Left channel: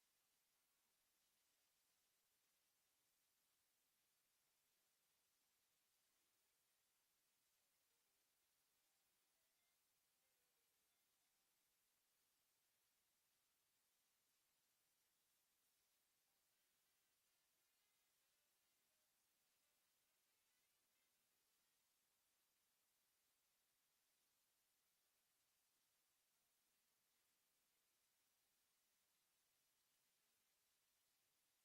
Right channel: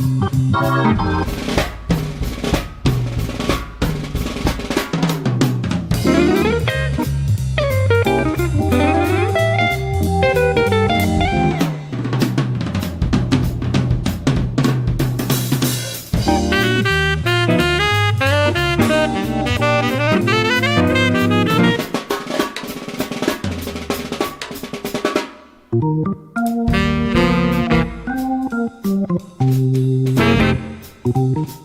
Thank you.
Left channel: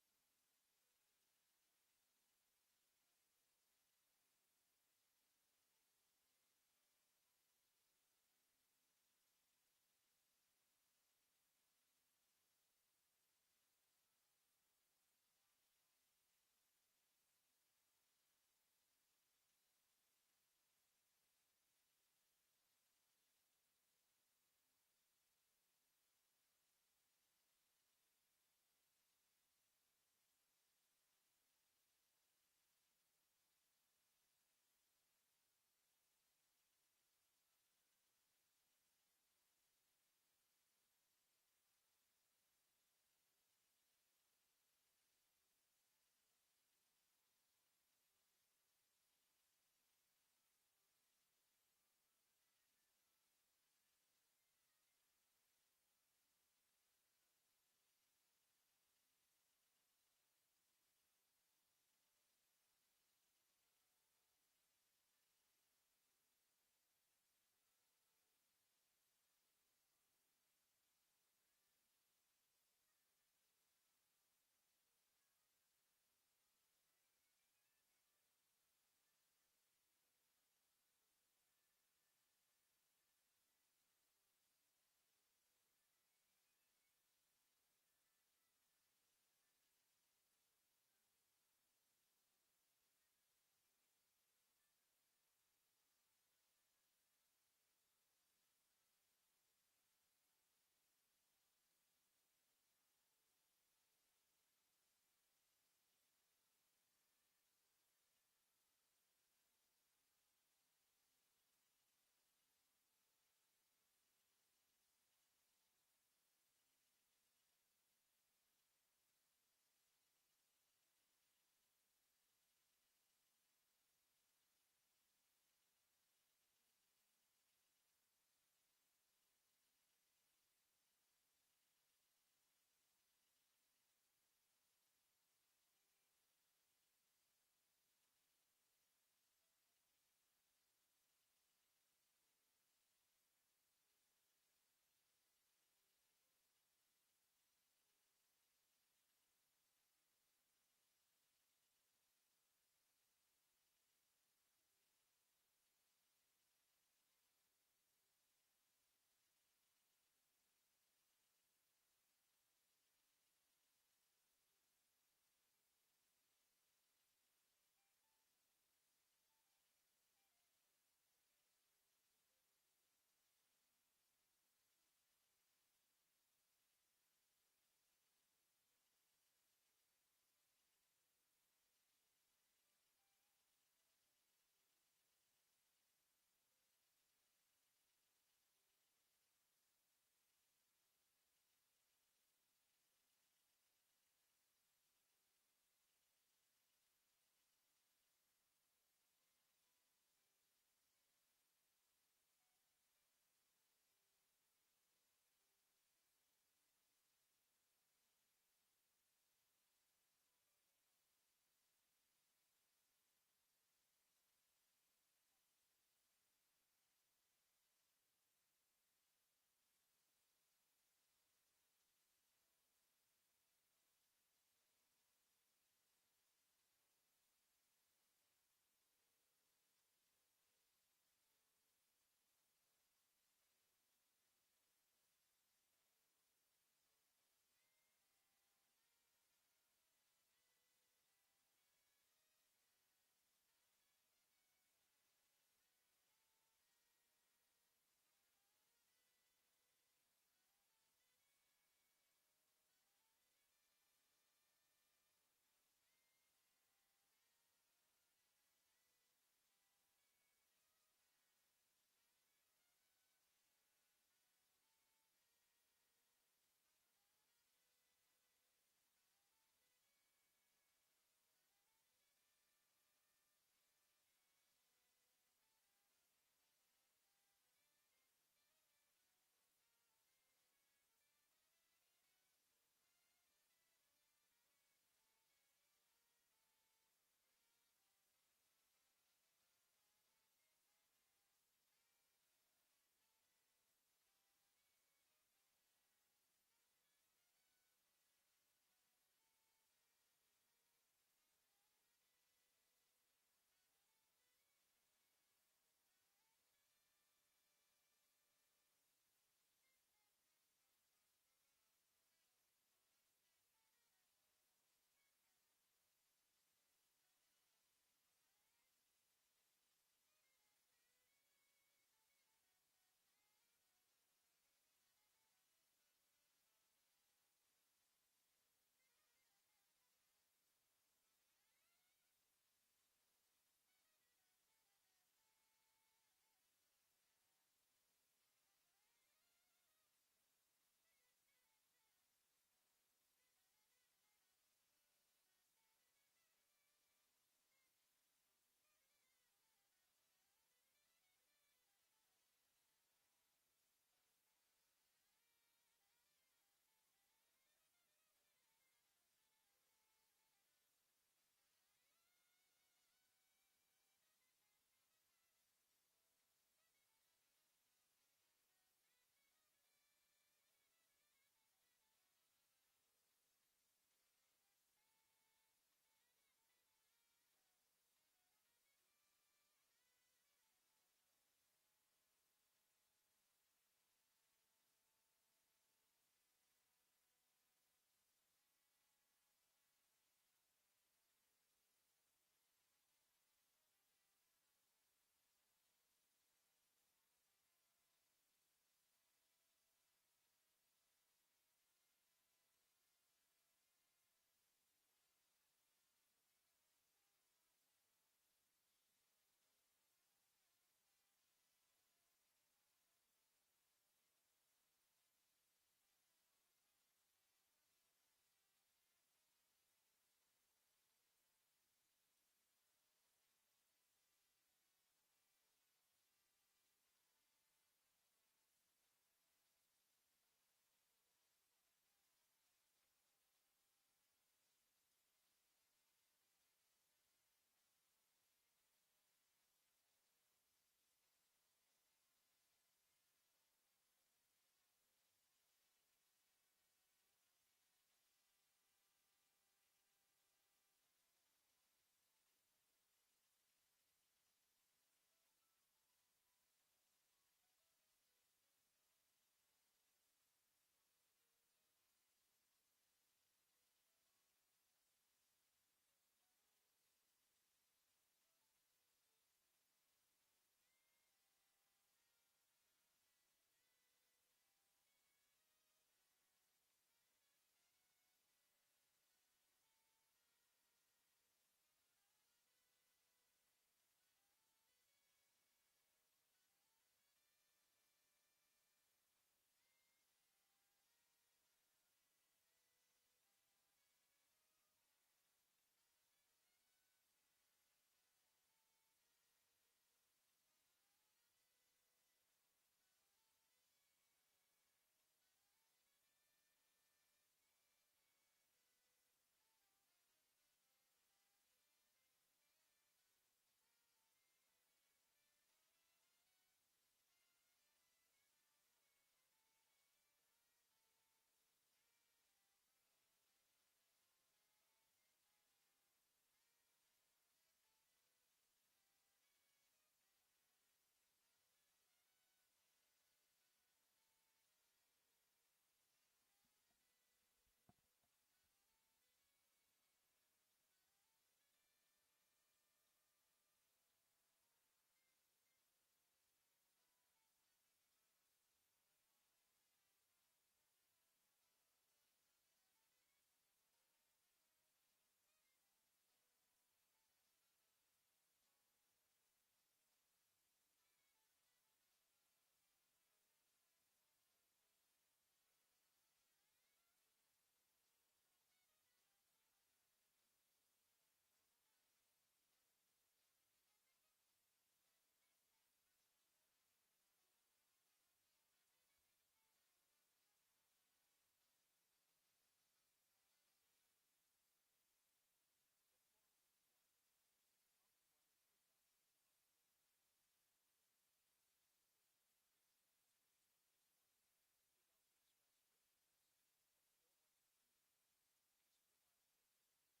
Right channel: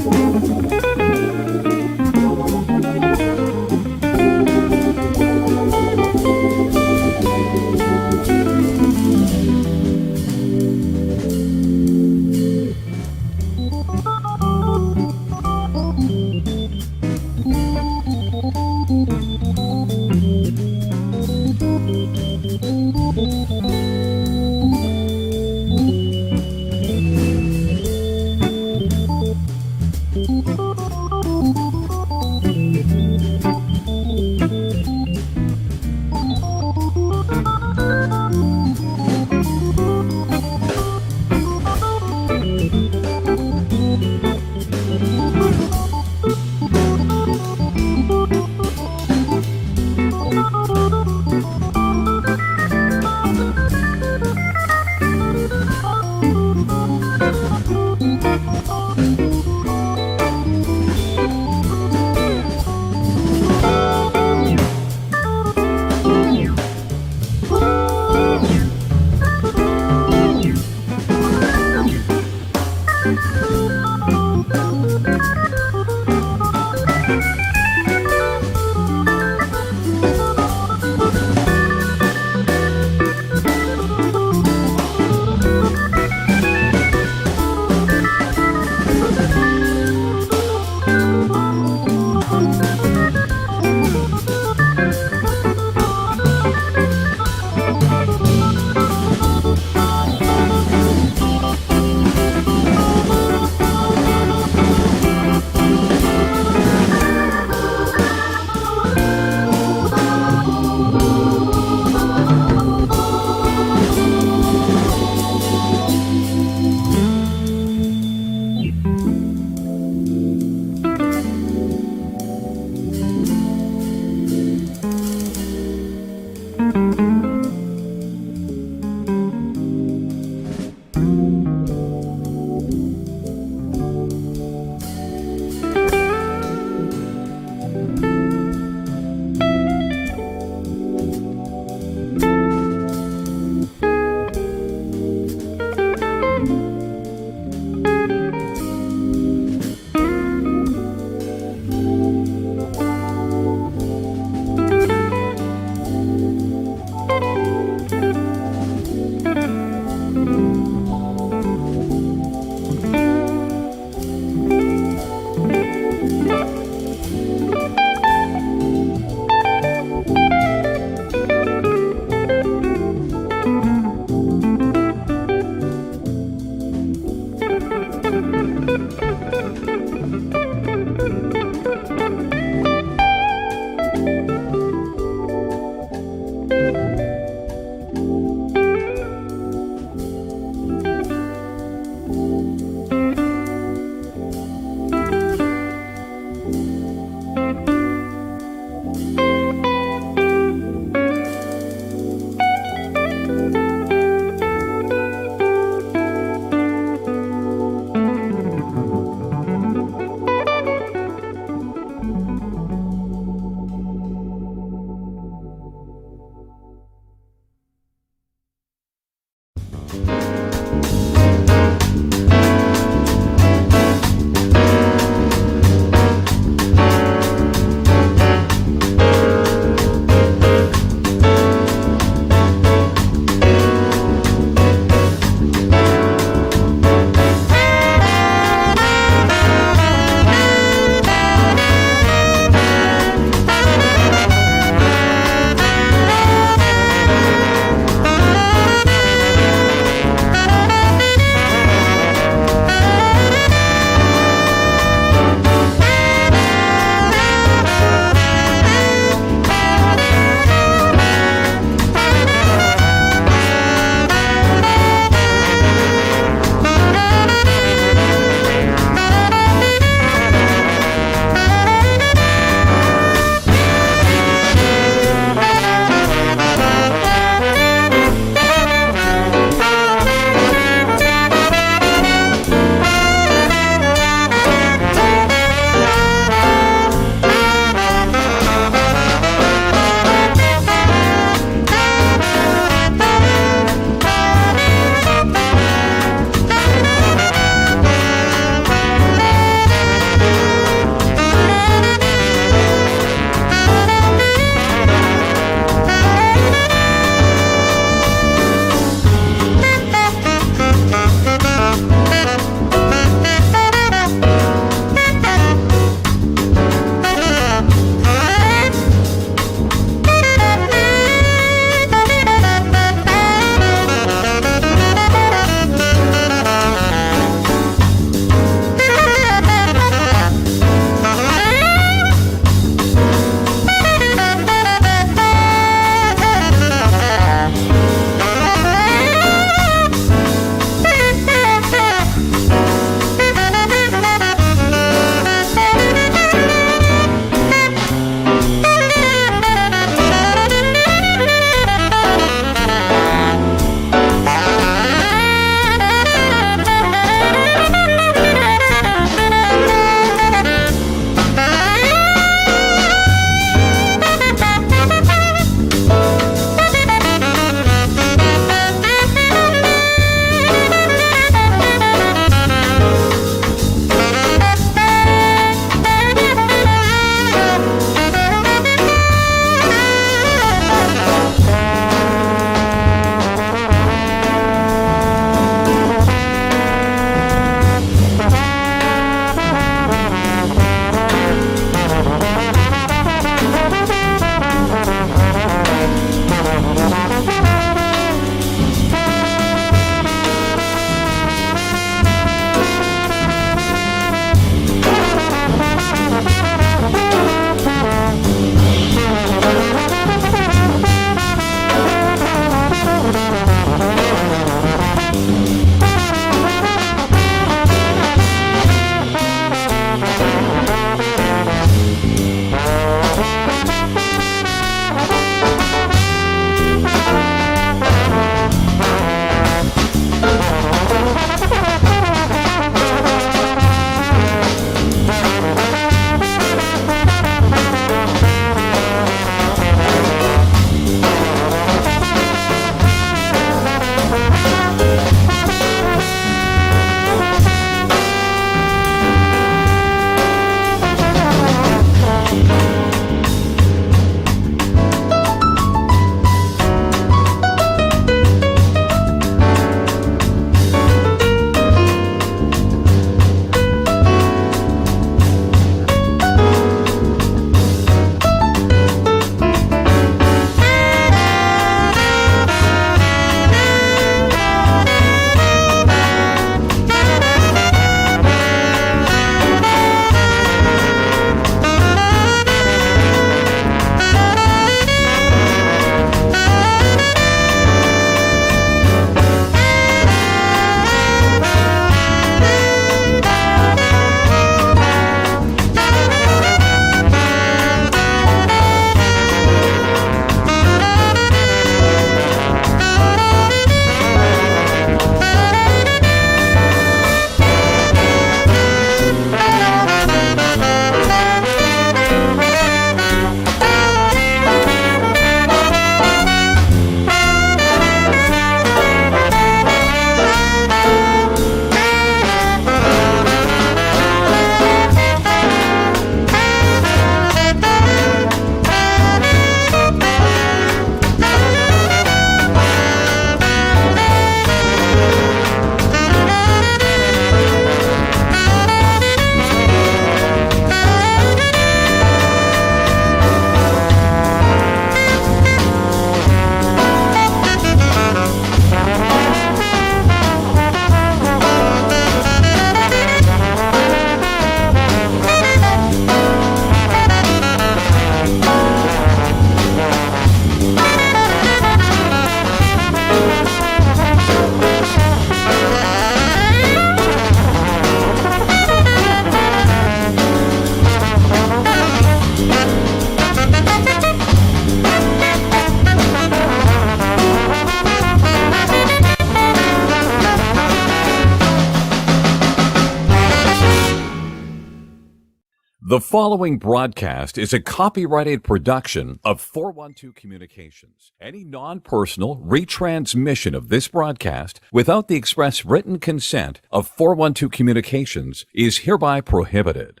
The following broadcast is a copyrighted production of 412 Communications. Any non-personal retransmission of this broadcast without the express written consent of 412 Communications is hereby prohibited.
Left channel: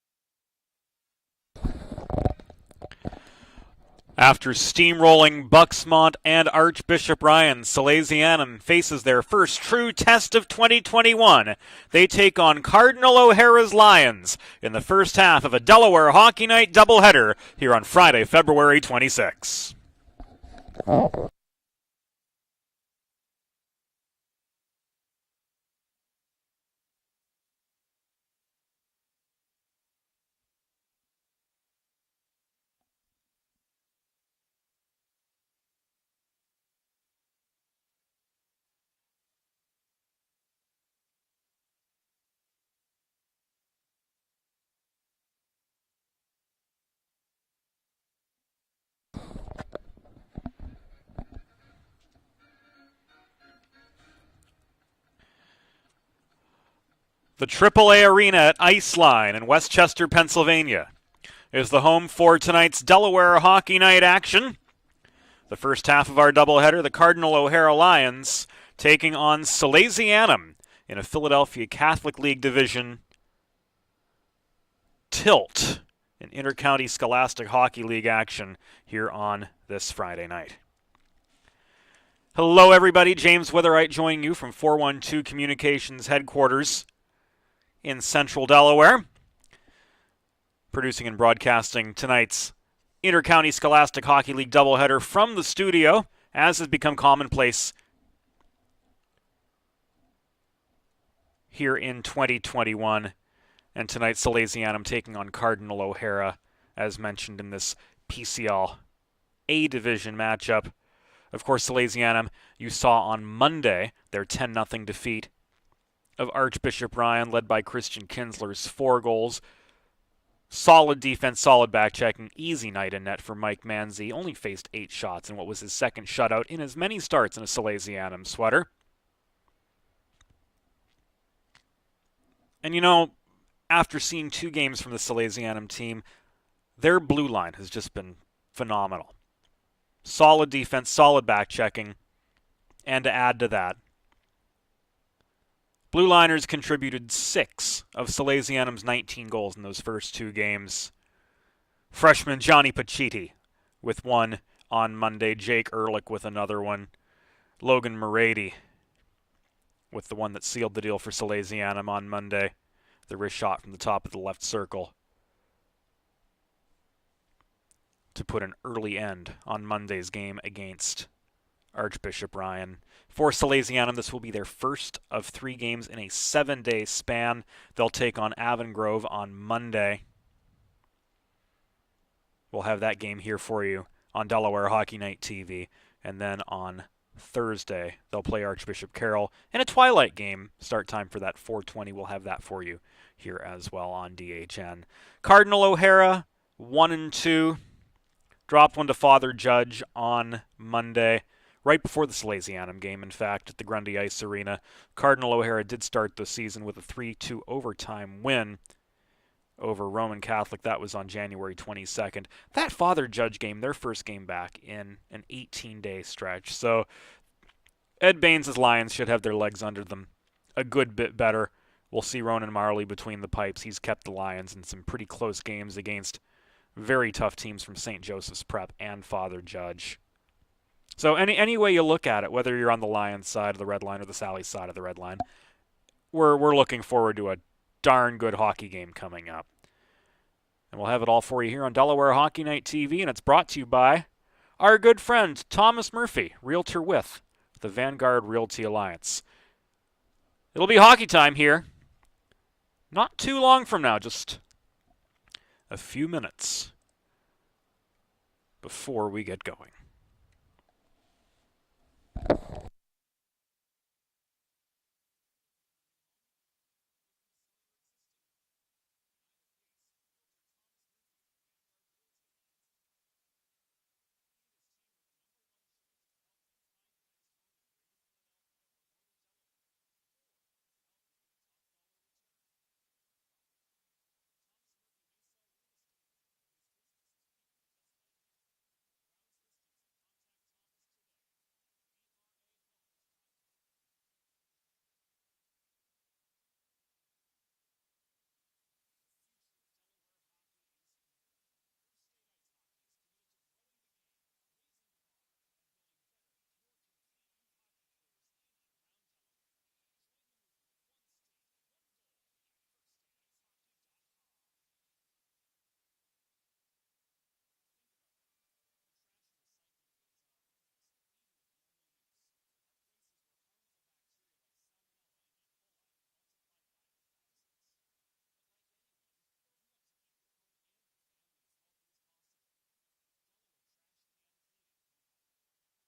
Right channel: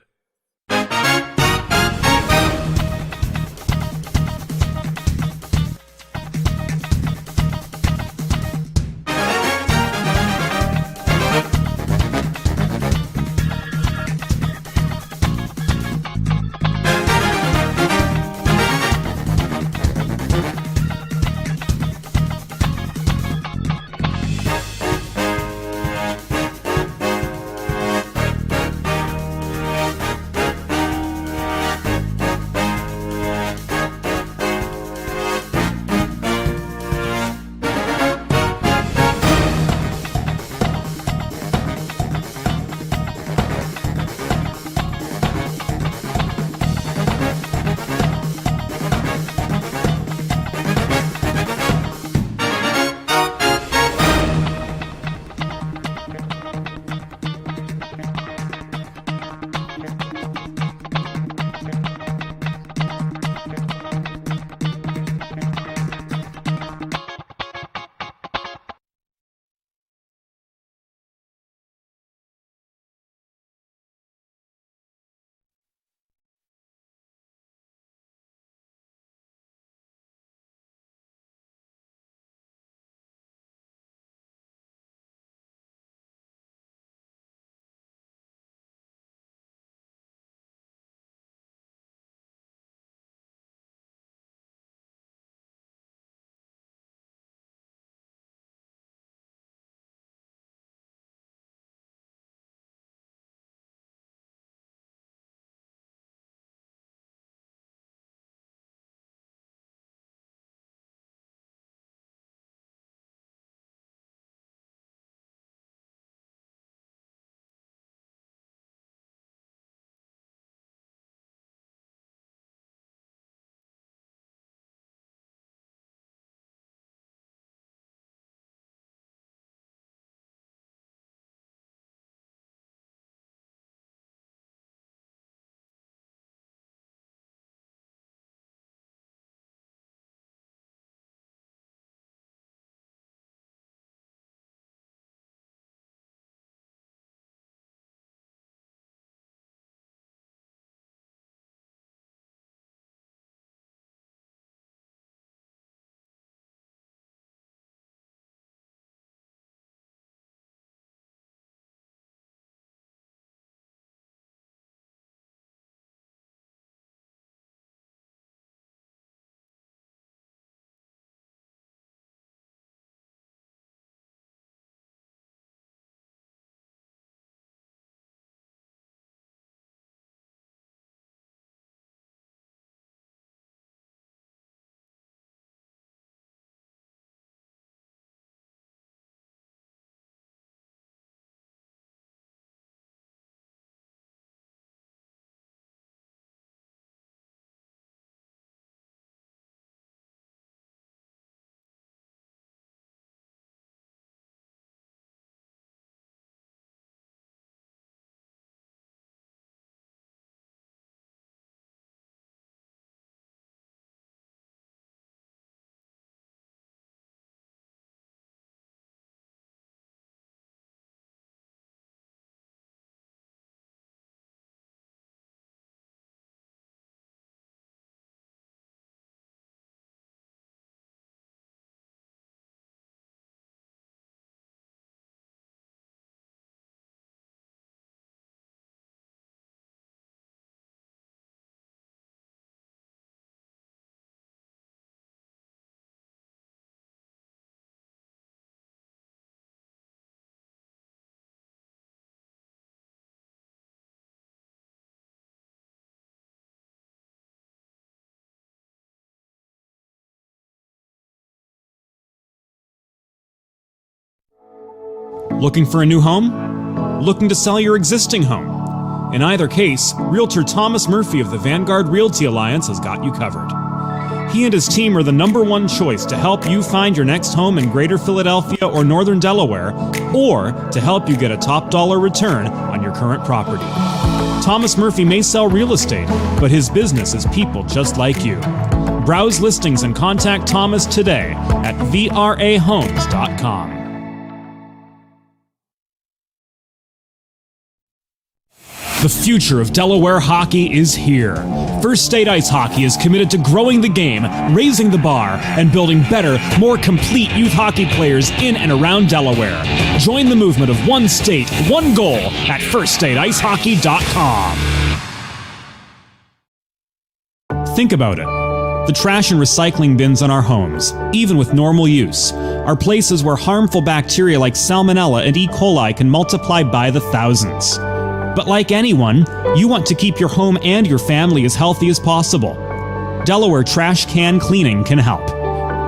After steamrolling Bucksmont and Archbishop Ryan, Salesianum faces their first true test of 2021. They take on Cardinal O'Hara's Lions in the first half of a Delaware Hockey Night doubleheader here on Friday, February 26. The AAA Arena at Iceline in Westchester, Pennsylvania is the home for tonight's Delaware Hockey Night action. The first half of our doubleheader, the Cardinal O'Hara Lions taking on Salesianum in a Philadelphia Catholic League Division tilt in Intercounty Scholastic Hockey League action here on this Friday night. Hello everybody, James Witherite joining you from 412 Communications headquarters in Central Delaware, producing and broadcasting tonight's Intercounty Scholastic Hockey League doubleheader from the studio, as has become commonplace here in 2021. And tonight, Salesianum taking on Cardinal O'Hara, as mentioned in this PCL A Division matchup. Of course, Salesianum, you saw on Monday their 10-0 defeat of Archbishop Ryan, led by Christian Kinsler's 4 goals. Solid defense, solid back-checking, easy night in net for Mike Manzi. Only faced 8 shots in what was his second shutout in as many starts in a Salesianum sweater. And you know, after seeing 2 games from the Salesianum team, their blue line has just been phenomenal. Solid defense, solid back-checking, and to add to that, Blue Liners contributed 6 of Salesianum's 19 goals in those first 2 games. Freshman Johnny Pacitti with 1 on Monday. Jake Ehrlich with another one. Logan Morady with the one that sealed the deal for Salesianum on Monday. The wrist shot from the top of the left circle to put an early end on Monday's game against Archbishop Ryan. For Salesianum, this will be their first of 3 games in a 7-day span. They'll take on Avongrove on Monday. We'll have that game here for you on Delaware Hockey Night TV. And then on Thursday, they'll play Archbishop Carroll in a twilight game. Start time for that 4:20. We'll have that for you here as well on DHN. Cardinal O'Hara, 1-2. Dropped one to Father Judge on Monday, right before the Salesianum game, in fact, at the Grundy Ice Arena. Cardinal O'Hara did start the season with a 3-2 overtime win over Roman Catholic. That was on January 22nd. That Father Judge game, their first game back in an 18-day stretch. So Ed Baines' Lions should have their legs under them a good bit better. We'll see Ronan Marley between the pipes. He's kept the Lions in some pretty close games against very tough teams from St. Joseph's Prep and Father Judge. So any way you look at it, whether you're on the Lions side of the red line or the Sally side of the red line, we're looking forward to a darn good hockey game coming up. And we'll have it all for you here on Delaware Hockey Night TV, and it's brought to you by our good friend Thomas Murphy, Realtor with the Vanguard Realty Alliance. It'll be hockey time here. Not too long from now, just a few minutes before we get going. Looking for a new home? Looking to sell your existing home? In either case, Realtor Thomas Murphy of the Vanguard Realty Alliance has got you covered. He and his team are the #1 choice to help you find your next home in Greater Philadelphia or Northern Delaware, or to help you get a top dollar return on your current property. Thomas Murphy may sell real estate, but his business is people just like you. Browse listings and contact Thomas today at vrahomes.com. The future of Delaware hockey is here. First State Ice Hockey is committed to growing the game, raising the bar, and building better, more complete youth hockey players in and around Delaware. Join the movement of one state, one goal at firststateicehockey.com. Think about it. The trash and recycling bins in our homes, even with normal use, are places where harmful bacteria like Salmonella and E. coli can multiply by the thousands. But like anyone, you want to keep your home and your family as healthy as possible. Delaware Trash Can Cleaning can help.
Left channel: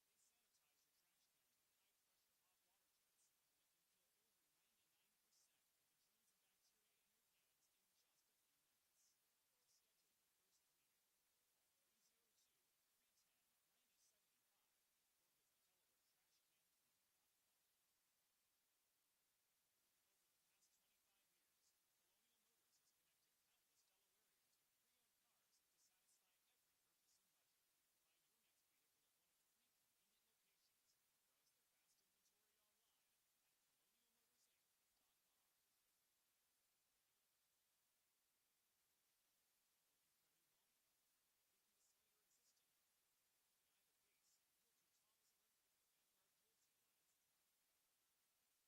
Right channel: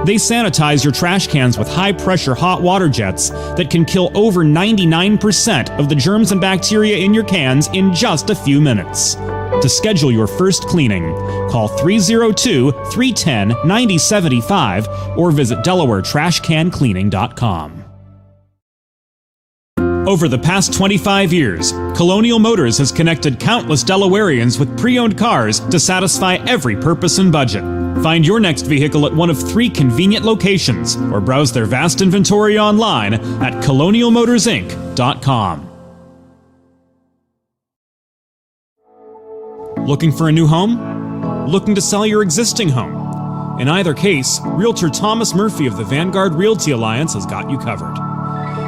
They sanitize your trash cans with high-pressure hot water jets that can kill over 99% of the germs and bacteria in your cans in just a few minutes. To schedule your first cleaning, call 302-310-9075 or visit DelawareTrashCanCleaning.com. Over the past 25 years, Colonial Motors has connected countless Delawareans with pre-owned cars to satisfy every purpose and budget. Find your next vehicle at one of 3 convenient locations or browse their vast inventory online at colonialmotorsinc.com. Looking for a new home? Looking to sell your existing home? In either case, Realtor Thomas Murphy of the Vanguard Realty Alliance has got you covered.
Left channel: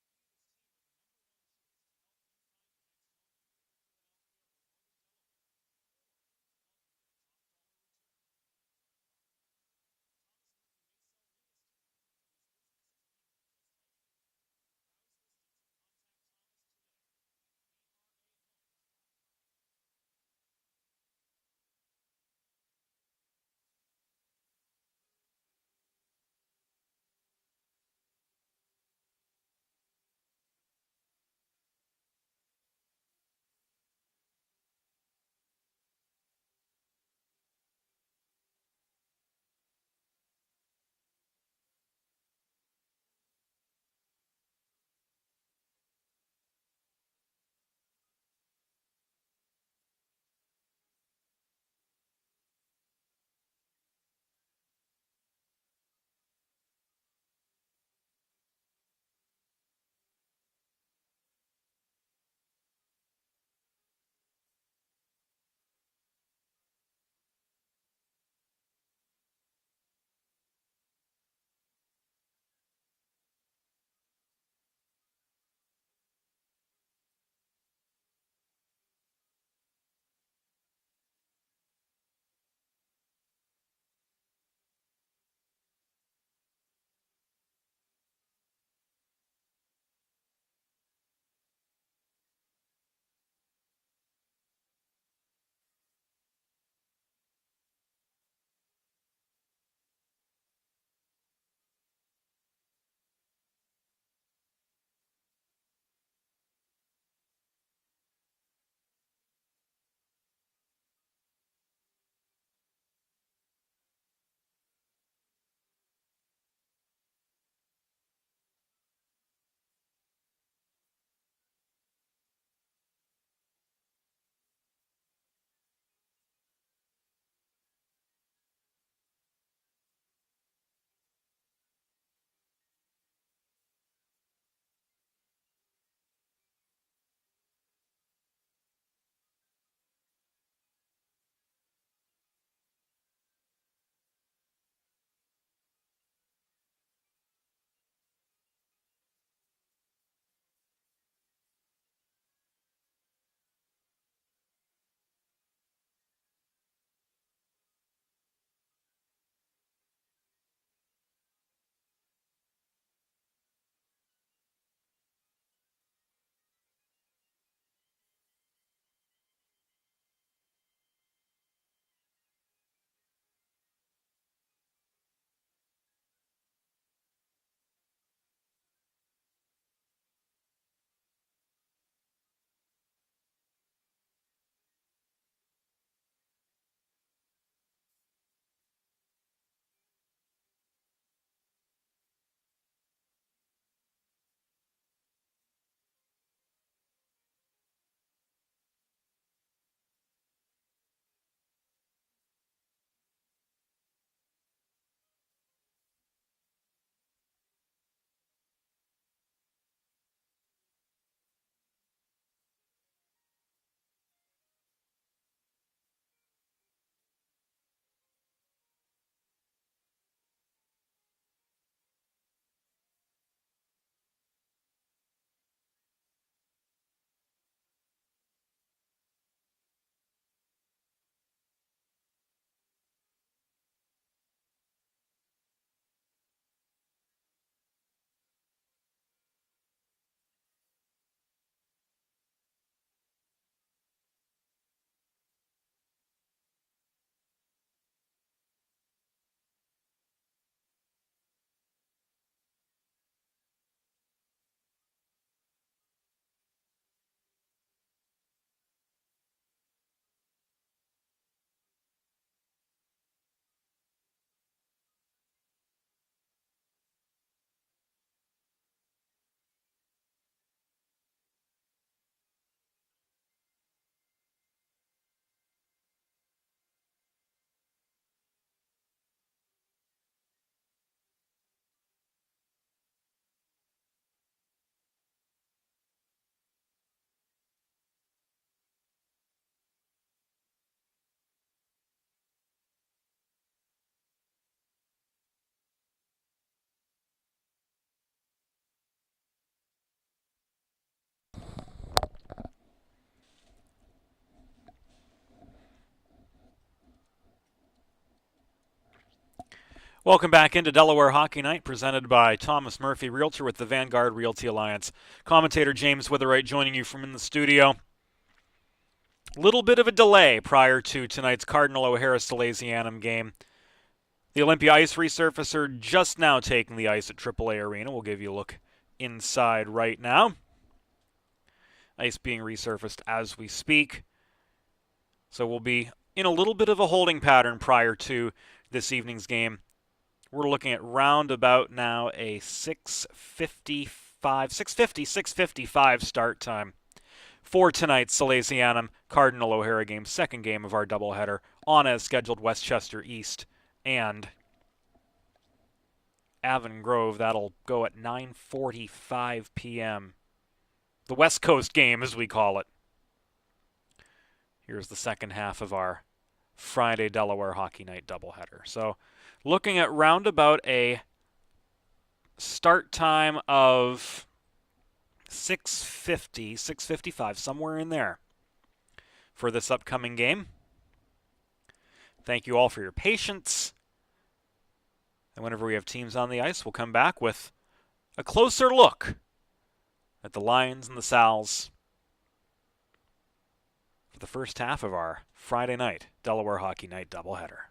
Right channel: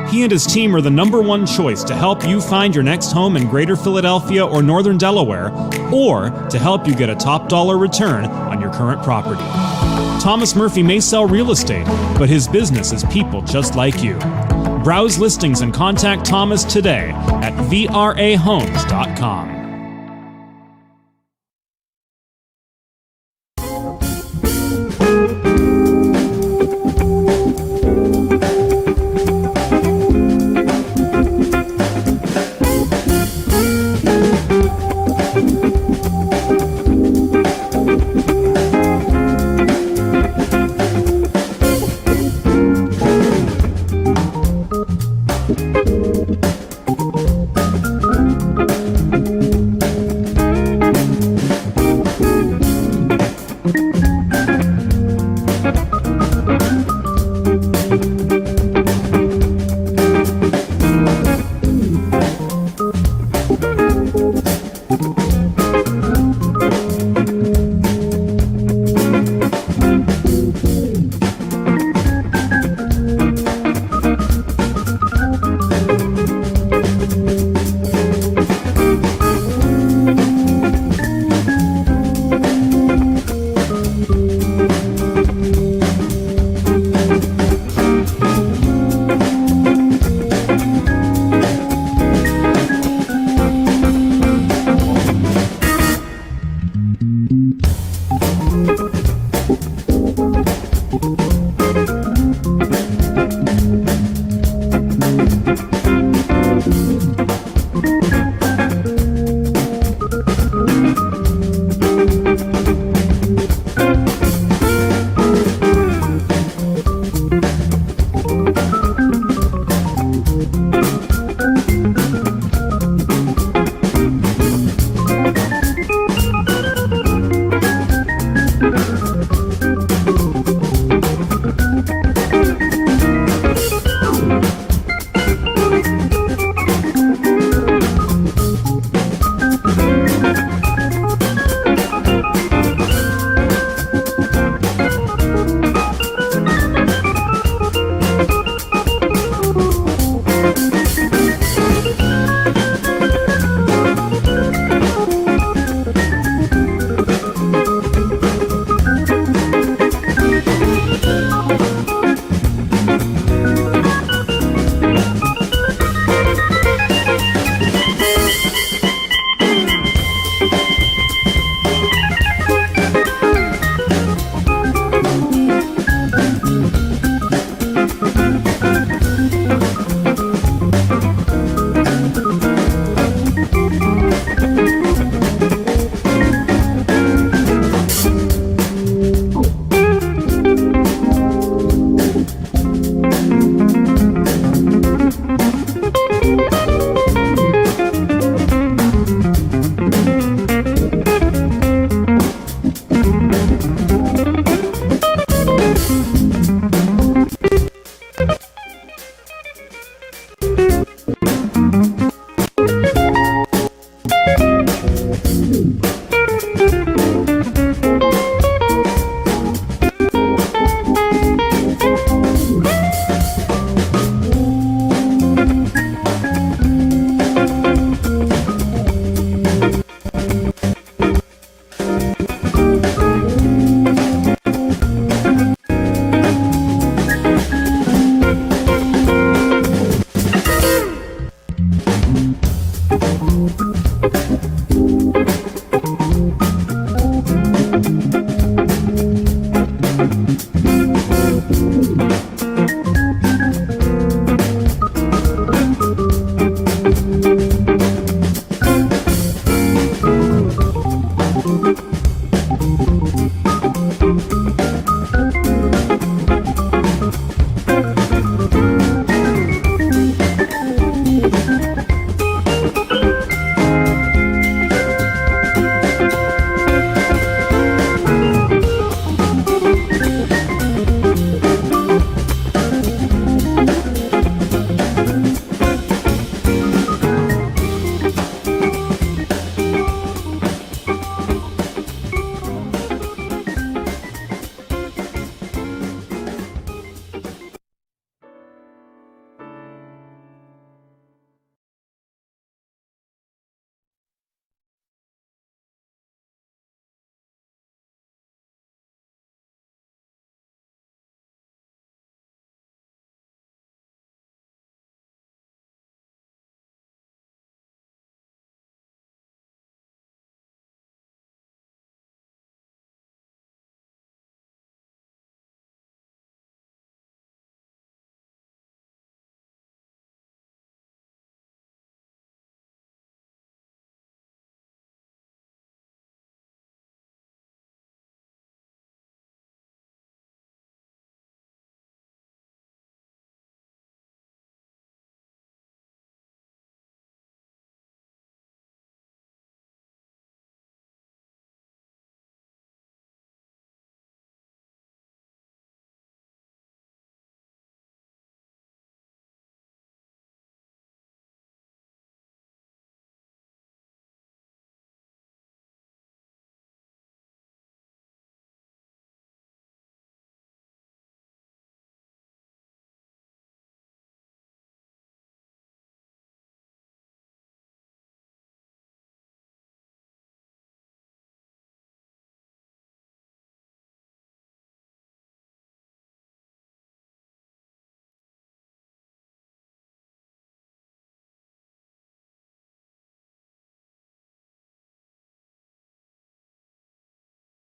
He and his team are the #1 choice to help you find your next home in Greater Philadelphia or Northern Delaware, or to help you get a top dollar return on your current property. Thomas Murphy may sell real estate, but his business is people just like you. Browse listings and contact Thomas today at vrahomes.com. Welcome back into Delaware Hockey Night, presented by Thomas Murphy, Realtor with the Vanguard Realty Alliance. Commentator James Witherite joining you from in the studio. Little bit of a delay prior to tonight's Cardinal O'Hara Salesianum game. The Olympia Ice resurfacer just now taking the ice at AAA Arena. We'll give you a look inside right now. Ice being resurfaced as we speak. So we'll be in a little bit of a holding pattern prior to this evening's game. We're looking at round about now a 6:55 start time for tonight's Salesianum Cardinal O'Hara game, second game of our doubleheader on as scheduled Westchester East and Avon Grove. That'll go at 9:45 p.m. The West Coast game, as we call it. Here's the second half of our Friday Delaware Hockey Night doubleheader. So looking at roundabout a start time of 6:50, 6:55, somewhere in there for this upcoming game. Thank you all for your patience. And whenever we have teams on the ice, we'll come back with a closer look at the Lions and the Sals for the first half of our Friday night Delaware Hockey Night doubleheader.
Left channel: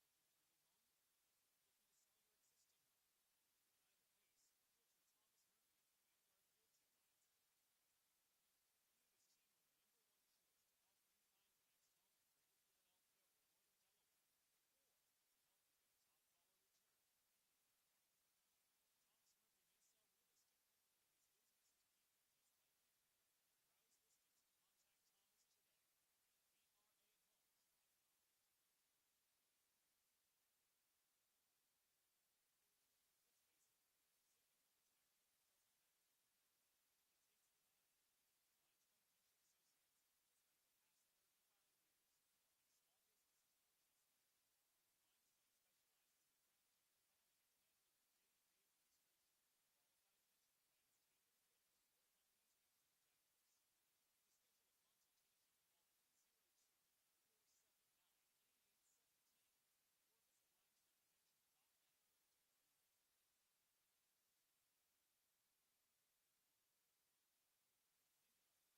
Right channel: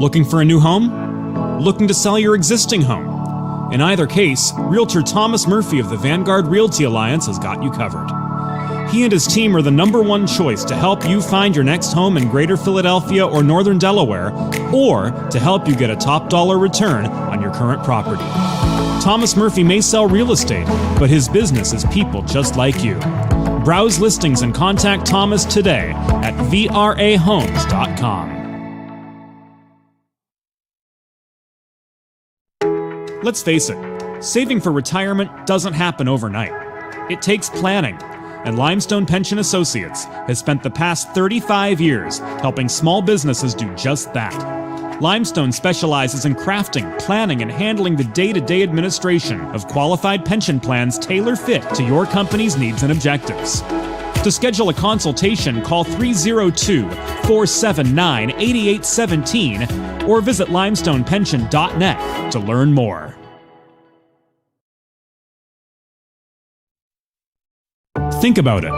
Looking for a new home? Looking to sell your existing home? In either case, Realtor Thomas Murphy of the Vanguard Realty Alliance has got you covered. He and his team are the #1 choice to help you find your next home in Greater Philadelphia or Northern Delaware, or to help you get a top dollar return on your current property. Thomas Murphy may sell real estate, but his business is people just like you. Browse listings and contact Thomas today at vrahomes.com. Let's face it, saving for retirement doesn't happen overnight. It takes planning, and Limestone Pension Associates has spent the past 35 years helping small businesses do just that. Limestone specializes in crafting, planning, and handling the day-to-day administration of qualified pension plans tailor-fit to your company's needs and objectives. To schedule a consultation, call 302-479-8817 or visit limestonepension.net to learn more. Think about it.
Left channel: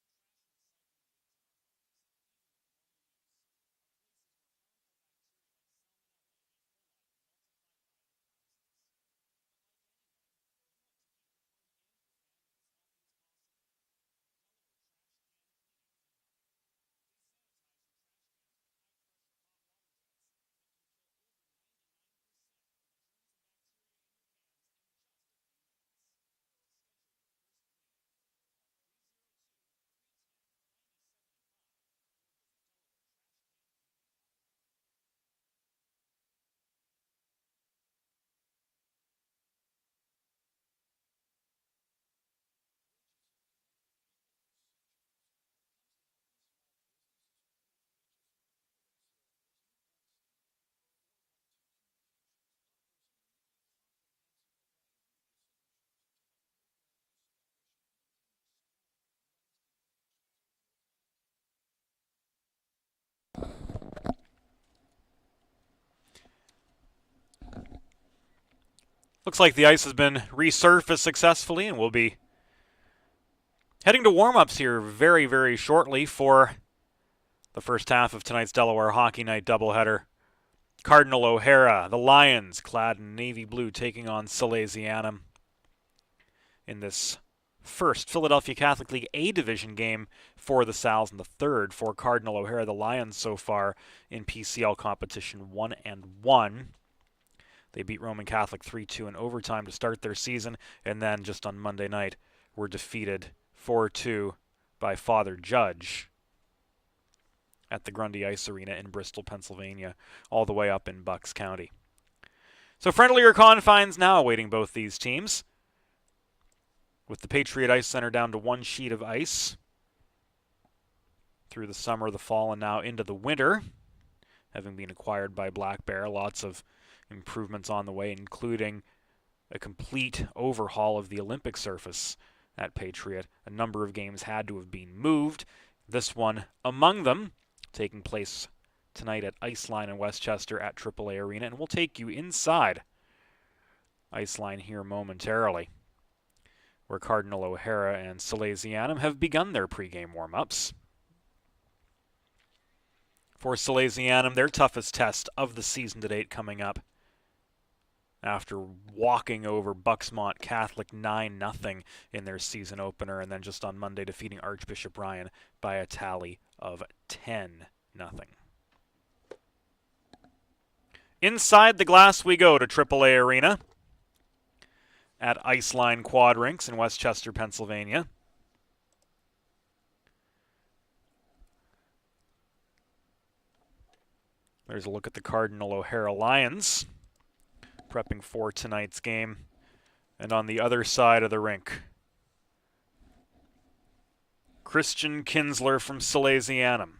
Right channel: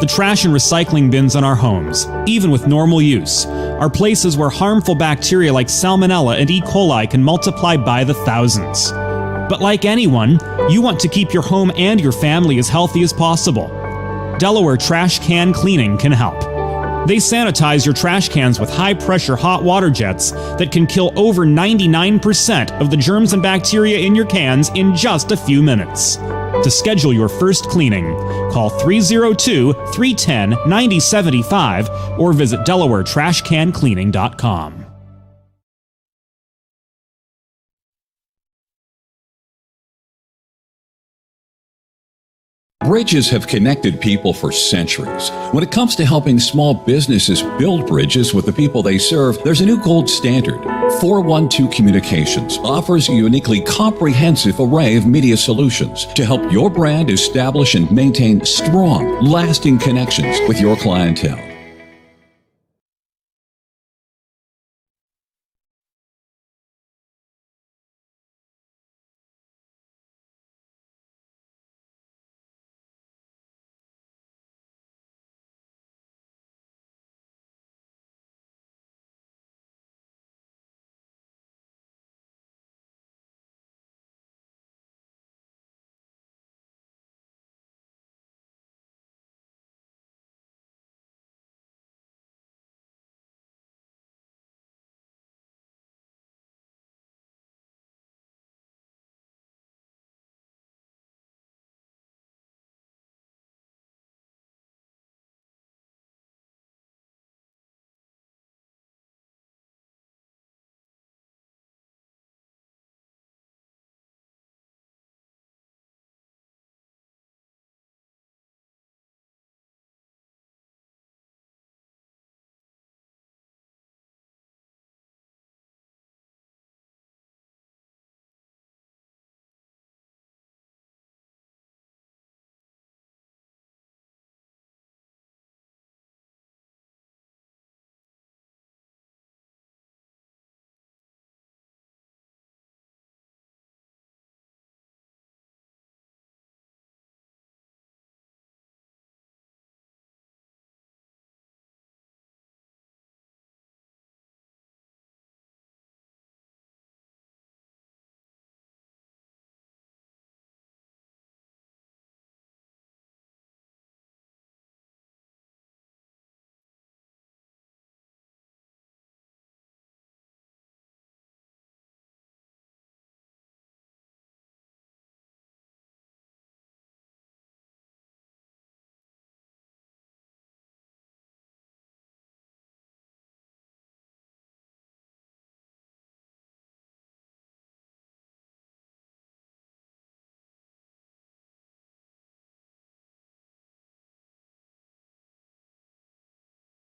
The trash and recycling bins in our homes, even with normal use, are places where harmful bacteria like Salmonella and E. coli can multiply by the thousands. But like anyone, you want to keep your home and your family as healthy as possible. Delaware Trash Can Cleaning can help. They sanitize your trash cans with high-pressure hot water jets that can kill over 99% of the germs and bacteria in your cans in just a few minutes. To schedule your first cleaning, call 302-310-9075 or visit DelawareTrashCanCleaning.com. Bridges have connected people for centuries. When it comes to helping small businesses build bridges with the people they serve, there's a new gold standard. 412 Communications offers a uniquely comprehensive array of media solutions to help your brand establish and maintain strong, lasting connections with your clientele. Looks like the ice has been resurfaced successfully, and we'll be heading to warm-ups here very, very shortly for the first half of tonight's Delaware Hockey Night doubleheader. Cardinal O'Hara, the Lions, clad in navy blue, taking on Salesianum in this first Philadelphia Catholic League A Division game for the Sals, and the third for Cardinal O'Hara. The Lions so far in PCL competition 1-1. They beat Roman Catholic 3-2 in overtime to start their season, and then just on Monday night were defeated 4-2 by Father Judge at the Grundy Ice Arena in Bristol, Pennsylvania, all the way up in Bucks County. So friendlier confines now awaiting both these teams, with the Patriot Ice Center down to one sheet of ice through the summer, the fall, and now into the winter, having been acquired by Black Bear. Lots of improvements on the way, including a complete overhaul of the Olympic surface at Patriot. A number of games had to have been moved. This one among them, taking place tonight at Iceline in Westchester at AAA Arena, and we'll take you inside Iceline here momentarily, where Cardinal O'Hara and Salesianum have begun their pregame warm-ups. For Salesianum, their toughest test of the season to date coming up after walking over Bucksmont Catholic 9-0 in their season opener, and then just on Monday defeating Archbishop Ryan by a tally of 10-0. Inside the glass we go to AAA Arena at Iceline Quad Rinks in Westchester, Pennsylvania. There's a look at the Cardinal O'Hara Lions prepping for tonight's game. And on the other side of the rink, Christian Kinsler from Salesianum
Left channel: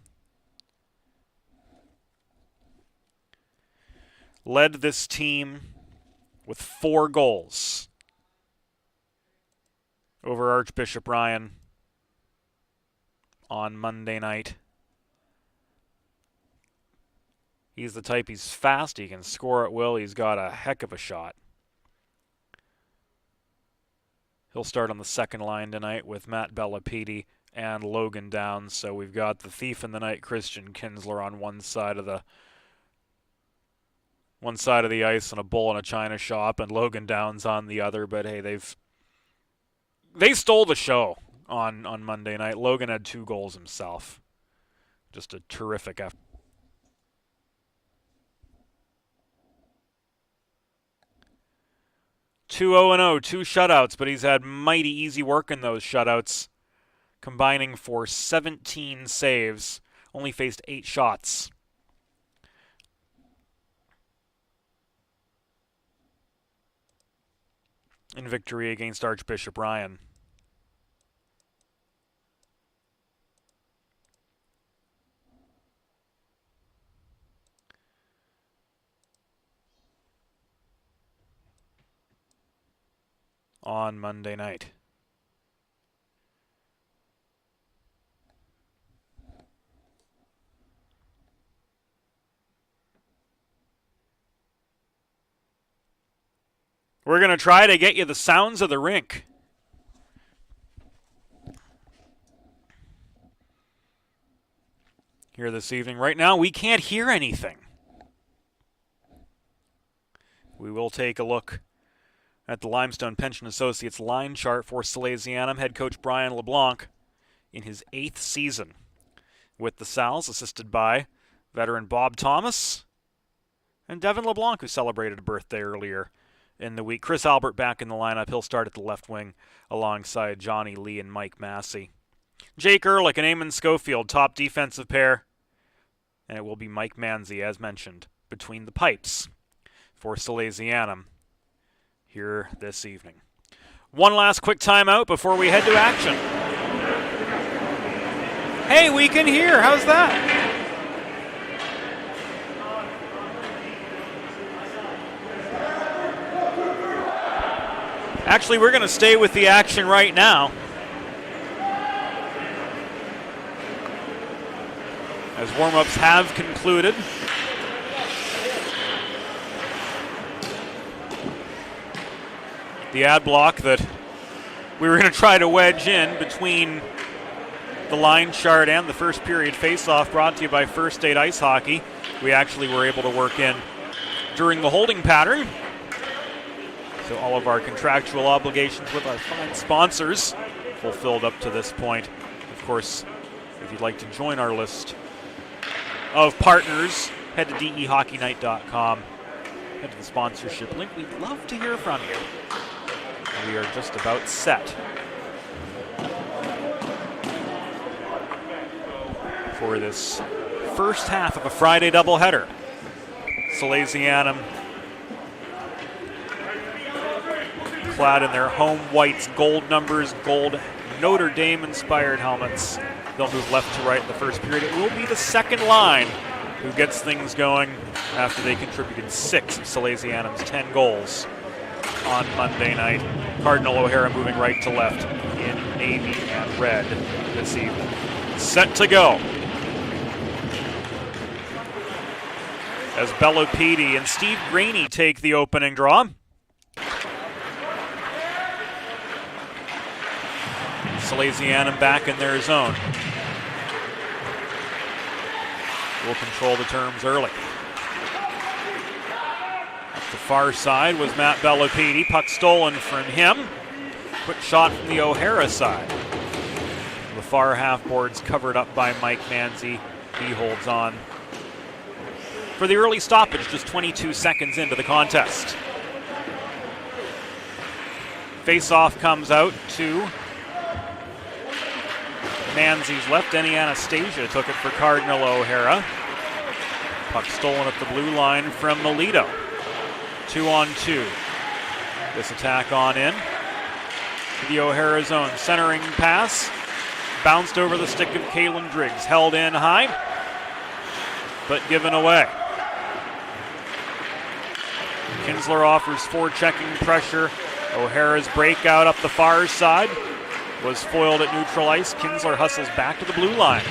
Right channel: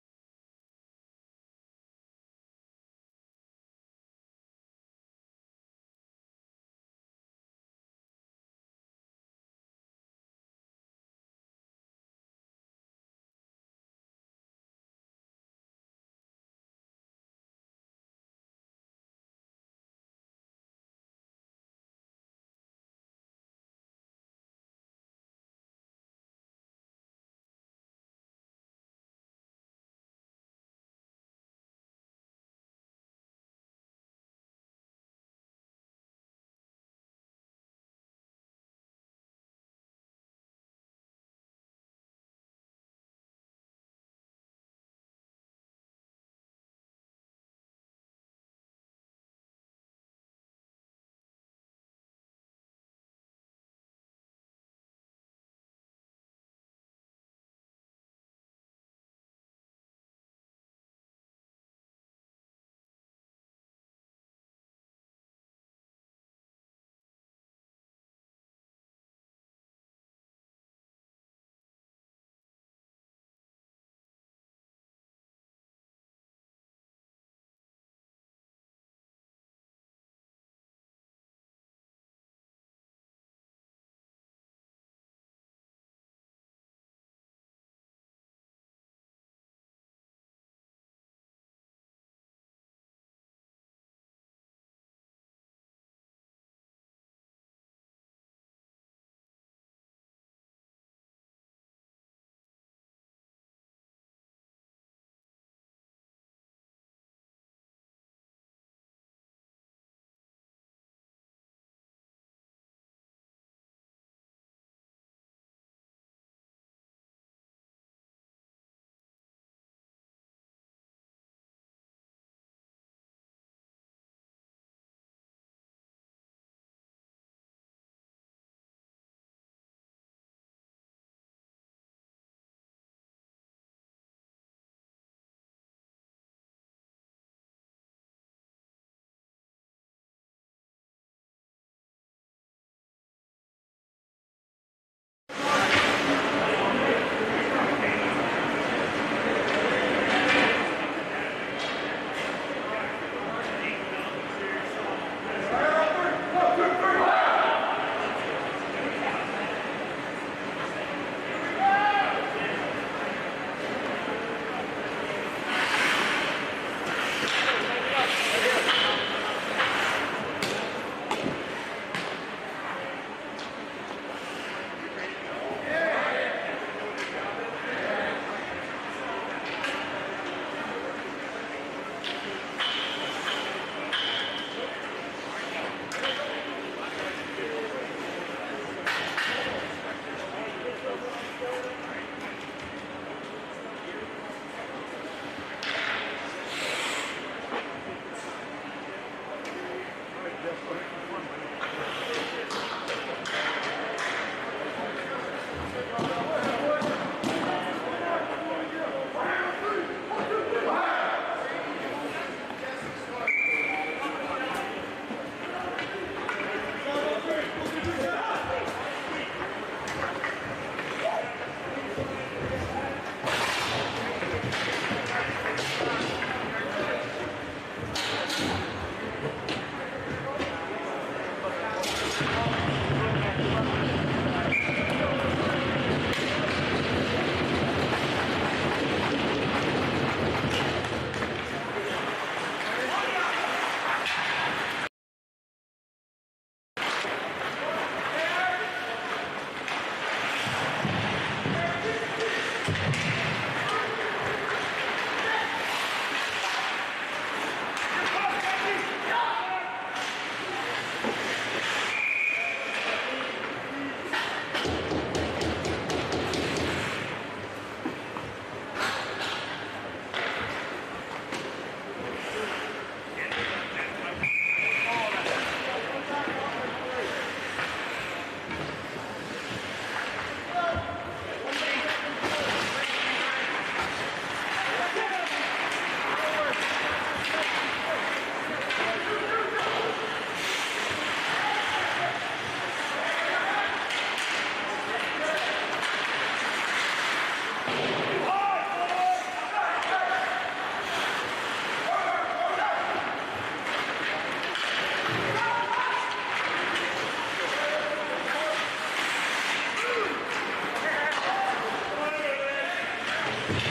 led this team with 4 goals over Archbishop Ryan on Monday night. He's the type, he's fast, he can score at will, he's got a heck of a shot. He'll start on the second line tonight with Matt Bellapede and Logan Downs. So we've got the thief in the night, Christian Kinsler, on one side of the one side of the ice and a bull in a china shop, and Logan Downs on the other. But hey, they stole the show on Monday night. Logan had 2 goals himself. Just a terrific effort. Two 0-0, 2 shutouts, but he's had mighty easy work in those shutouts, combining for 17 saves, only faced 8 shots. In victory against Archbishop Ryan. On Monday night. We're going to try to get you the sounds of the rink. Here this evening. Right now, we can't hear anything. We will take a look at the Limestone Pension Associates line chart for Salesianum. Head coach Brian LeBlanc in his 8th season with the Sals, assisted by veteran Bob Thomas and Devin LeBlanc, who celebrated a birthday earlier in the week. Chris Albert back in the lineup. He'll start at the left wing alongside Johnny Lee and Mike Massey. Jake Ehrlich and Eamon Schofield, top defensive pair. And it will be Mike Manzi, as mentioned, between the pipes for Salesianum here this evening. One last quick timeout before we head to action. Hey, we can hear. How's that? Actually, we're going to stay with the action right now. As warm-ups have concluded. The ad block that we were going to try to wedge in between the line chart and the first period face-off, brought to you by First State Ice Hockey. We actually were able to work in during the holding pattern. So all of our contractual obligations with our fine sponsors fulfilled up to this point. Of course, if you'd like to join our list of partners, head to dehockeynight.com. Head to the sponsorship link. We'd love to hear from you. We are just about set for this first half of a Friday doubleheader. Salesianum clad in their home whites, gold numbers, gold Notre Dame-inspired helmets. They'll move left to right in the first period. It will be the second line who gets things going after they contributed 6 of Salesianum's 10 goals on Monday night. Cardinal O'Hara moving right to left in navy and red this evening. Set to go. As Bellopede and Steve Graney take the opening draw. Salesianum back in their zone. Will control the terms early. Far side with Matt Bellopede. Puck stolen from him. Quick shot from the O'Hara side. The far half boards covered up by Mike Manzi. He holds on for the early stoppage, just 22 seconds into the contest. Face-off comes out to Manzi's left. Denny Anastasia took it for Cardinal O'Hara. Puck stolen at the blue line from Melito. 2-on-2. This attack on in. The O'Hara zone. Centering pass. Bounced over the stick of Kalen Driggs. Held in high, but given away. Kinsler offers forechecking pressure. O'Hara's breakout up the far side was foiled at neutral ice. Kinsler hustles back to the blue line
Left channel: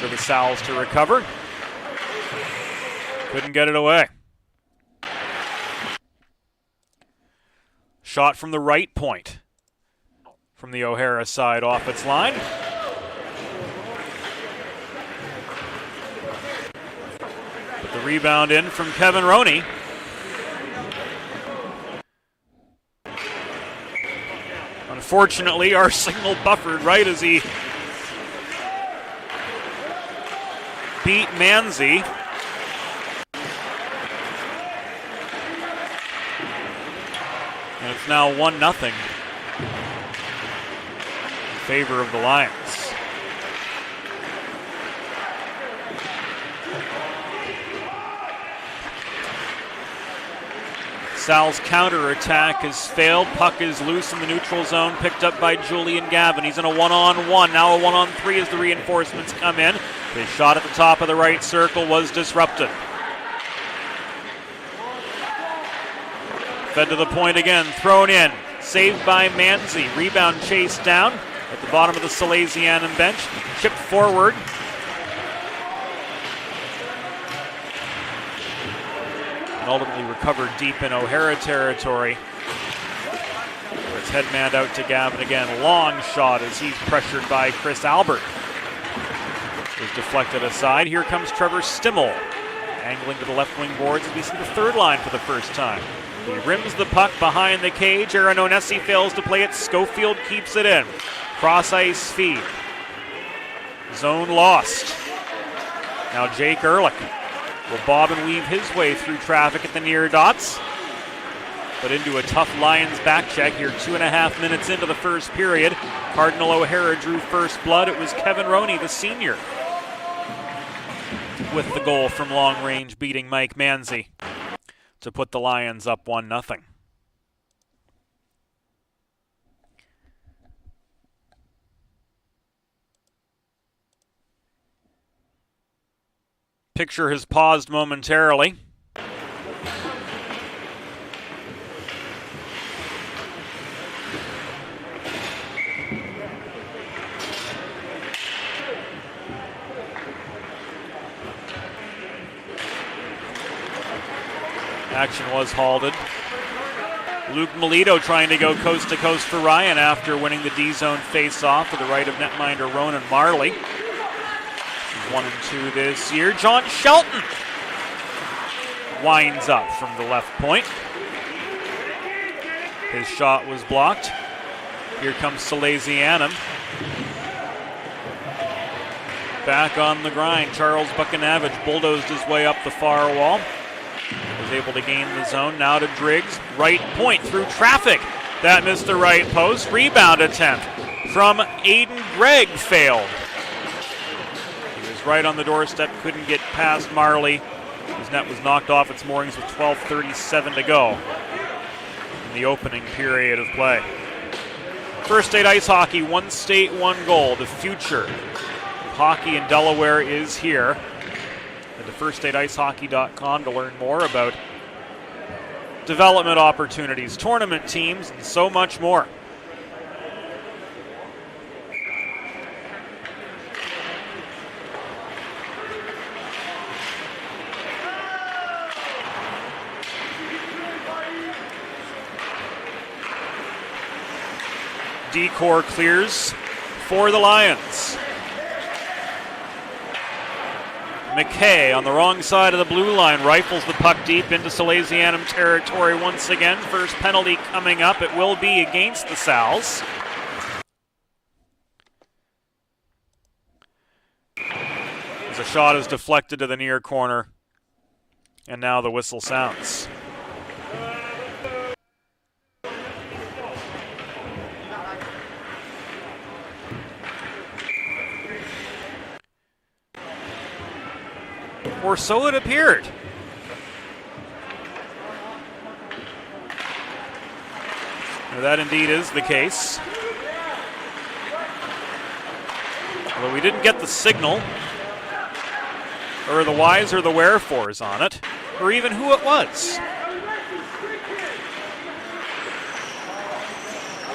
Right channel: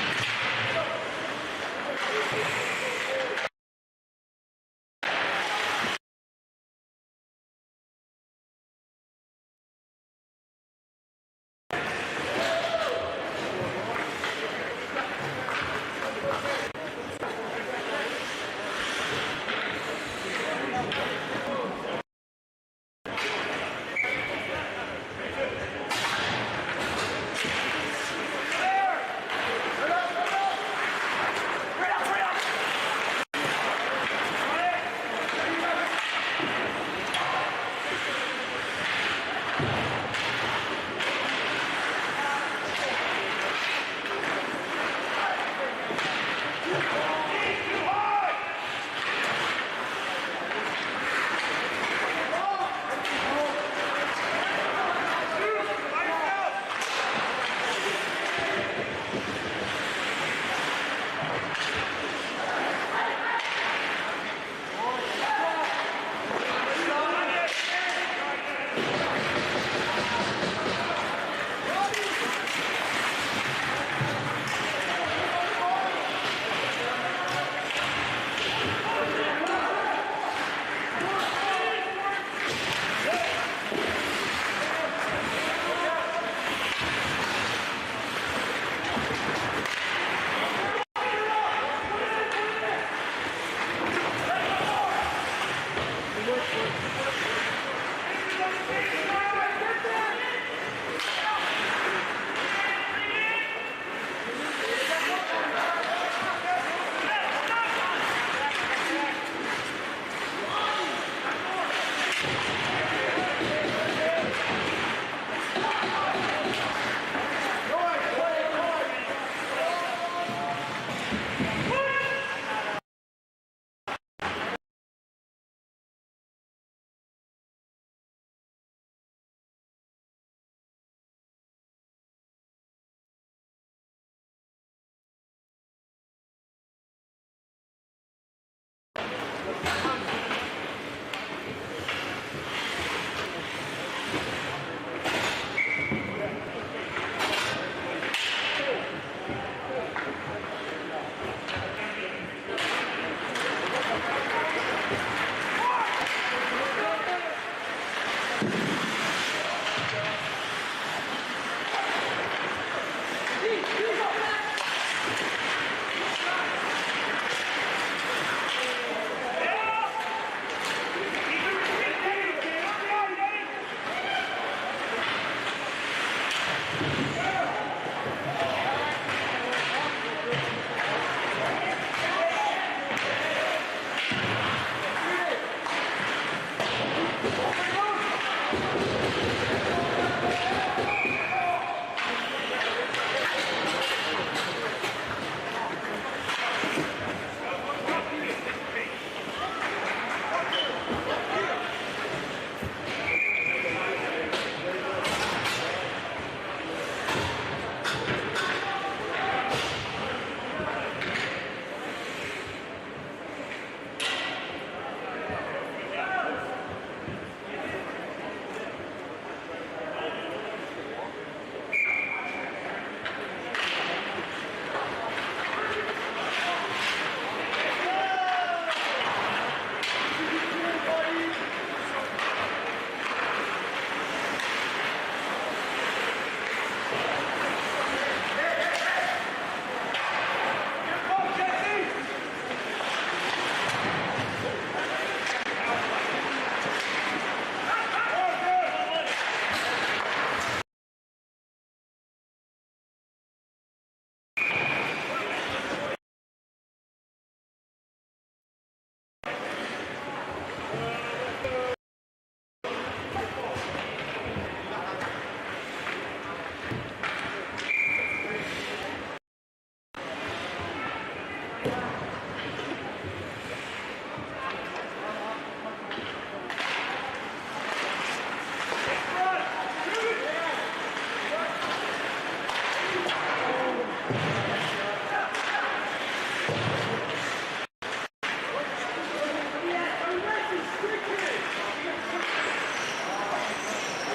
for the Sals to recover. Couldn't get it away. Shot from the right point from the O'Hara side off its line. The rebound in from Kevin Roney. Unfortunately, our signal buffered right as he beat Manzi. It's now 1-0 in favor of the Lions. Sal's counterattack has failed. Puck is loose in the neutral zone, picked up by Julian Gavin. He's in a one-on-one. Now a one-on-three as the reinforcements come in. His shot at the top of the right circle was disrupted. Fed to the point again, thrown in. Saved by Manzi. Rebound chased down at the bottom of the Salesianum bench. Chipped forward. Ultimately recovered deep in O'Hara territory. His head man out to Gavin again. Long shot as he's pressured by Chris Albert. Is deflected aside. Here comes Trevor Stimmel. Angling to the left wing boards. He's in the third line for the first time. He rims the puck behind the cage. Aaron Onesi fails to play it. Schofield keeps it in. Cross ice feed. Zone lost. Now Jake Ehrlich will bob and weave his way through traffic at the near dots. But into a tough Lions back check here 2.5 minutes into the first period. Cardinal O'Hara drew first blood. It was Kevin Roney, the senior, with the goal from long range, beating Mike Manzi to put the Lions up 1-0. Picture has paused momentarily. Action was halted. Luke Melito trying to go coast to coast for Ryan after winning the D-zone face-off to the right of netminder Ronan Marley. 1-2 this year. John Shelton winds up from the left point. His shot was blocked. Here comes Salesianum. Back on the grind. Charles Buchanavage bulldozed his way up the far wall. Was able to gain the zone. Now to Driggs. Right point through traffic. That missed the right post. Rebound attempt from Aiden Gregg failed. Right on the doorstep, couldn't get past Marley. His net was knocked off its moorings with 12:37 to go in the opening period of play. First State Ice Hockey, one state, one goal. The future hockey in Delaware is here. Go to firststateicehockey.com to learn more about development opportunities, tournament teams, and so much more. Decor clears for the Lions. McKay on the wrong side of the blue line rifles the puck deep into Salesianum territory once again. First penalty coming up. It will be against the Sals. The shot is deflected to the near corner, and now the whistle sounds. Or so it appeared. That indeed is the case. Well, we didn't get the signal, or the whys or the wherefores on it, or even who it was.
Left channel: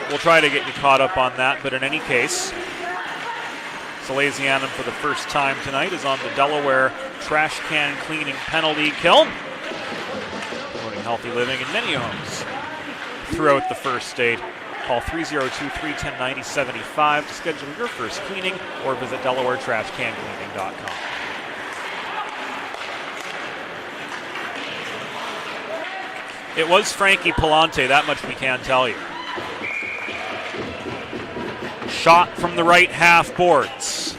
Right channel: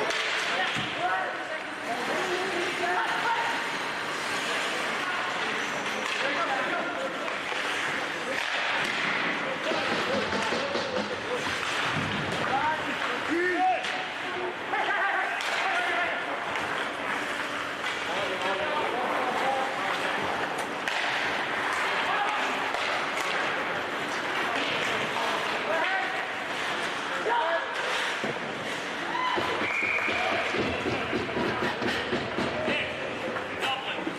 We'll try to get you caught up on that, but in any case, Salesianum for the first time tonight is on the Delaware trash can cleaning penalty kill. Healthy living in many homes throughout the first state. Call 302-310-9075 to schedule your first cleaning or visit DelawareTrashCanCleaning.com. It was Frankie Palante, that much we can tell you. Shot from the right half boards.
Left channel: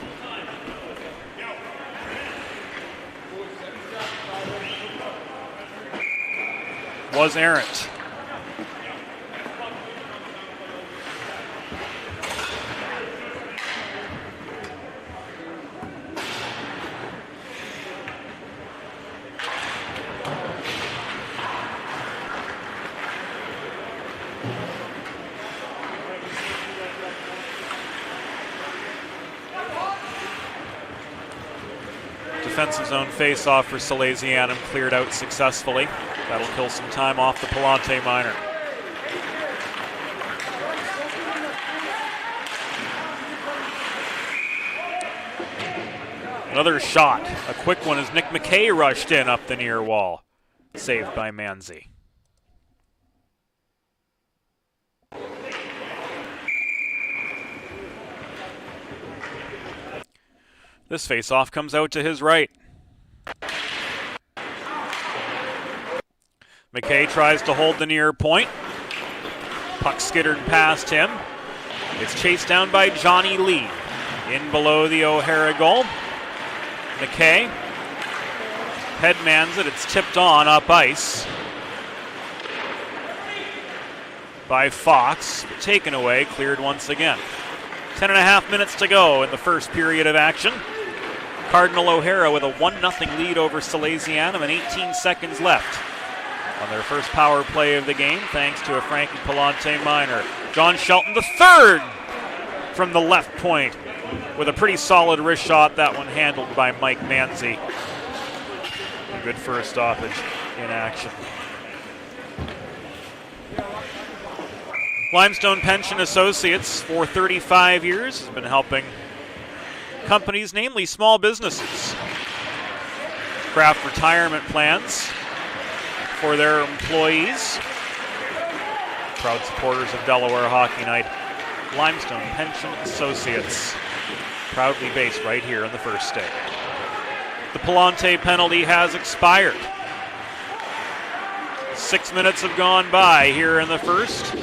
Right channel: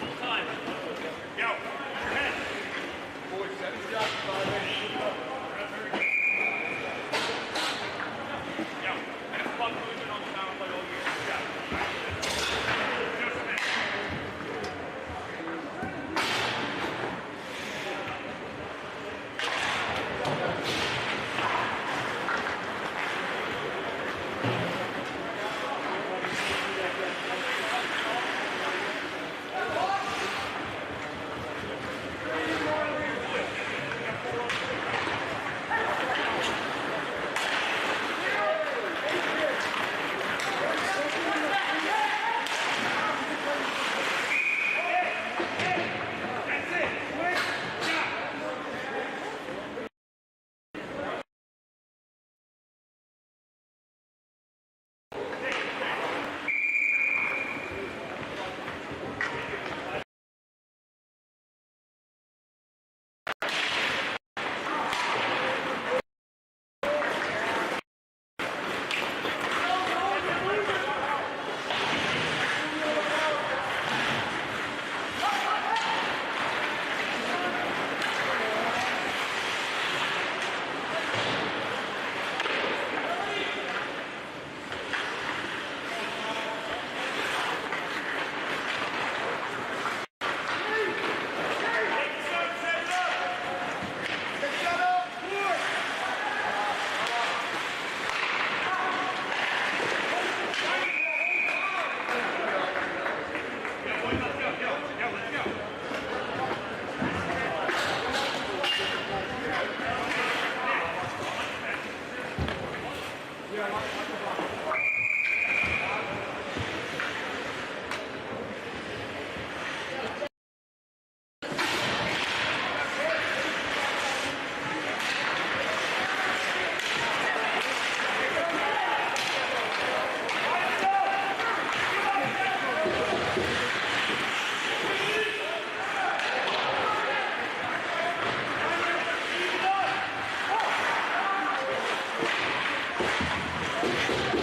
Was errant. Defensive zone face-off for Salesianum cleared out successfully. That will kill some time off the Palante minor. Another shot, a quick one as Nick McKay rushed in up the near wall. Saved by Manzi. This face-off comes out to his right. McKay tries to hold the near point. Puck skittered past him. It's chased down by Johnny Lee. In below the O'Hara goal. McKay headmans it. It's tipped on up ice by Fox. Taken away, cleared once again. 10.5 minutes to go in the first period of action. Cardinal O'Hara with a 1-0 lead over Salesianum and 18 seconds left on their first power play of the game, thanks to a Frankie Palante minor. John Shelton the third from the left point with a pretty solid wrist shot. That one handled by Mike Manzi. Good first stoppage in action. Limestone Pension Associates for 35 years, been helping companies, namely small businesses, craft retirement plans for their employees. Proud supporters of Delaware Hockey Night. Limestone Pension Associates, proudly based right here on the first day. The Palante penalty has expired. 6 minutes have gone by here in the first.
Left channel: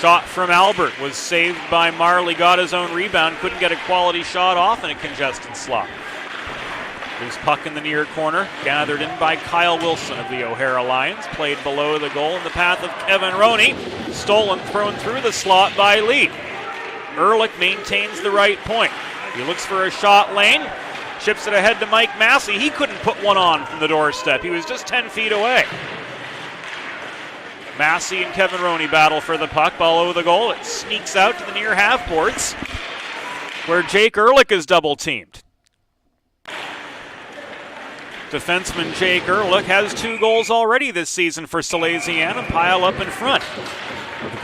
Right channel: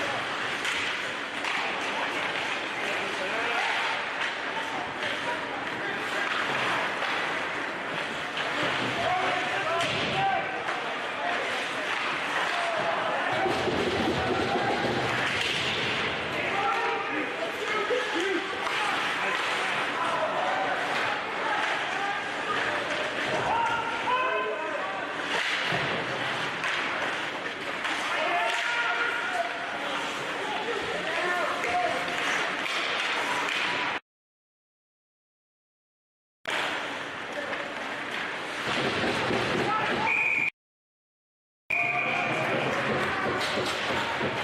Shot from Albert was saved by Marley, got his own rebound, couldn't get a quality shot off in a congested slot. Loose puck in the near corner, gathered in by Kyle Wilson of the O'Hara Lions, played below the goal in the path of Kevin Roney, stolen, thrown through the slot by Lee. Ehrlich maintains the right point. He looks for a shot lane, chips it ahead to Mike Massey. He couldn't put one on from the doorstep. He was just 10 feet away. Massey and Kevin Roney battle for the puck, ball over the goal. It sneaks out to the near half boards where Jake Ehrlich is double teamed. Defenseman Jake Ehrlich has 2 goals already this season for Salesianum. Pile up in front.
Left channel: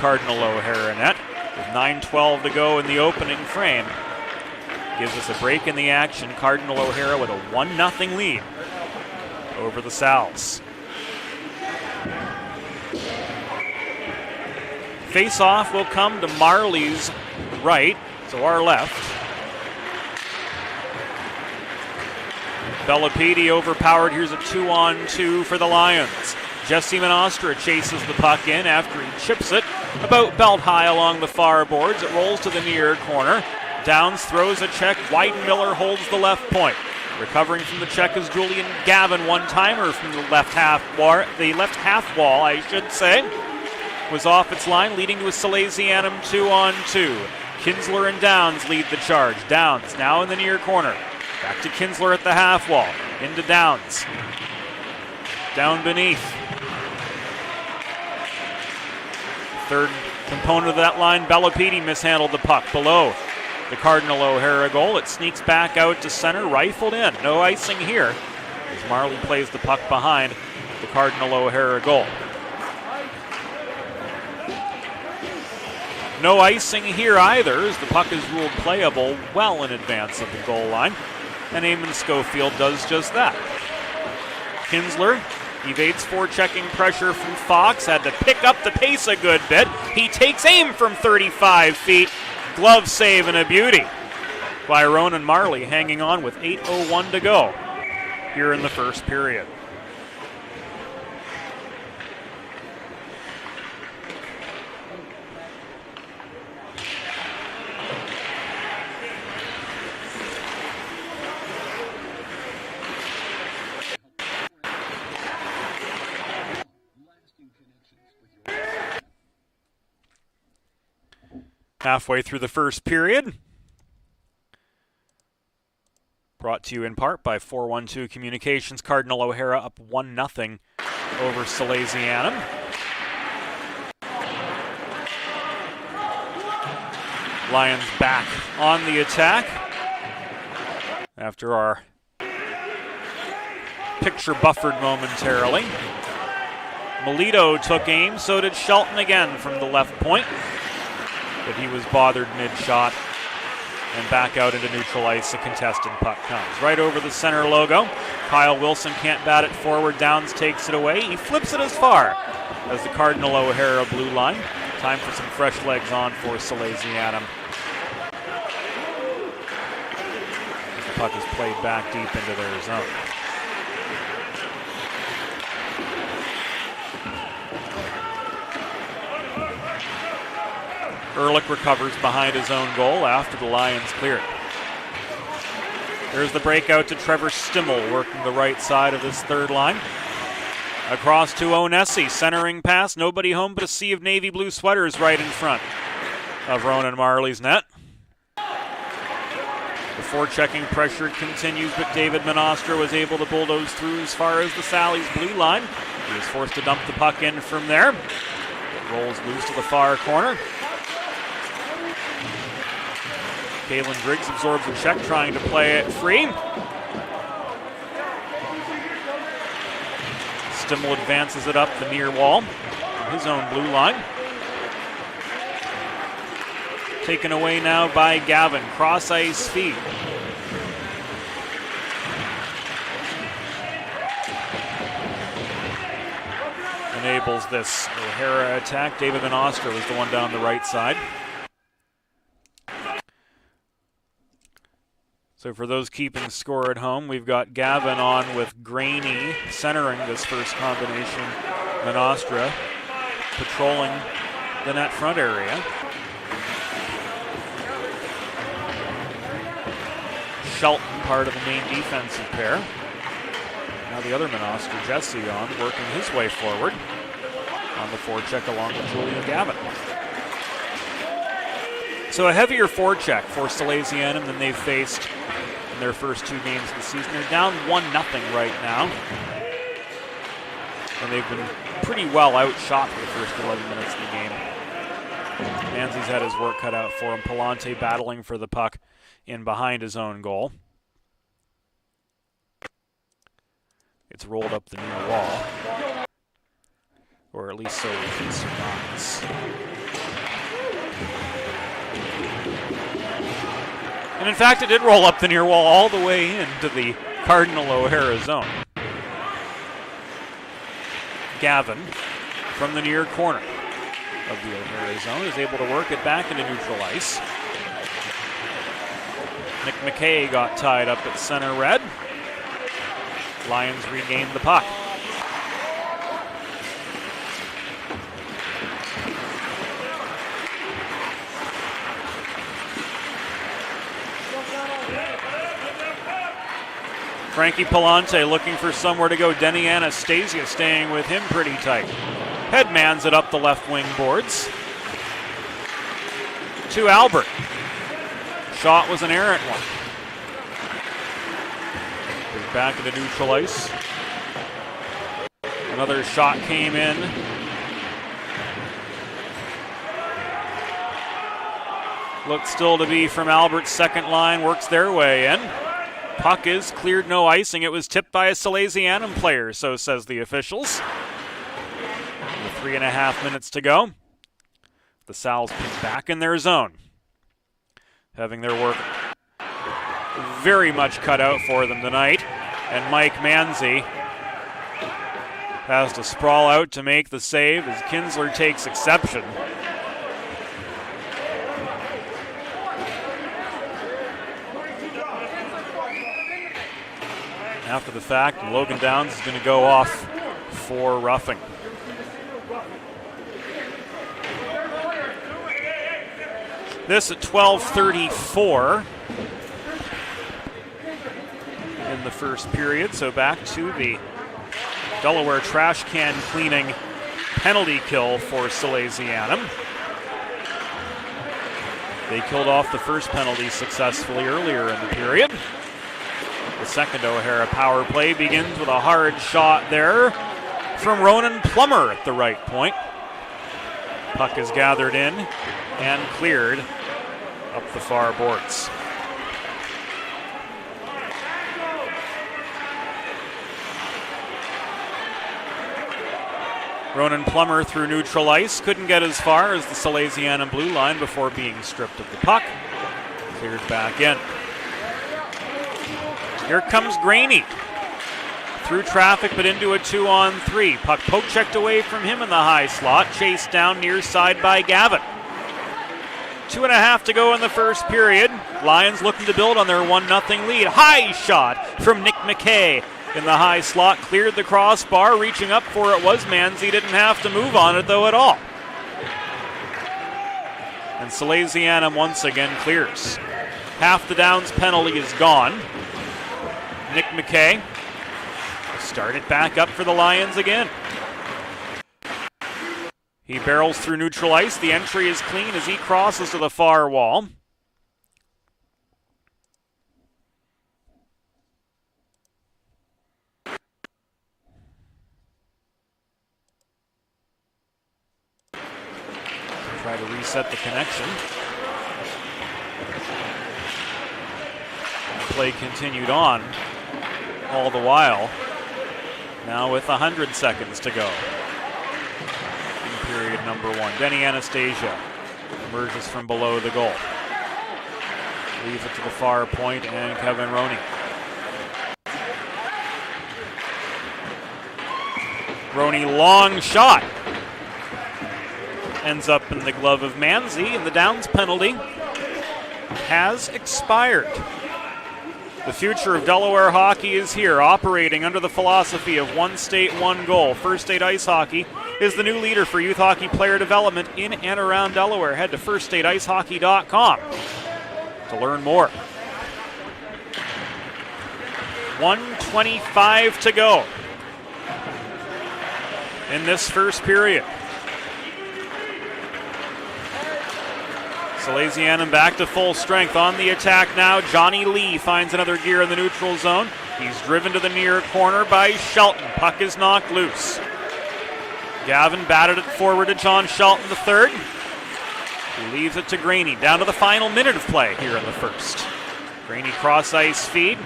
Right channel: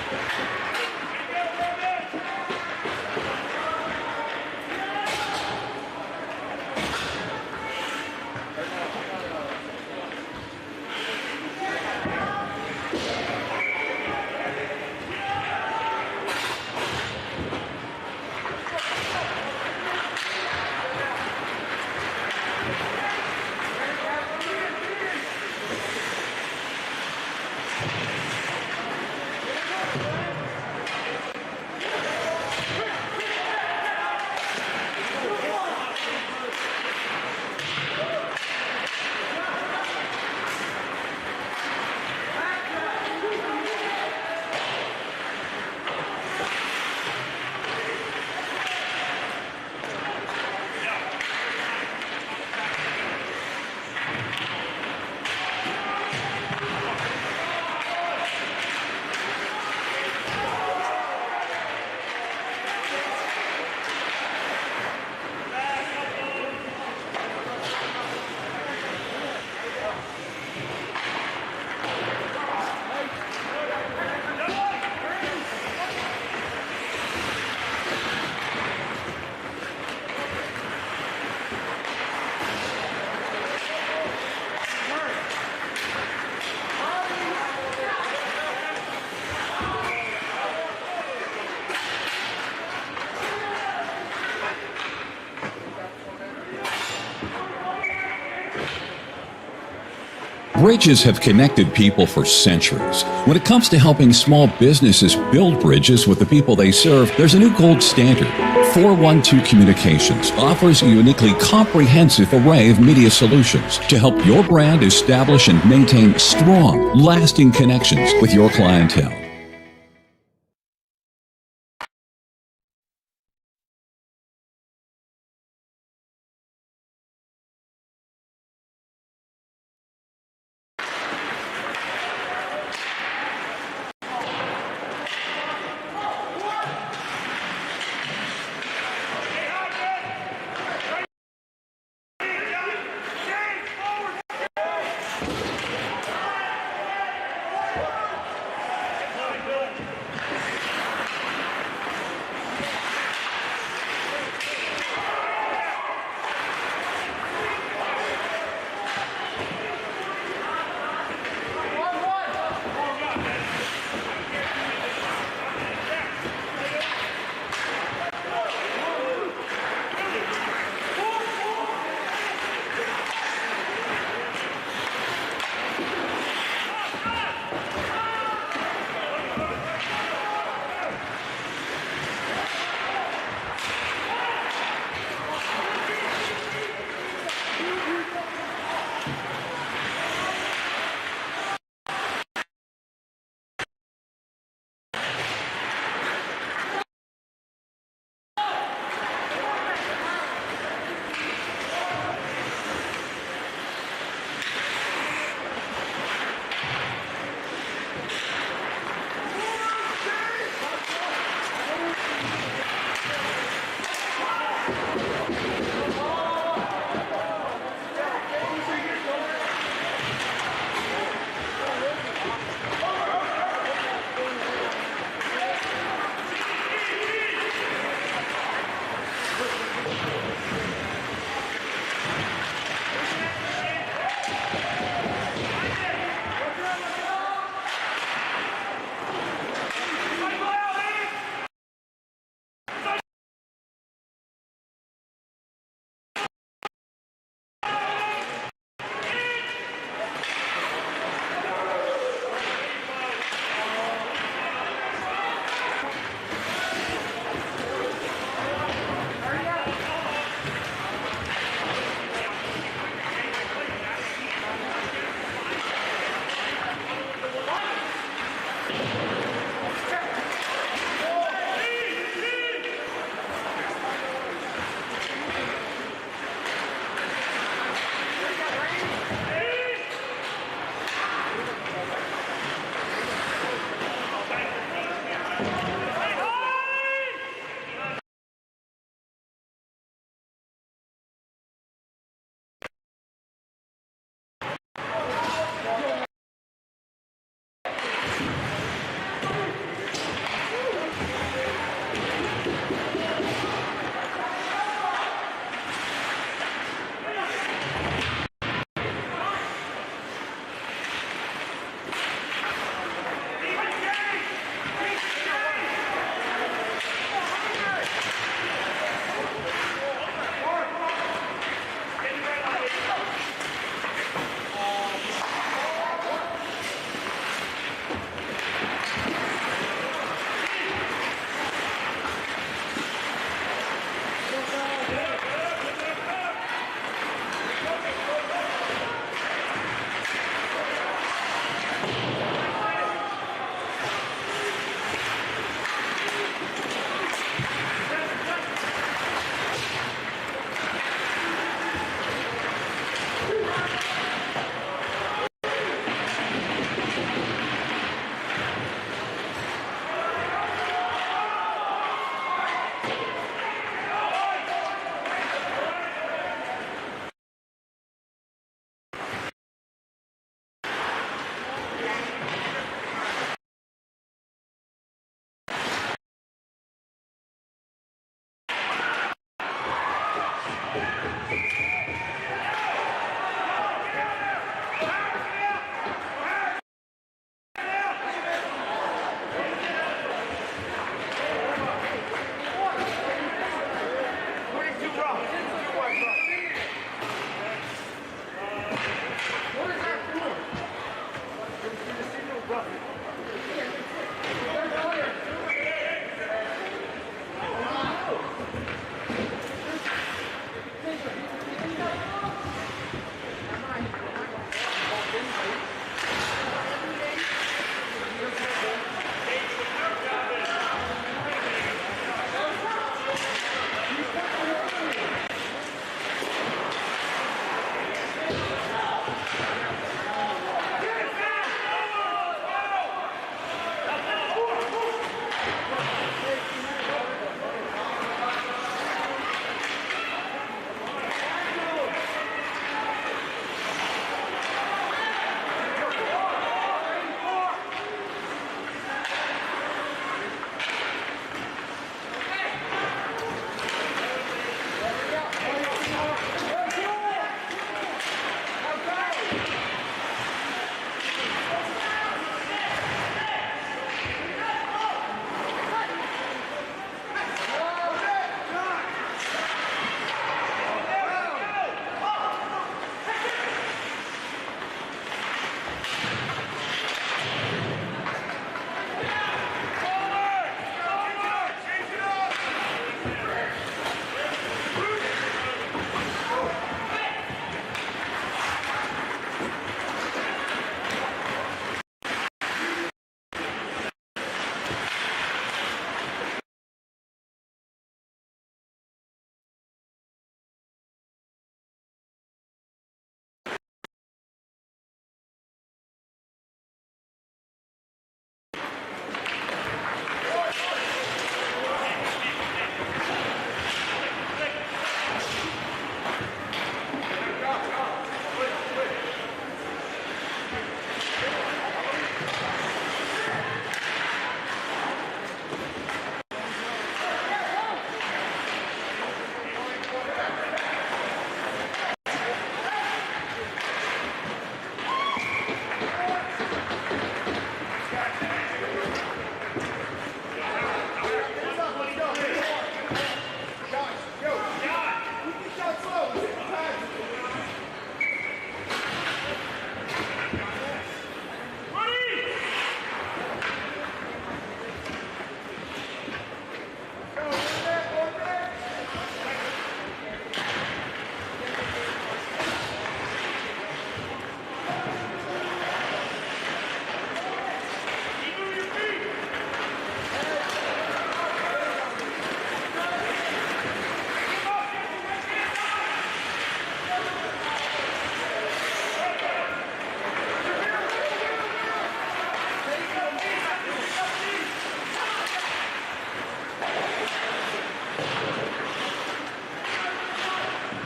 Cardinal O'Hara net. 9:12 to go in the opening frame. Gives us a break in the action. Cardinal O'Hara with a 1-0 lead over the Sal's. Face-off will come to Marley's right, so our left. Bellapede overpowered. Here's a 2-on-2 for the Lions. Jesse Manostra chases the puck in after he chips it about belt high along the far boards. It rolls to the near corner. Downs throws a check. Weidenmiller holds the left point. Recovering from the check is Julian Gavin, one-timer from the left half wall, I should say. Was off its line, leading with Salesianum 2-on-2. Kinsler and Downs lead the charge. Downs now in the near corner. Back to Kinsler at the half wall. Into Downs. Down beneath. Third component of that line, Bellapede mishandled the puck below the Cardinal O'Hara goal. It sneaks back out to center, rifled in. No icing here. Marley plays the puck behind the Cardinal O'Hara goal. No icing here either, as the puck is ruled playable well in advance of the goal line. And Eamon Schofield does just that. Kinsler evades forechecking pressure from Fox, had to pick up the pace a good bit. He takes aim from 35 feet. Glove save and a beauty by Ronan Marley, hanging on with 8:01 to go here in the first period. Bridges have connected people for centuries. When it comes to helping small businesses build bridges with the people they serve, there's a new gold standard. 412 Communications offers a uniquely comprehensive array of media solutions to help your brand establish and maintain strong, lasting connections with your clientele. Halfway through the first period. Brought to you in part by 412 Communications. Cardinal O'Hara up 1-0 over Salesianum. Lions back on the attack after our picture buffered momentarily. Melito took aim, so did Shelton again from the left point. But he was bothered mid-shot. And back out into neutral ice, the contested puck comes right over the center logo. Kyle Wilson can't bat it forward. Downs takes it away. He flips it as far as the Cardinal O'Hara blue line. Time for some fresh legs on for Salesianum. The puck is played back deep into their zone. Ehrlich recovers behind his own goal after the Lions clear. There's the breakout to Trevor Stimmel, working the right side of his third line. Across to Onesi, centering pass, nobody home but a sea of navy blue sweaters right in front of Ronan Marley's net. Forechecking pressure continues, but David Menostra was able to bulldoze through as far as the Sally's blue line. He's forced to dump the puck in from there. Rolls loose to the far corner. Kalen Driggs absorbs the check, trying to play it free. Stimmel advances it up the near wall. His own blue line. Taken away now by Gavin. Cross ice feed. Enables this O'Hara attack. David Menostra was the one down the right side. So for those keeping score at home, we've got Gavin on with Graney centering this first combination. Menostra patrolling the net front area. Shelton part of the main defensive pair. Now the other Menostra, Jesse, on working his way forward. On the forecheck along with Gavin. So a heavier forecheck for Salesianum than they've faced in their first two games of the season. They're down 1-0 right now. And they've been pretty well outshot for the first 40 minutes of the game. Manzi's had his work cut out for him. Palante battling for the puck in behind his own goal. It's rolled up the near wall. Or at least so it is. And in fact, it did roll up the near wall all the way into the Cardinal O'Hara zone. Gavin, from the near corner of the O'Hara zone, is able to work it back into neutral ice. Nick McKay got tied up at center red. Lions regained the puck. Frankie Palante looking for somewhere to go. Denny Anastasia staying with him pretty tight. Headmans it up the left wing boards. To Albert. Shot was an errant one. Back into neutral ice. Another shot came in. Looked still to be from Albert's second line. Works their way in. Puck is cleared, no icing. It was tipped by a Salesianum player, so says the officials. 3.5 minutes to go. The Sal's back in their zone, having their work very much cut out for them tonight. And Mike Manzi has to sprawl out to make the save as Kinsler takes exception. After the fact, Logan Downs is going to go off for roughing. This at 12:34 in the first period, so back to the Delaware trash can cleaning penalty kill for Salesianum. They killed off the first penalty successfully earlier in the period. The second O'Hara power play begins with a hard shot there from Ronan Plummer at the right point. Puck is gathered in and cleared up the far boards. Ronan Plummer through neutral ice, couldn't get as far as the Salesianum blue line before being stripped of the puck. Clears back in. Here comes Graney. Through traffic, but into a 2-on-3. Puck poke checked away from him in the high slot. Chased down near side by Gavin. 2.5 to go in the first period. Lions looking to build on their 1-0 lead. High shot from Nick McKay in the high slot. Cleared the crossbar. Reaching up for it was Manzi. Didn't have to move on it though at all. And Salesianum once again clears. Half the Downs penalty is gone. Nick McKay started back up for the Lions again. He barrels through neutral ice. The entry is clean as he crosses to the far wall. Try to reset the connection. Play continued on all the while. Now with 100 seconds to go. Period number 1. Benny Anastasia emerges from below the goal. Leaves it to the far point, and Kevin Roney. Roney, long shot. Ends up in the glove of Manzi, and the Downs penalty has expired. The future of Delaware hockey is here, operating under the philosophy of one state, one goal. First State Ice Hockey is the new leader for youth hockey player development in and around Delaware. Head to firststateicehockey.com to learn more. 1:25 to go in this first period. Salesianum back to full strength on the attack now. Johnny Lee finds another gear in the neutral zone. He's driven to the near corner by Shelton. Puck is knocked loose. Gavin batted it forward to John Shelton III. He leaves it to Graney. Down to the final minute of play here in the first. Graney cross ice feed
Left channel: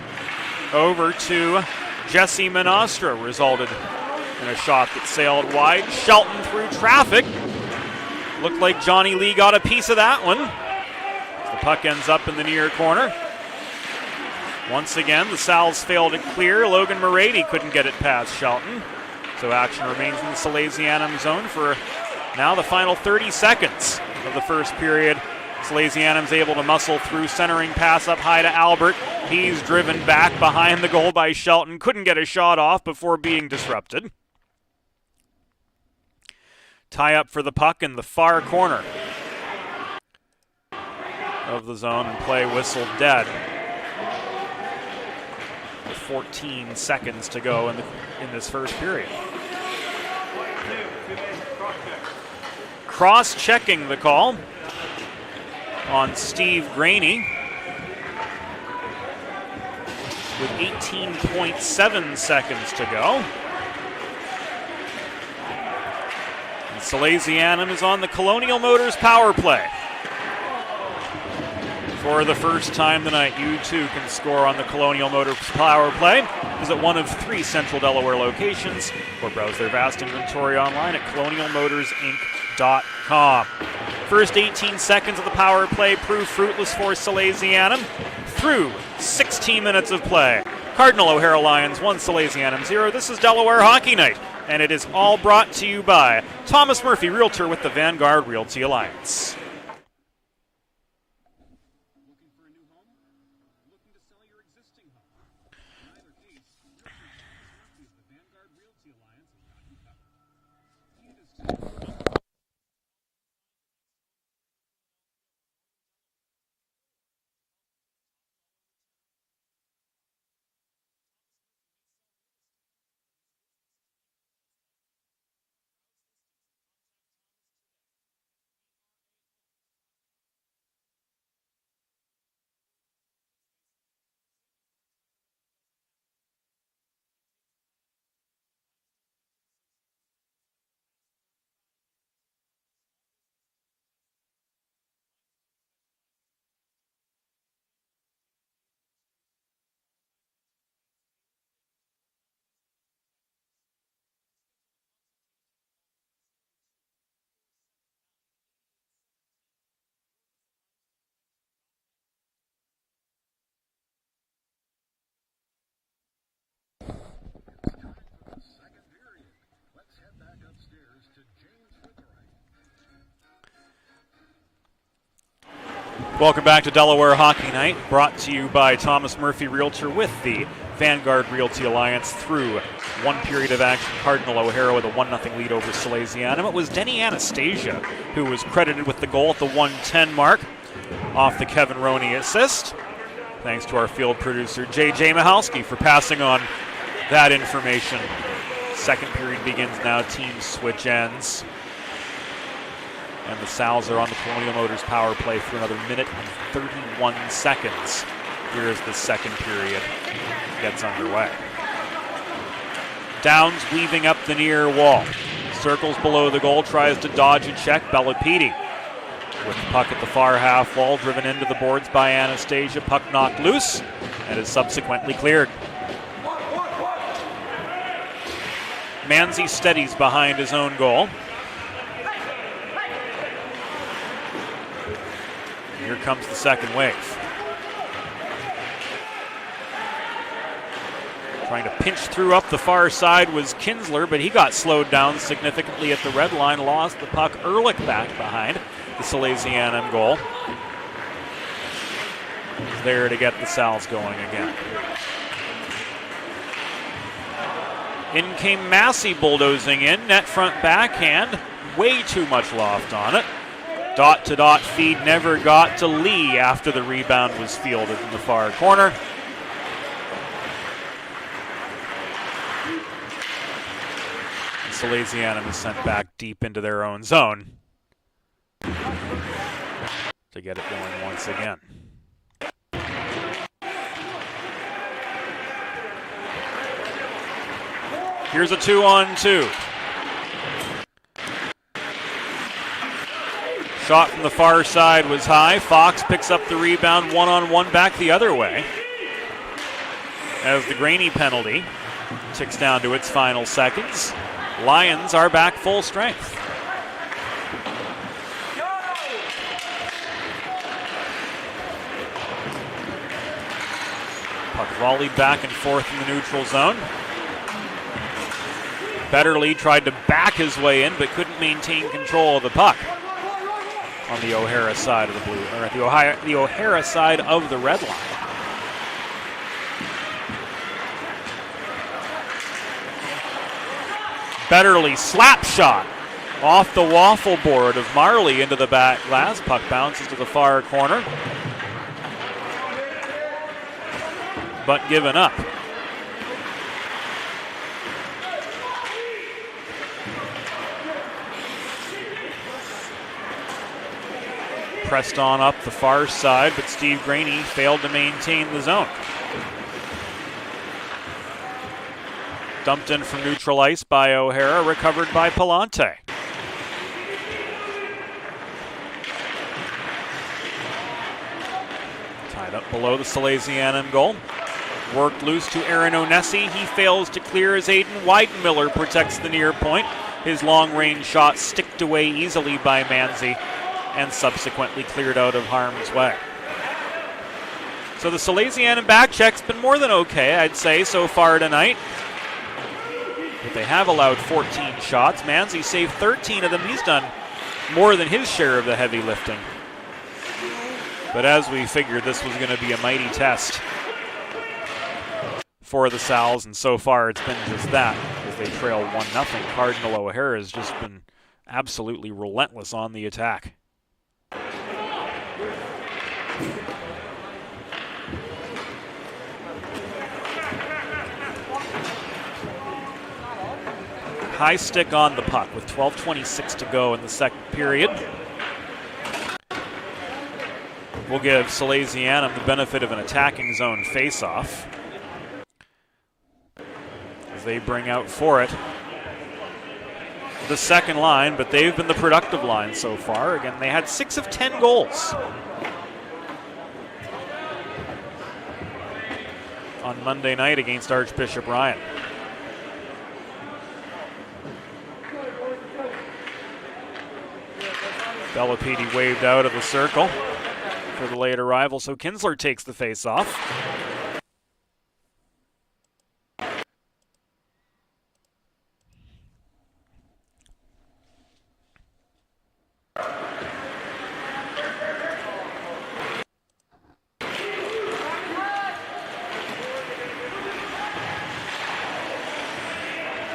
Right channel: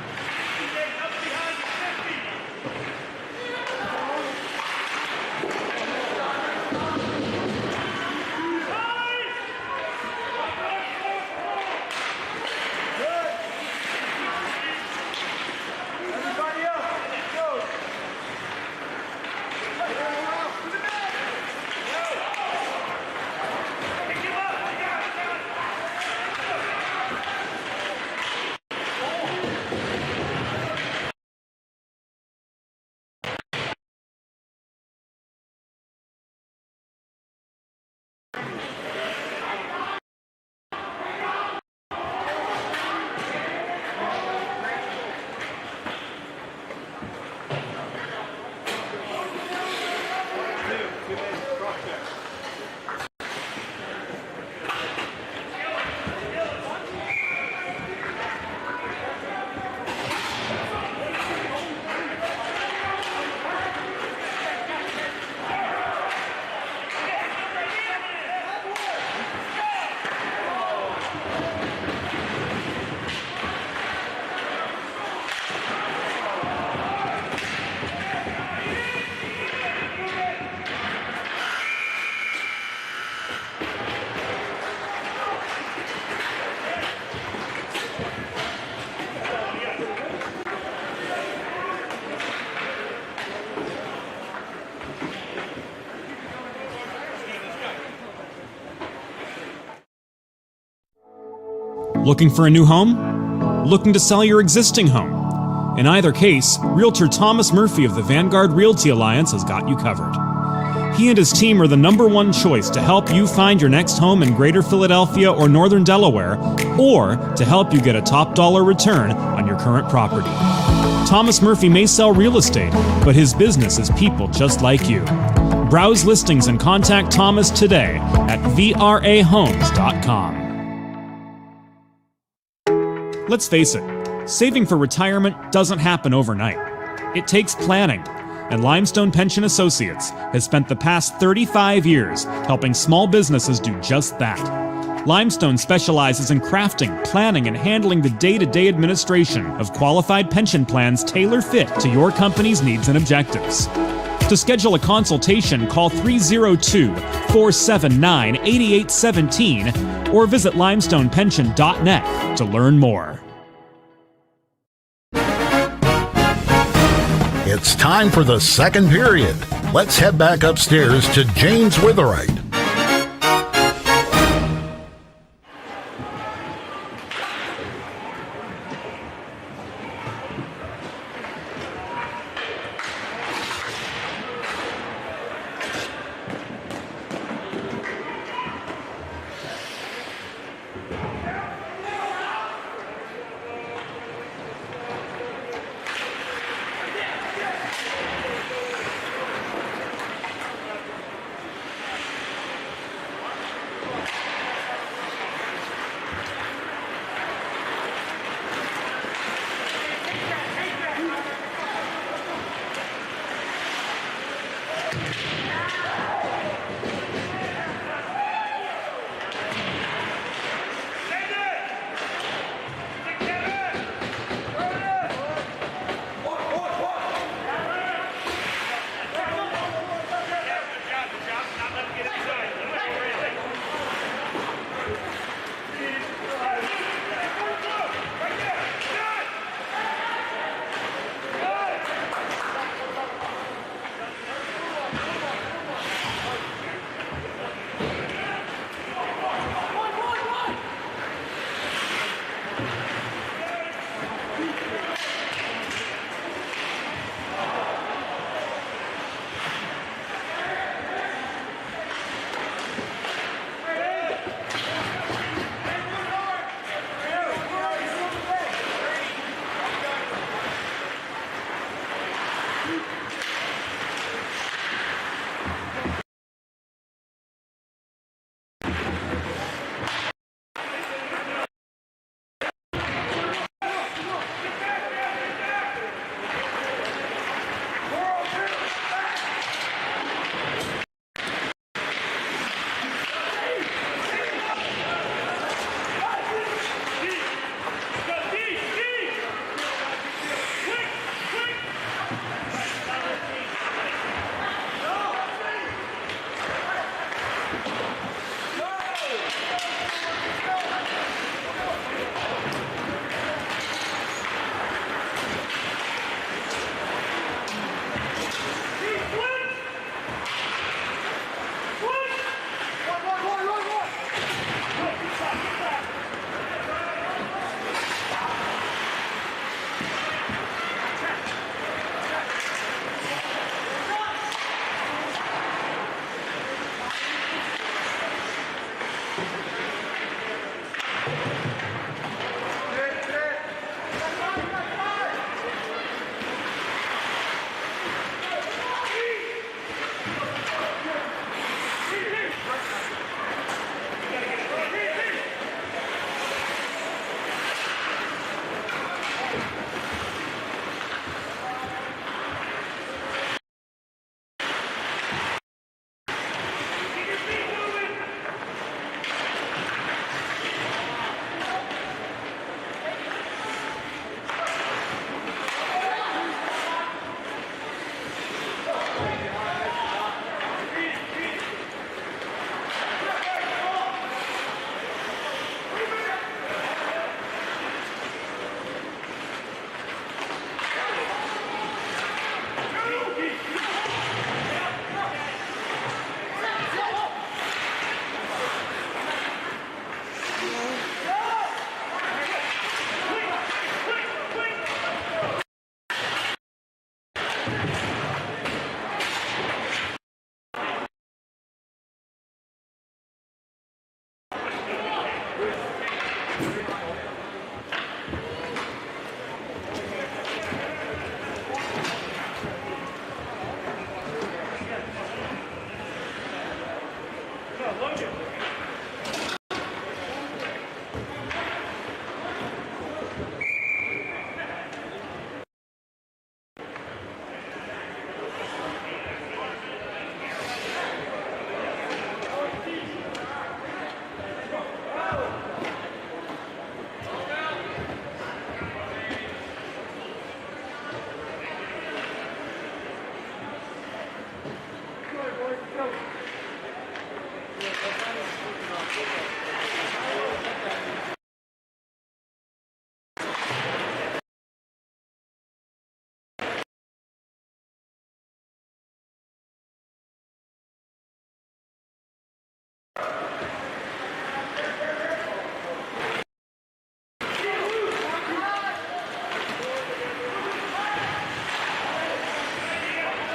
over to Jesse Monastra. Resulted in a shot that sailed wide. Shelton through traffic. Looked like Johnny Lee got a piece of that one. The puck ends up in the near corner. Once again, the Sal's failed to clear. Logan Morady couldn't get it past Shelton. So action remains in the Salesianum zone for now the final 30 seconds of the first period. Salesianum's able to muscle through, centering pass up high to Albert. He's driven back behind the goal by Shelton. Couldn't get a shot off before being disrupted. Tie up for the puck in the far corner of the zone, and play whistled dead. 14 seconds to go in this first period. Cross-checking the call on Steve Graney with 18.7 seconds to go. Salesianum is on the Colonial Motors power play. For the first time tonight, you too can score on the Colonial Motors power play. Visit one of 3 Central Delaware locations or browse their vast inventory online at colonialmotorsinc.com. First 18 seconds of the power play proved fruitless for Salesianum through 16 minutes of play. Cardinal O'Hara Lions 1, Salesianum 0. This is Delaware Hockey Night, and it is all brought to you by Thomas Murphy, Realtor with the Vanguard Realty Alliance. Looking for a new home? Looking to sell your existing home? In either case, Realtor Thomas Murphy of the Vanguard Realty Alliance has got you covered. He and his team are the #1 choice to help you find your next home in Greater Philadelphia or Northern Delaware, or to help you get a top dollar return on your current property. Thomas Murphy may sell real estate, but his business is people just like you. Browse listings and contact Thomas today at vrahomes.com. Let's face it, saving for retirement doesn't happen overnight. It takes planning, and Limestone Pension Associates has spent the past 35 years helping small businesses do just that. Limestone specializes in crafting, planning, and handling the day-to-day administration of qualified pension plans tailor-fit to your company's needs and objectives. To schedule a consultation, call 302-479-8817 or visit limestonepension.net to learn more. It's time for the second period. Let's head back upstairs to James Witherite. Welcome back to Delaware Hockey Night, brought to you by Thomas Murphy Realtor with the Vanguard Realty Alliance through one period of action. Cardinal O'Hara with a 1-0 lead over Salesianum. It was Denny Anastasia who was credited with the goal at the 1:10 mark off the Kevin Roney assist. Thanks to our field producer, J.J. Mahalski, for passing on that information. Second period begins now. Teams switch ends. And the Sal's are on the Colonial Motors power play for another minute and 31 seconds. Here is the second period. Gets underway. Downs weaving up the near wall. Circles below the goal, tries to dodge and check. Bellapidi with the puck at the far half wall, driven into the boards by Anastasia. Puck knocked loose and is subsequently cleared. Manzi steadies behind his own goal. Here comes the second wave. Trying to pinch through up the far side was Kinsler, but he got slowed down significantly at the red line. Lost the puck. Ehrlich back behind the Salesianum goal. There to get the Sal's going again. In came Massey bulldozing in, net front backhand, way too much loft on it. Dot-to-dot feed never got to Lee after the rebound was fielded in the far corner. Salesianum is sent back deep into their own zone to get it going once again. Here's a 2-on-2. Shot from the far side was high. Fox picks up the rebound, one-on-one back the other way. As the Graney penalty ticks down to its final seconds. Lions are back full strength. Puck volleyed back and forth in the neutral zone. Betterly tried to back his way in, but couldn't maintain control of the puck on the O'Hara side of the blue, the O'Hara side of the red line. Betterly slap shot off the waffle board of Marley into the back glass. Puck bounces to the far corner, but given up. Pressed on up the far side, but Steve Graney failed to maintain the zone. Dumped in from neutral ice by O'Hara, recovered by Palante. Tied up below the Salesianum goal. Worked loose to Aaron Onesi. He fails to clear as Aiden Weidenmiller protects the near point. His long-range shot sticked away easily by Manzi and subsequently cleared out of harm's way. So the Salesianum back check's been more than okay, I'd say, so far tonight. They have allowed 14 shots. Manzi saved 13 of them. He's done more than his share of the heavy lifting. But as we figured, this was going to be a mighty test for the Sal's, and so far it's been just that. They trail 1-0. Cardinal O'Hara has just been absolutely relentless on the attack. High stick on the puck with 12:26 to go in the second period. We'll give Salesianum the benefit of an attacking zone face-off as they bring out for it the second line, but they've been the productive line so far. Again, they had 6 of 10 goals on Monday night against Archbishop Ryan. Belapidi waved out of the circle for the late arrival, so Kinsler takes the face-off.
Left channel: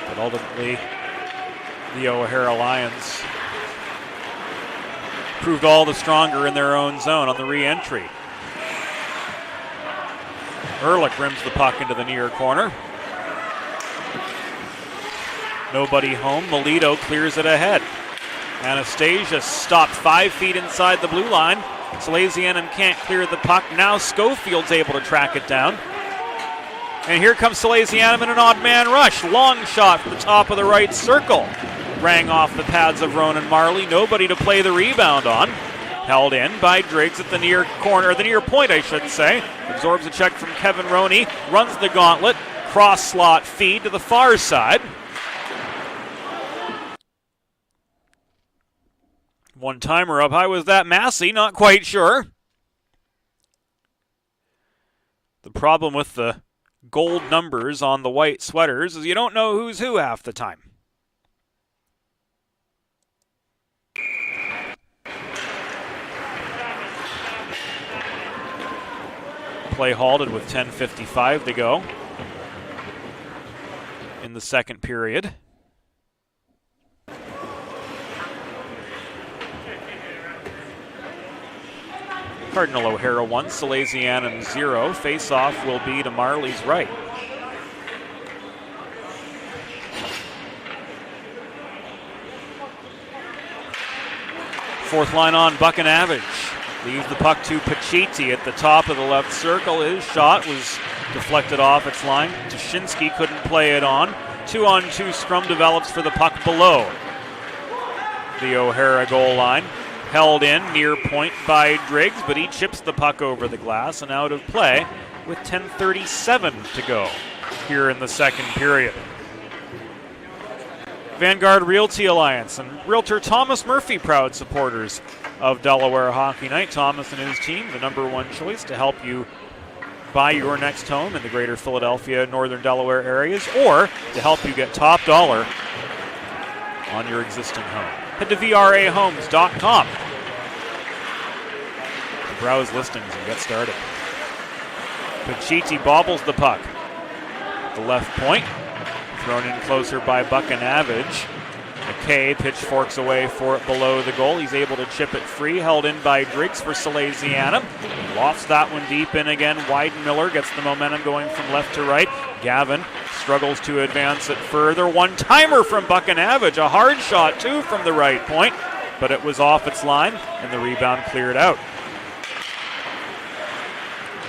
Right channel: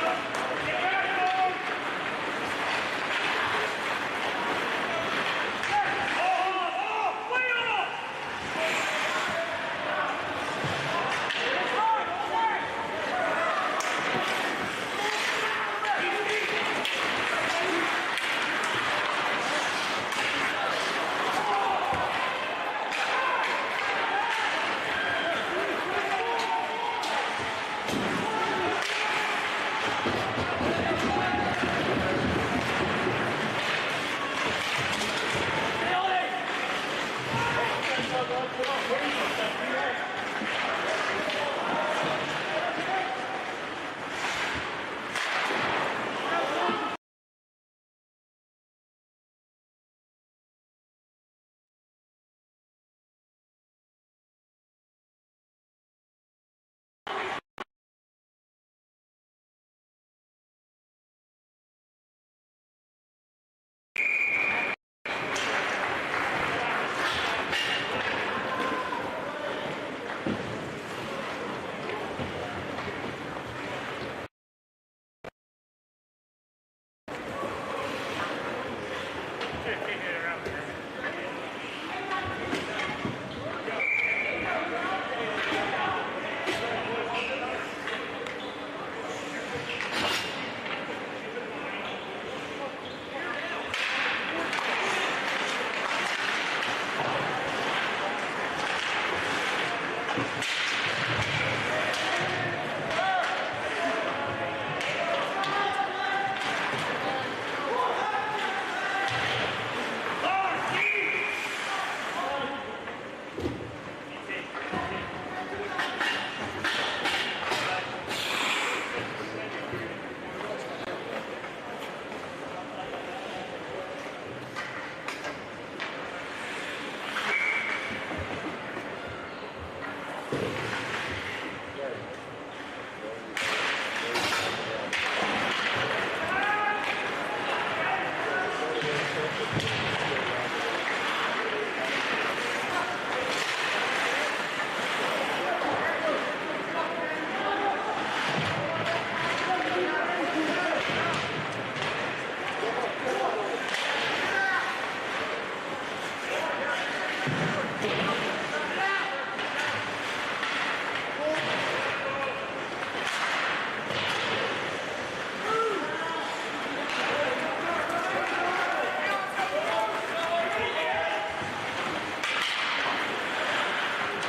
And ultimately, the O'Hara Lions proved all the stronger in their own zone on the re-entry. Ehrlich rims the puck into the near corner. Nobody home. Melito clears it ahead. Anastasia stopped 5 feet inside the blue line. Salesianum can't clear the puck. Now Schofield's able to track it down. And here comes Salesianum in an odd man rush. Long shot from top of the right circle. Rang off the pads of Ronan Marley. Nobody to play the rebound on. Held in by Driggs at the near corner, the near point, I should say. Absorbs a check from Kevin Roney. Runs the gauntlet. Cross slot feed to the far side. One timer up high. Was that Massey? Not quite sure. The problem with the gold numbers on the white sweaters is you don't know who's who half the time. Play halted with 10:55 to go in the second period. Cardinal O'Hara 1, Salesianum 0. Face-off will be to Marley's right. Fourth line on, Buchanavage. Leaves the puck to Pacitti at the top of the left circle. His shot was deflected off its line. Tuschinski couldn't play it on. 2-on-2 scrum develops for the puck below the O'Hara goal line. Held in near point by Driggs, but he chips the puck over the glass and out of play with 10:37 to go here in the second period. Vanguard Realty Alliance and Realtor Thomas Murphy, proud supporters of Delaware Hockey Night. Thomas and his team, the #1 choice to help you buy your next home in the greater Philadelphia, northern Delaware areas, or to help you get top dollar on your existing home. Head to VRAHomes.com. Browse listings and get started. Pacitti bobbles the puck. The left point. Thrown in closer by Buchanavage. McKay pitchforks away for it below the goal. He's able to chip it free. Held in by Driggs for Salesianum. Lofts that one deep in again. Weidenmiller gets the momentum going from left to right. Gavin struggles to advance it further. One-timer from Buchanavage. A hard shot, too, from the right point. But it was off its line, and the rebound cleared out.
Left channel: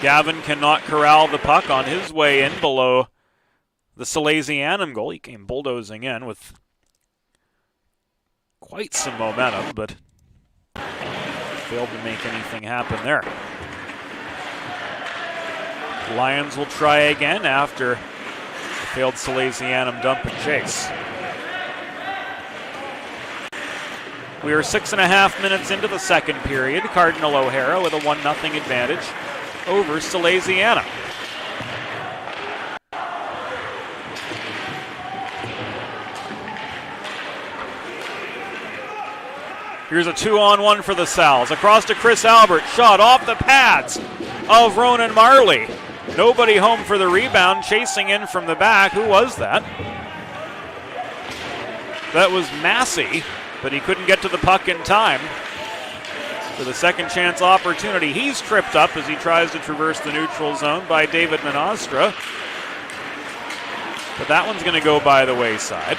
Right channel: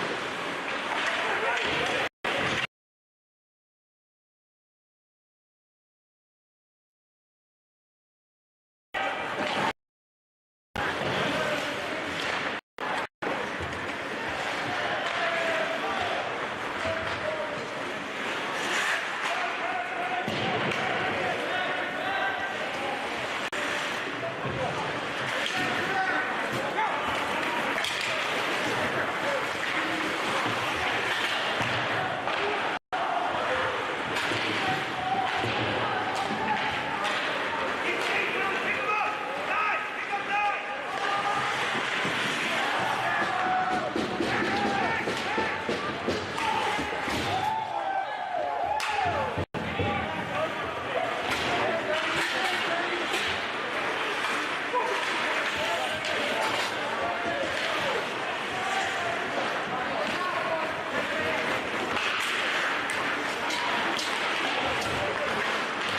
Gavin cannot corral the puck on his way in below the Salesianum goal. He came bulldozing in with quite some momentum, but failed to make anything happen there. Lions will try again after failed Salesianum dump and chase. We are 6.5 minutes into the second period. Cardinal O'Hara with a 1-0 advantage over Salesianum. Here's a 2-on-1 for the Sal's. Across to Chris Albert. Shot off the pads of Ronan Marley. Nobody home for the rebound, chasing in from the back. Who was that? That was Massey, but he couldn't get to the puck in time for the second chance opportunity. He's tripped up as he tries to traverse the neutral zone by David Menostra. But that one's going to go by the wayside.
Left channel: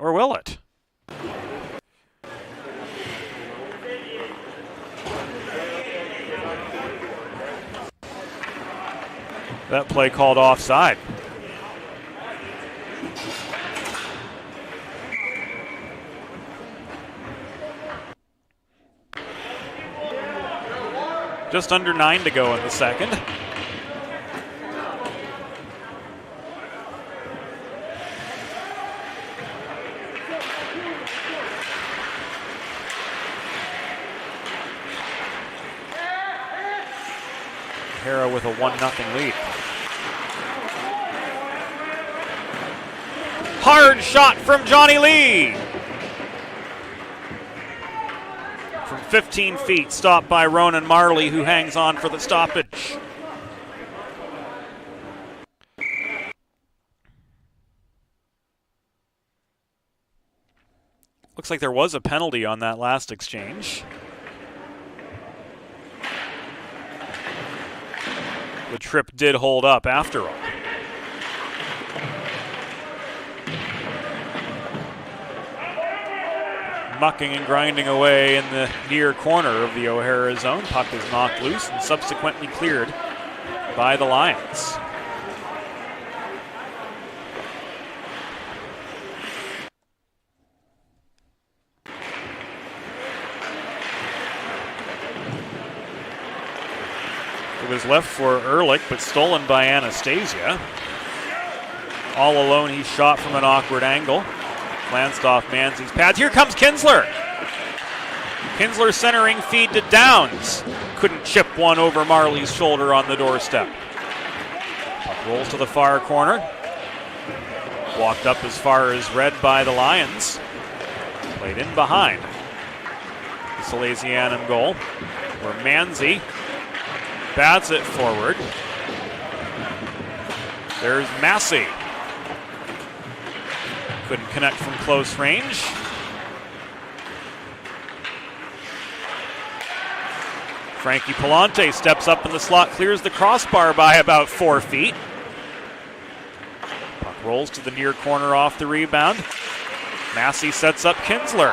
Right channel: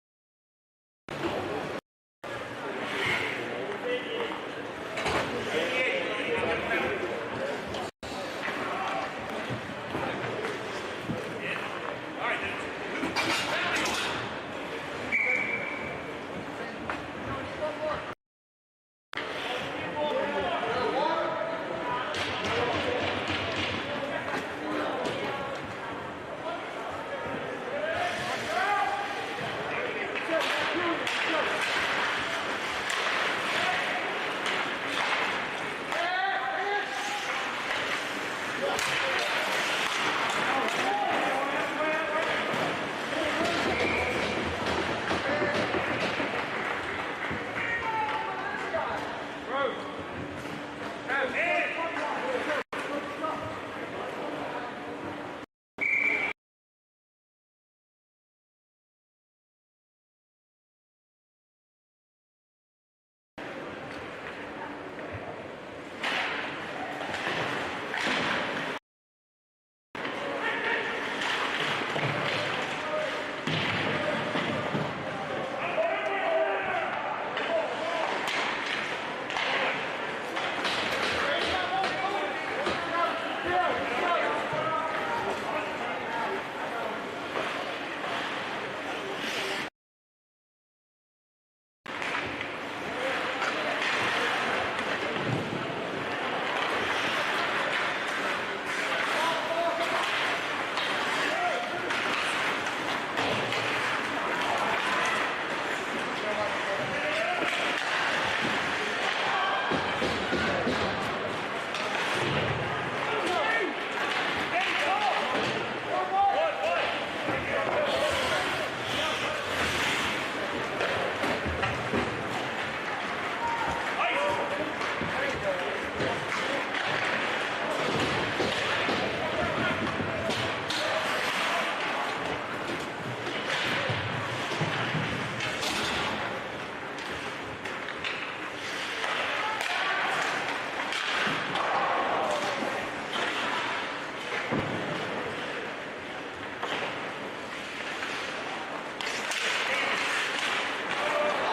Or will it? That play called offside. Just under 9 to go in the second. O'Hara with a 1-0 lead. Hard shot from Johnny Lee. From 15 feet, stopped by Ronan Marley, who hangs on for the stoppage. Looks like there was a penalty on that last exchange. The trip did hold up after all. Mucking and grinding away in the near corner of the O'Hara zone. Puck is knocked loose and subsequently cleared by the Lions. It was left for Ehrlich, but stolen by Anastasia. All alone, he shot from an awkward angle. Glanced off Manzi's pads. Here comes Kinsler. Kinsler centering feed to Downs. Couldn't chip one over Marley's shoulder on the doorstep. Rolls to the far corner. Walked up as far as red by the Lions. In behind. Salesianum goal. Manzi bats it forward. There's Massey. Couldn't connect from close range. Frankie Palante steps up in the slot, clears the crossbar by about 4 feet. Rolls to the near corner off the rebound. Massey sets up Kinsler.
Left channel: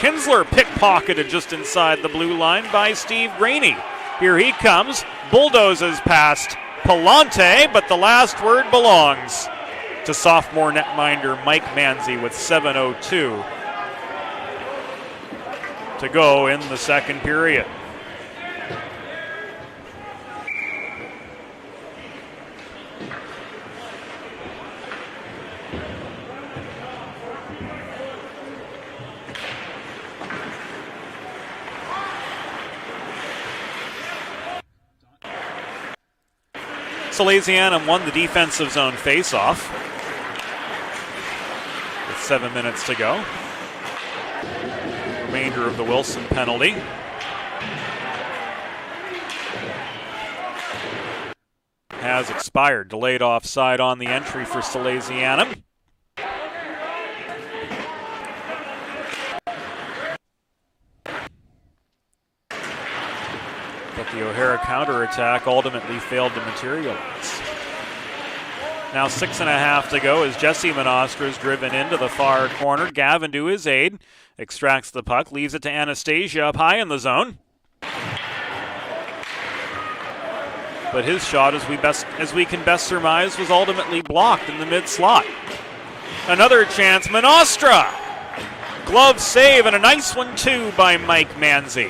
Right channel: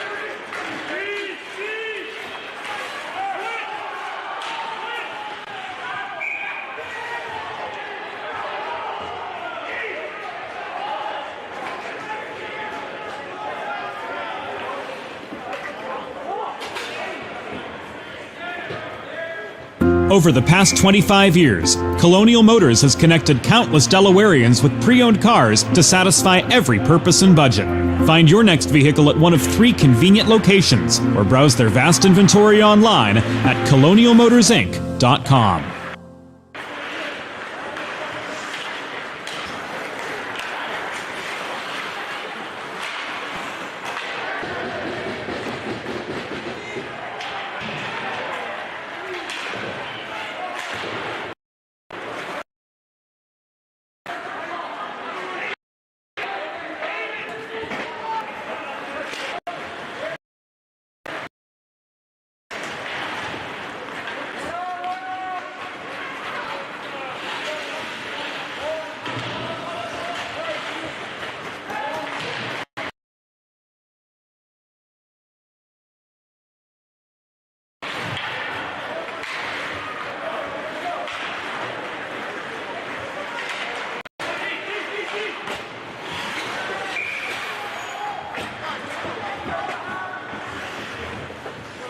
Kinsler pickpocketed just inside the blue line by Steve Rainey. Here he comes, bulldozes past Palante, but the last word belongs to sophomore netminder Mike Manzi with 7:02 to go in the second period. Over the past 25 years, Colonial Motors has connected countless Delawareans with pre-owned cars to satisfy every purpose and budget. Find your next vehicle at one of 3 convenient locations or browse their vast inventory online at colonialmotorsinc.com. Salesianum won the defensive zone face-off. 7 minutes to go. Remainder of the Wilson penalty. Has expired. Delayed offside on the entry for Salesianum. But the O'Hara counterattack ultimately failed to materialize. Now 6.5 to go as Jesse Menostra is driven into the far corner. Gavin to his aid. Extracts the puck. Leaves it to Anastasia up high in the zone. But his shot, as we can best surmise, was ultimately blocked in the mid-slot. Another chance. Menostra! Glove save and a nice one too by Mike Manzi.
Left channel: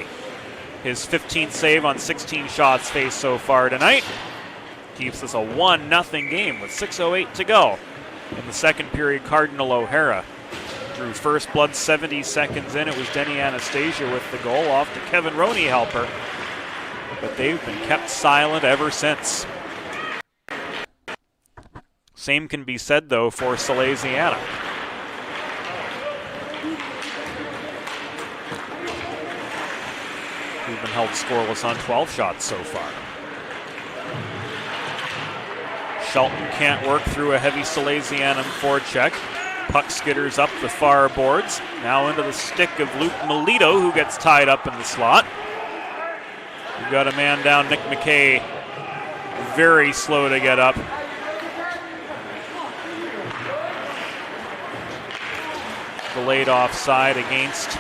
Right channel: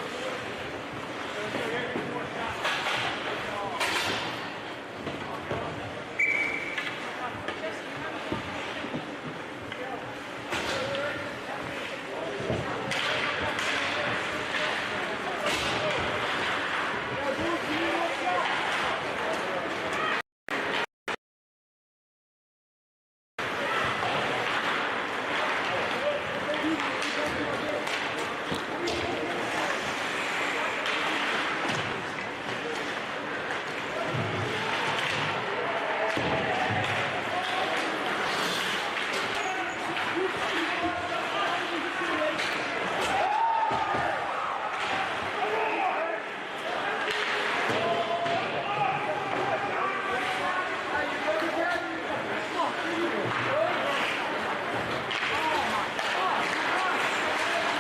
His 15th save on 16 shots faced so far tonight. Keeps this a 1-0 game with 6:08 to go. The second period, Cardinal O'Hara. Through first blood, 70 seconds in, it was Denny Anastasia with the goal off the Kevin Roney helper. But they've been kept silent ever since. Same can be said, though, for Salesianum. scoreless on 12 shots so far. Shelton can't work through a heavy Salesianum forecheck. Puck skitters up the far boards. Now into the stick of Luke Melito, who gets tied up in the slot. We've got a man down, Nick McKay, very slow to get up. Delayed offside against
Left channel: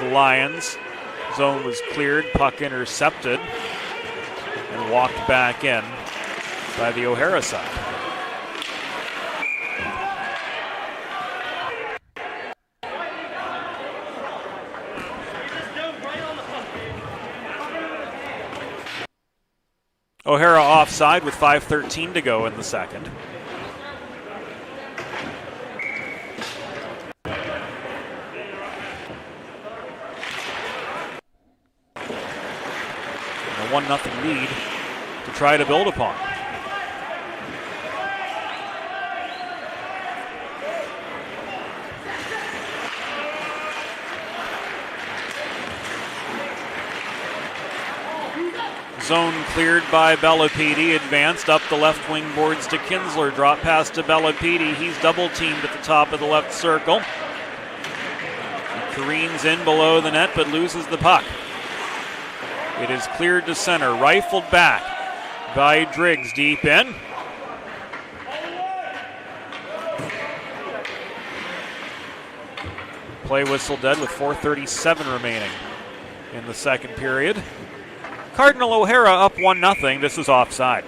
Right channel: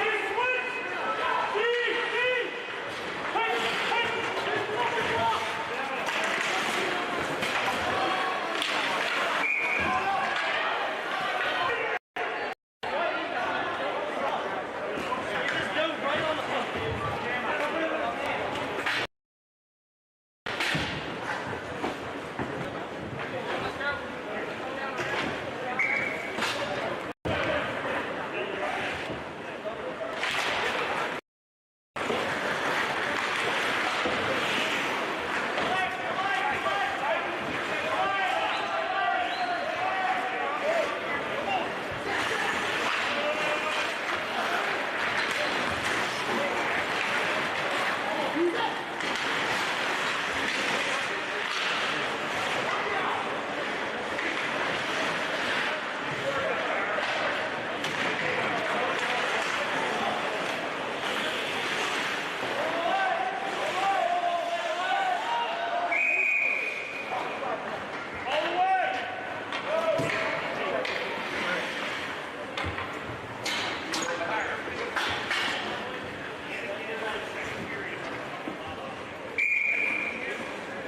the Lions. Zone was cleared, puck intercepted, and walked back in by the O'Hara side. O'Hara offside with 5:13 to go in the second. A 1-0 lead to try to build upon. Zone cleared by Bellapede, advanced up the left wing boards to Kinsler, drop pass to Bellapede, he's double teamed at the top of the left circle. Careens in below the net but loses the puck. It is cleared to center, rifled back by Driggs deep in. Play whistle dead with 4:37 remaining in the second period. Cardinal O'Hara up 1-0. This is offside.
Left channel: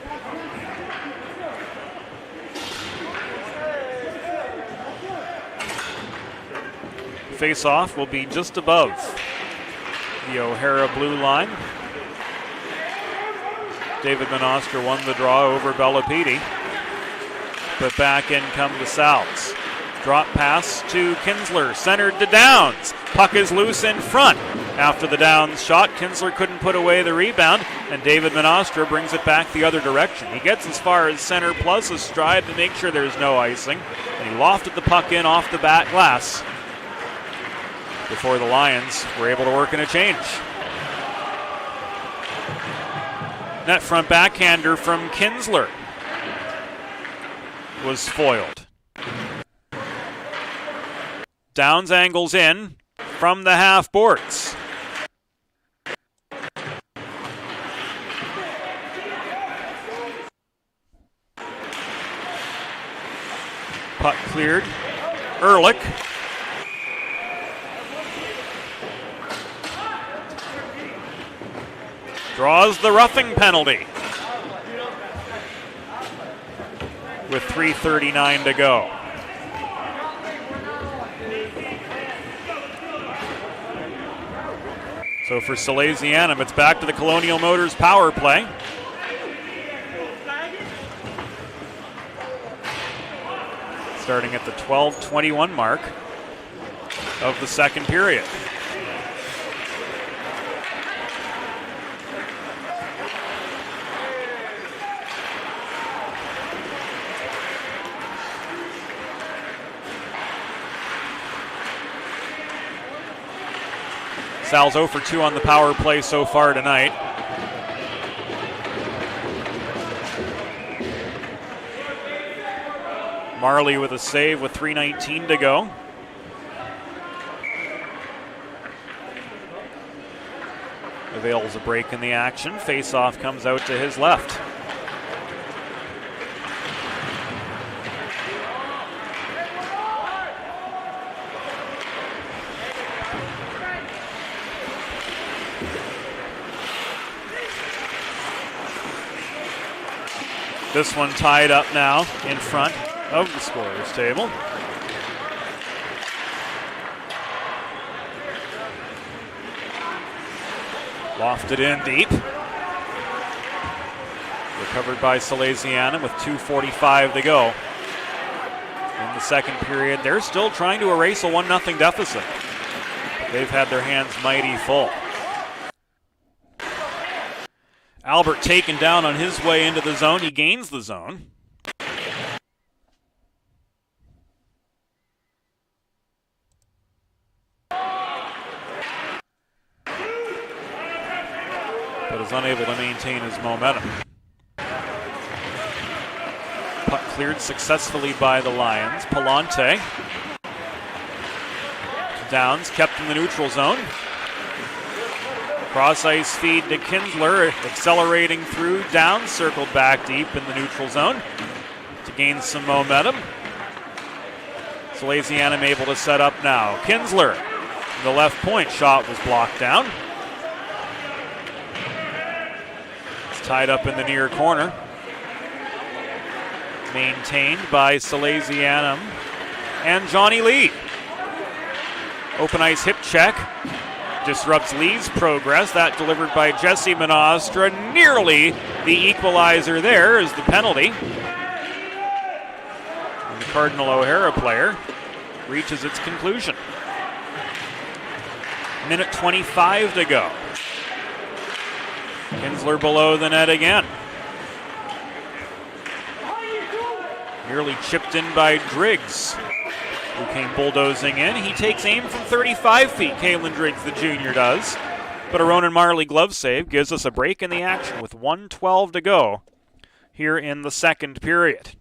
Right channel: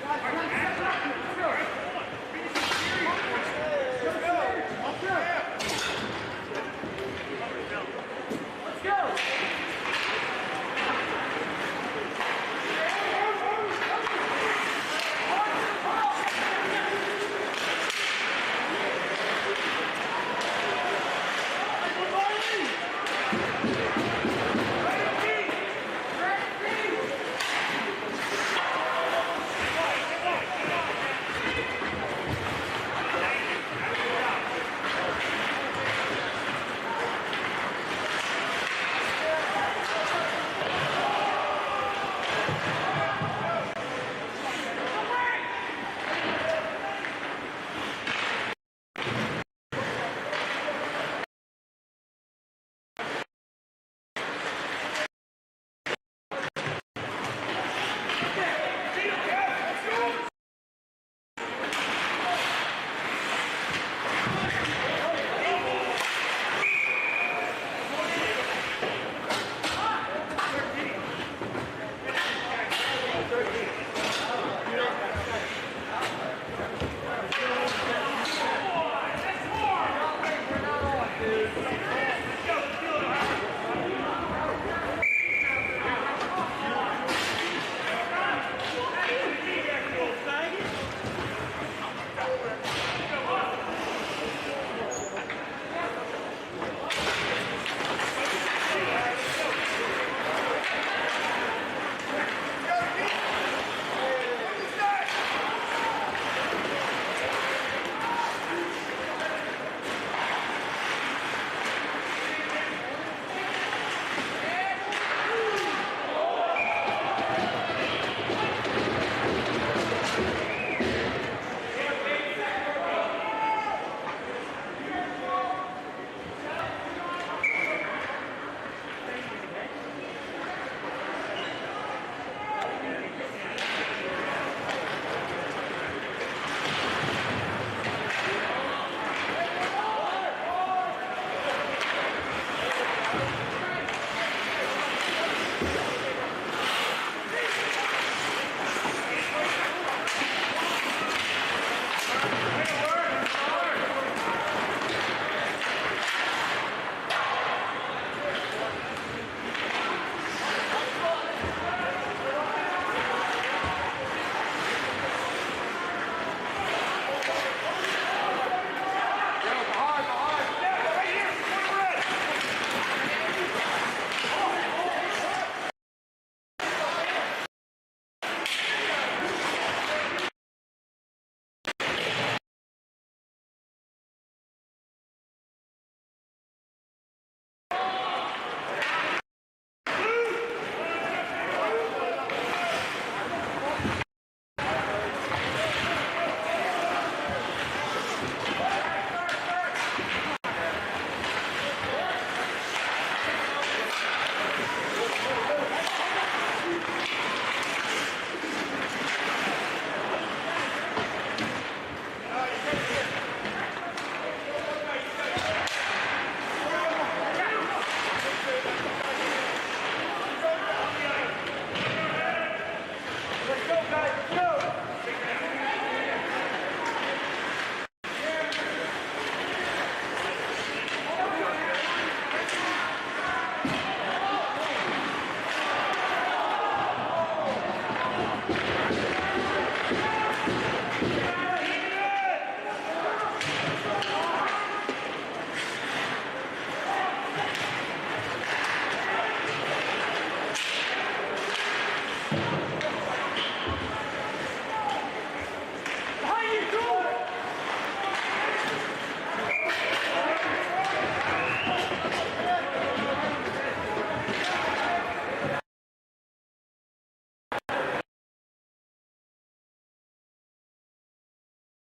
Face-off will be just above the O'Hara blue line. David Manostra won the draw over Bellapede. But back in come the Sal's. Drop pass to Kinsler, centered to Downs. Puck is loose in front. After the Downs shot, Kinsler couldn't put away the rebound, and David Manostra brings it back the other direction. He gets as far as center plus a stride to make sure there's no icing. He lofted the puck in off the back glass before the Lions were able to work in a change. Net front backhander from Kinsler was foiled. Downs angles in from the half boards. Puck cleared. Ehrlich. Draws the roughing penalty. With 3:39 to go. So for Salesianum, it's back to the Colonial Motors power play. Starting at the 12:21 mark of the second period. Sal's 0 for 2 on the power play so far tonight. Marley with a save with 3:19 to go. Avails a break in the action. Face-off comes out to his left. This one tied up now in front of the scorer's table. Lofted in deep. Recovered by Salesianum with 2:45 to go. In the second period, they're still trying to erase a 1-0 deficit. They've had their hands mighty full. Albert taken down on his way into the zone. He gains the zone. cleared successfully by the Lions. Palante. Downs kept in the neutral zone. Cross ice feed to Kinsler, accelerating through. Downs, circled back deep in the neutral zone to gain some momentum. Salesianum able to set up now. Kinsler, the left point shot was blocked down. It's tied up in the near corner. Maintained by Salesianum and Johnny Lee. Open ice hip check. Disrupts Lee's progress. That delivered by Jesse Menostra. Nearly the equalizer there is the penalty. The Cardinal O'Hara player reaches its conclusion. Minute 25 to go. Kinsler below the net again. Nearly chipped in by Driggs, who came bulldozing in. He takes aim from 35 feet, Kalen Driggs, the junior does. But a Ronan Marley glove save gives us a break in the action with 1:12 to go here in the second period.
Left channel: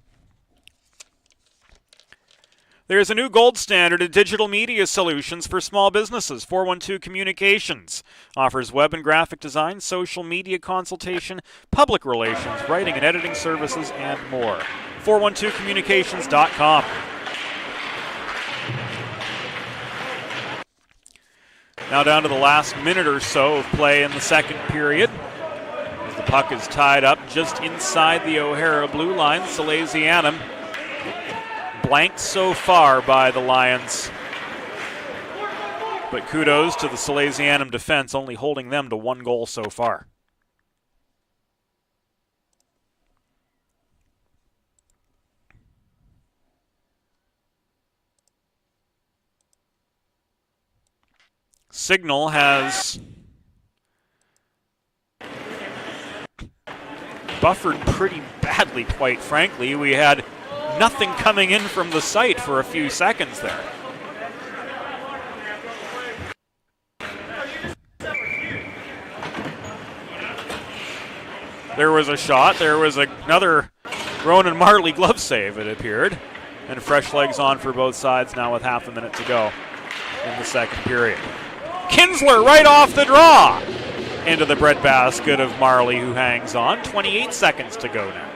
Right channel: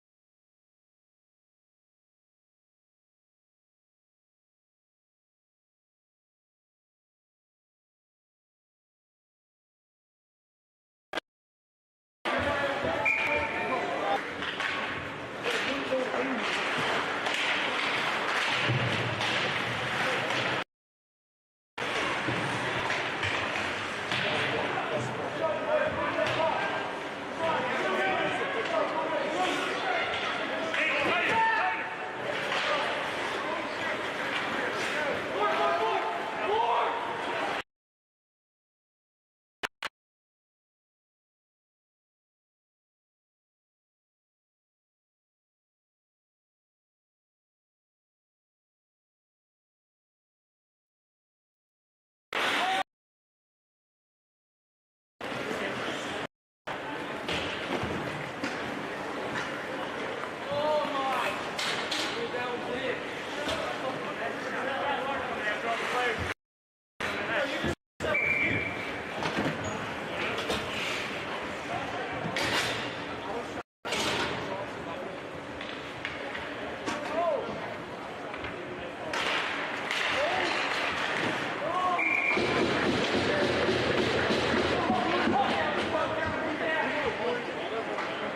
There's a new gold standard in digital media solutions for small businesses. 412 Communications offers web and graphic design, social media consultation, public relations, writing and editing services, and more. 412communications.com. Now down to the last minute or so of play in the second period. The puck is tied up just inside the O'Hara blue line. Salesianum blanked so far by the Lions. But kudos to the Salesianum defense, only holding them to 1 goal so far. Signal has buffered pretty badly, quite frankly. We had nothing coming in from the site for a few seconds there. There was a shot. There was another Ronan Marley glove save, it appeared. And fresh legs on for both sides now with half a minute to go in the second period. Kinsler right off the draw into the breadbasket of Marley, who hangs on. 28 seconds to go now.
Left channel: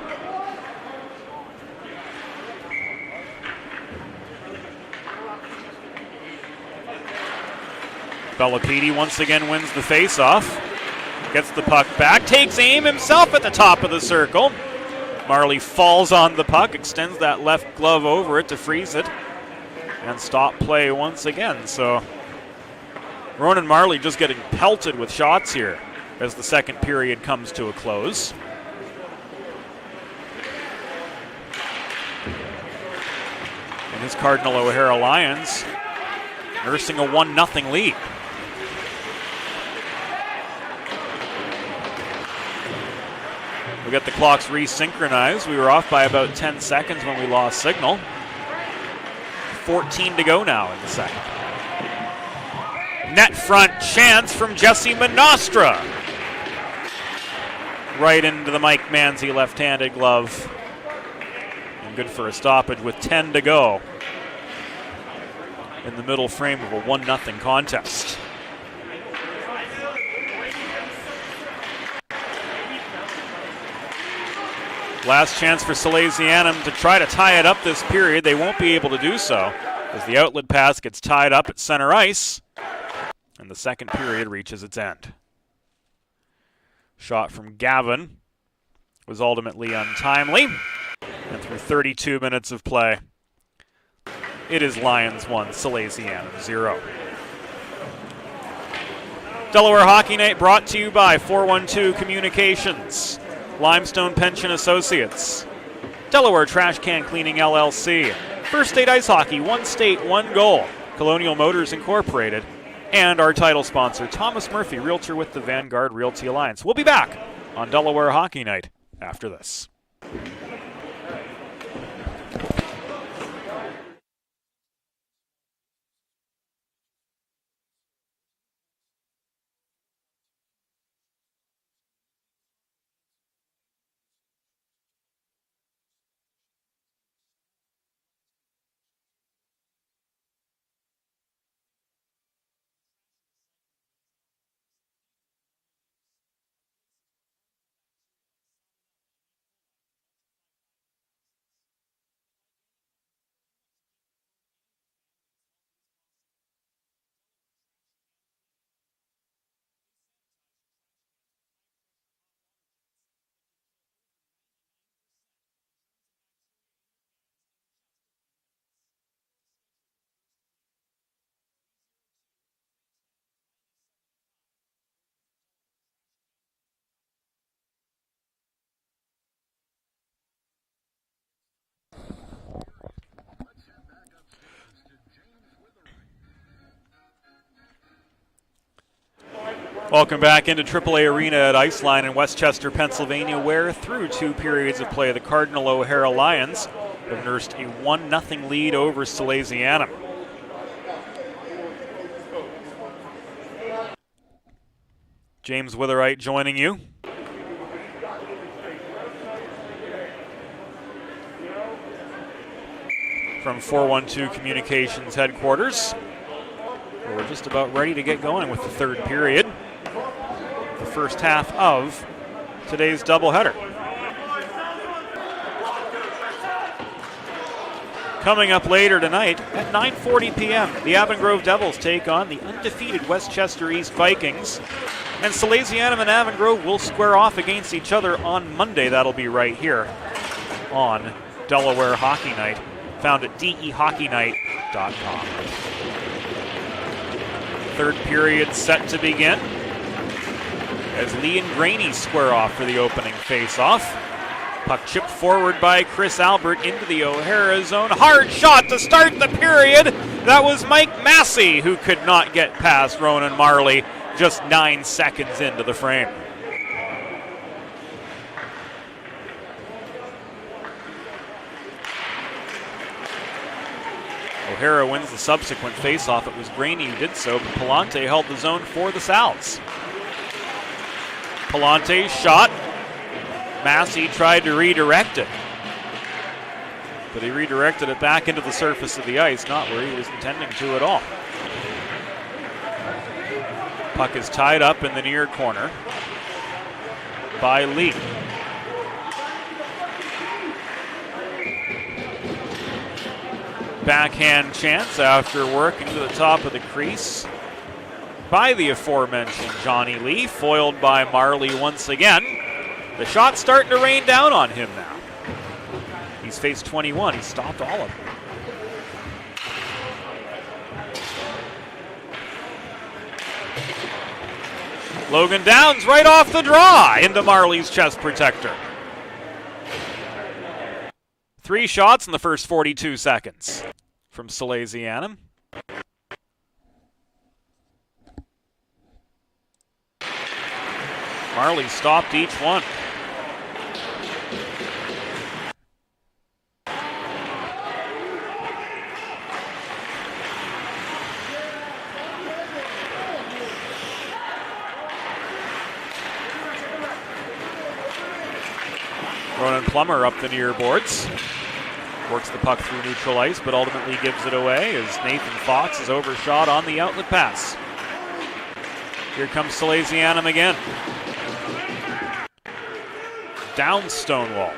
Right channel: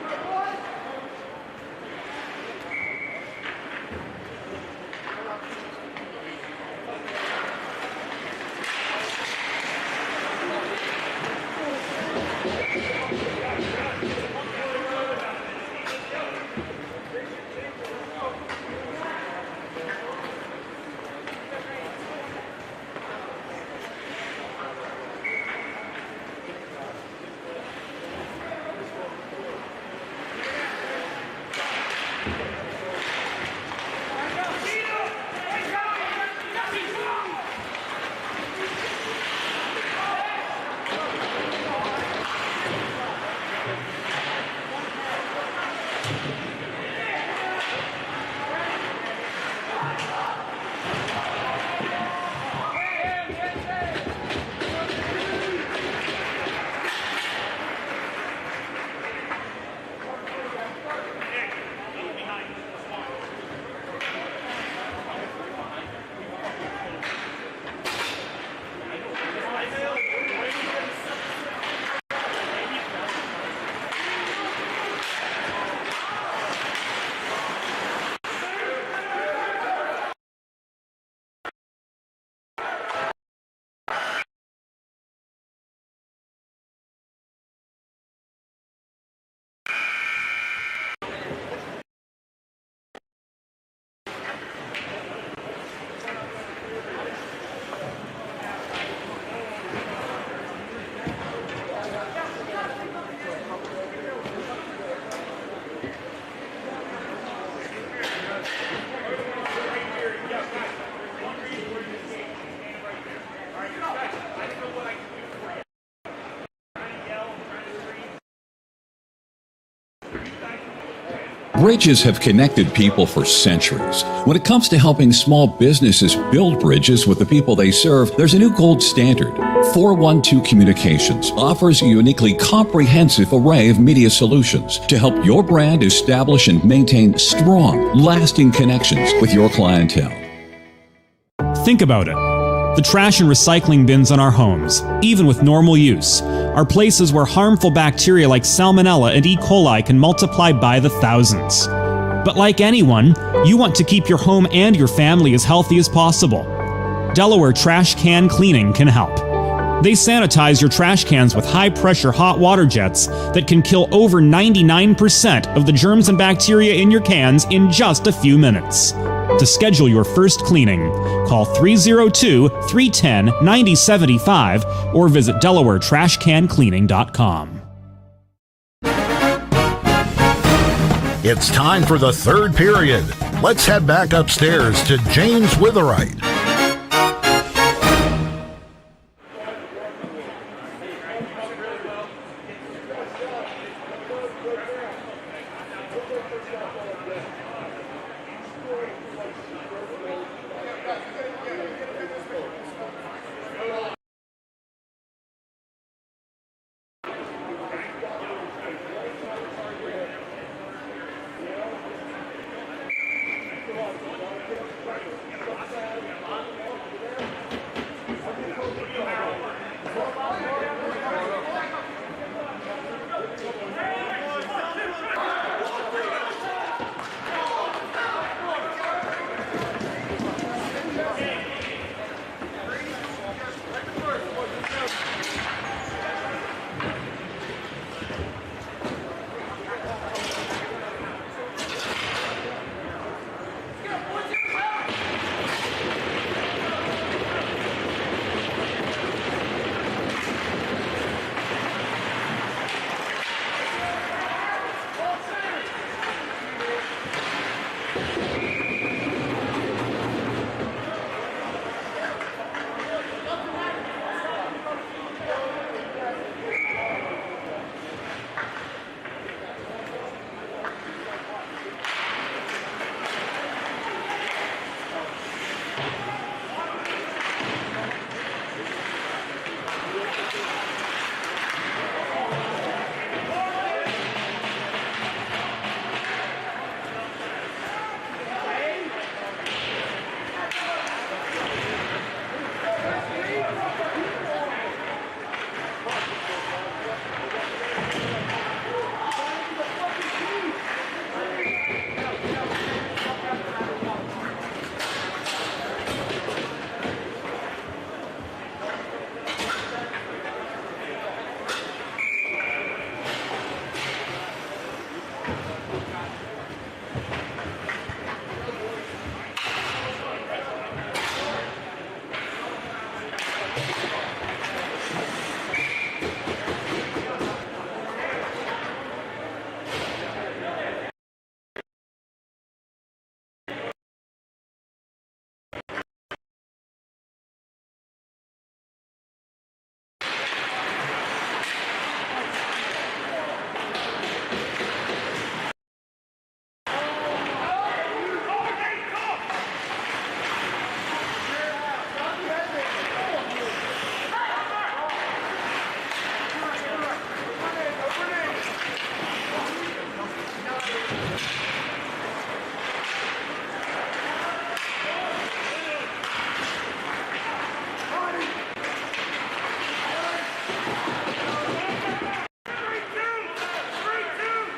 Bellapidi once again wins the faceoff. Gets the puck back, takes aim himself at the top of the circle. Marley falls on the puck, extends that left glove over it to freeze it, and stop play once again. So Ronan Marley just getting pelted with shots here as the second period comes to a close. These Cardinal O'Hara Lions nursing a 1-0 lead. We got the clocks resynchronized. We were off by about 10 seconds when we lost signal. 14 to go now in the second. Net front chance from Jesse Menostra. Right into the Mike Manzi left-handed glove. Good for a stoppage with 10 to go in the middle frame of a 1-0 contest. Last chance for Salesianum to try to tie it up this period. They won't be able to do so as the outlet pass gets tied up at center ice and the second period reaches its end. Shot from Gavin was ultimately untimely. With 32 minutes of play, it is Lions 1, Salesianum 0. Delaware Hockey Night brought to you by 412 Communications, Limestone Pension Associates, Delaware Trash Can Cleaning LLC, First State Ice Hockey, 1 state, 1 goal, Colonial Motors Incorporated, and our title sponsor, Thomas Murphy, Realtor with the Vanguard Realty Alliance. We'll be back on Delaware Hockey Night after this. Bridges have connected people for centuries. When it comes to helping small businesses build bridges with the people they serve, there's a new gold standard. 412 Communications offers a uniquely comprehensive array of media solutions to help your brand establish and maintain strong, lasting connections with your clientele. Think about it. The trash and recycling bins in our homes, even with normal use, are places where harmful bacteria like Salmonella and E. coli can multiply by the thousands. But like anyone, you want to keep your home and your family as healthy as possible. Delaware Trash Can Cleaning can help. They sanitize your trash cans with high-pressure hot water jets that can kill over 99% of the germs and bacteria in your cans in just a few minutes. To schedule your first cleaning, call 302-310-9075 or visit DelawareTrashCanCleaning.com. It's time for the third period. Let's head back upstairs to James Witherite. Welcome back into AAA Arena at Iceline in Westchester, Pennsylvania, where through 2 periods of play, the Cardinal O'Hara Lions have nursed a 1-0 lead over Salesianum. James Witherite joining you. From 412 Communications headquarters. We're just about ready to get going with the third period. The first half of today's doubleheader. Coming up later tonight at 9:40 p.m., the Avon Grove Devils take on the undefeated Westchester East Vikings. And Salesianum and Avon Grove will square off against each other on Monday. That'll be right here on Delaware Hockey Night, found at dehockeynight.com. Third period set to begin as Lee and Graney square off for the opening face-off. Puck chipped forward by Chris Albert into the O'Hara zone. Hard shot to start the period. That was Mike Massey who could not get past Ronan Marley just 9 seconds into the frame. O'Hara wins the subsequent faceoff. It was Graney who did so, but Palante held the zone for the Sal's. Palante's shot. Massey tried to redirect it, but he redirected it back into the surface of the ice, not where he was intending to at all. Puck is tied up in the near corner by Lee. Backhand chance after working to the top of the crease by the aforementioned Johnny Lee, foiled by Marley once again. The shot's starting to rain down on him now. He's faced 21, he's stopped all of them. Logan Downs right off the draw into Marley's chest protector. 3 shots in the first 42 seconds from Salesianum. Marley stopped each one. Ronan Plummer up the near boards. Works the puck through neutral ice, but ultimately gives it away as Nathan Fox is overshot on the outlet pass. Here comes Salesianum again. Down Stonewall.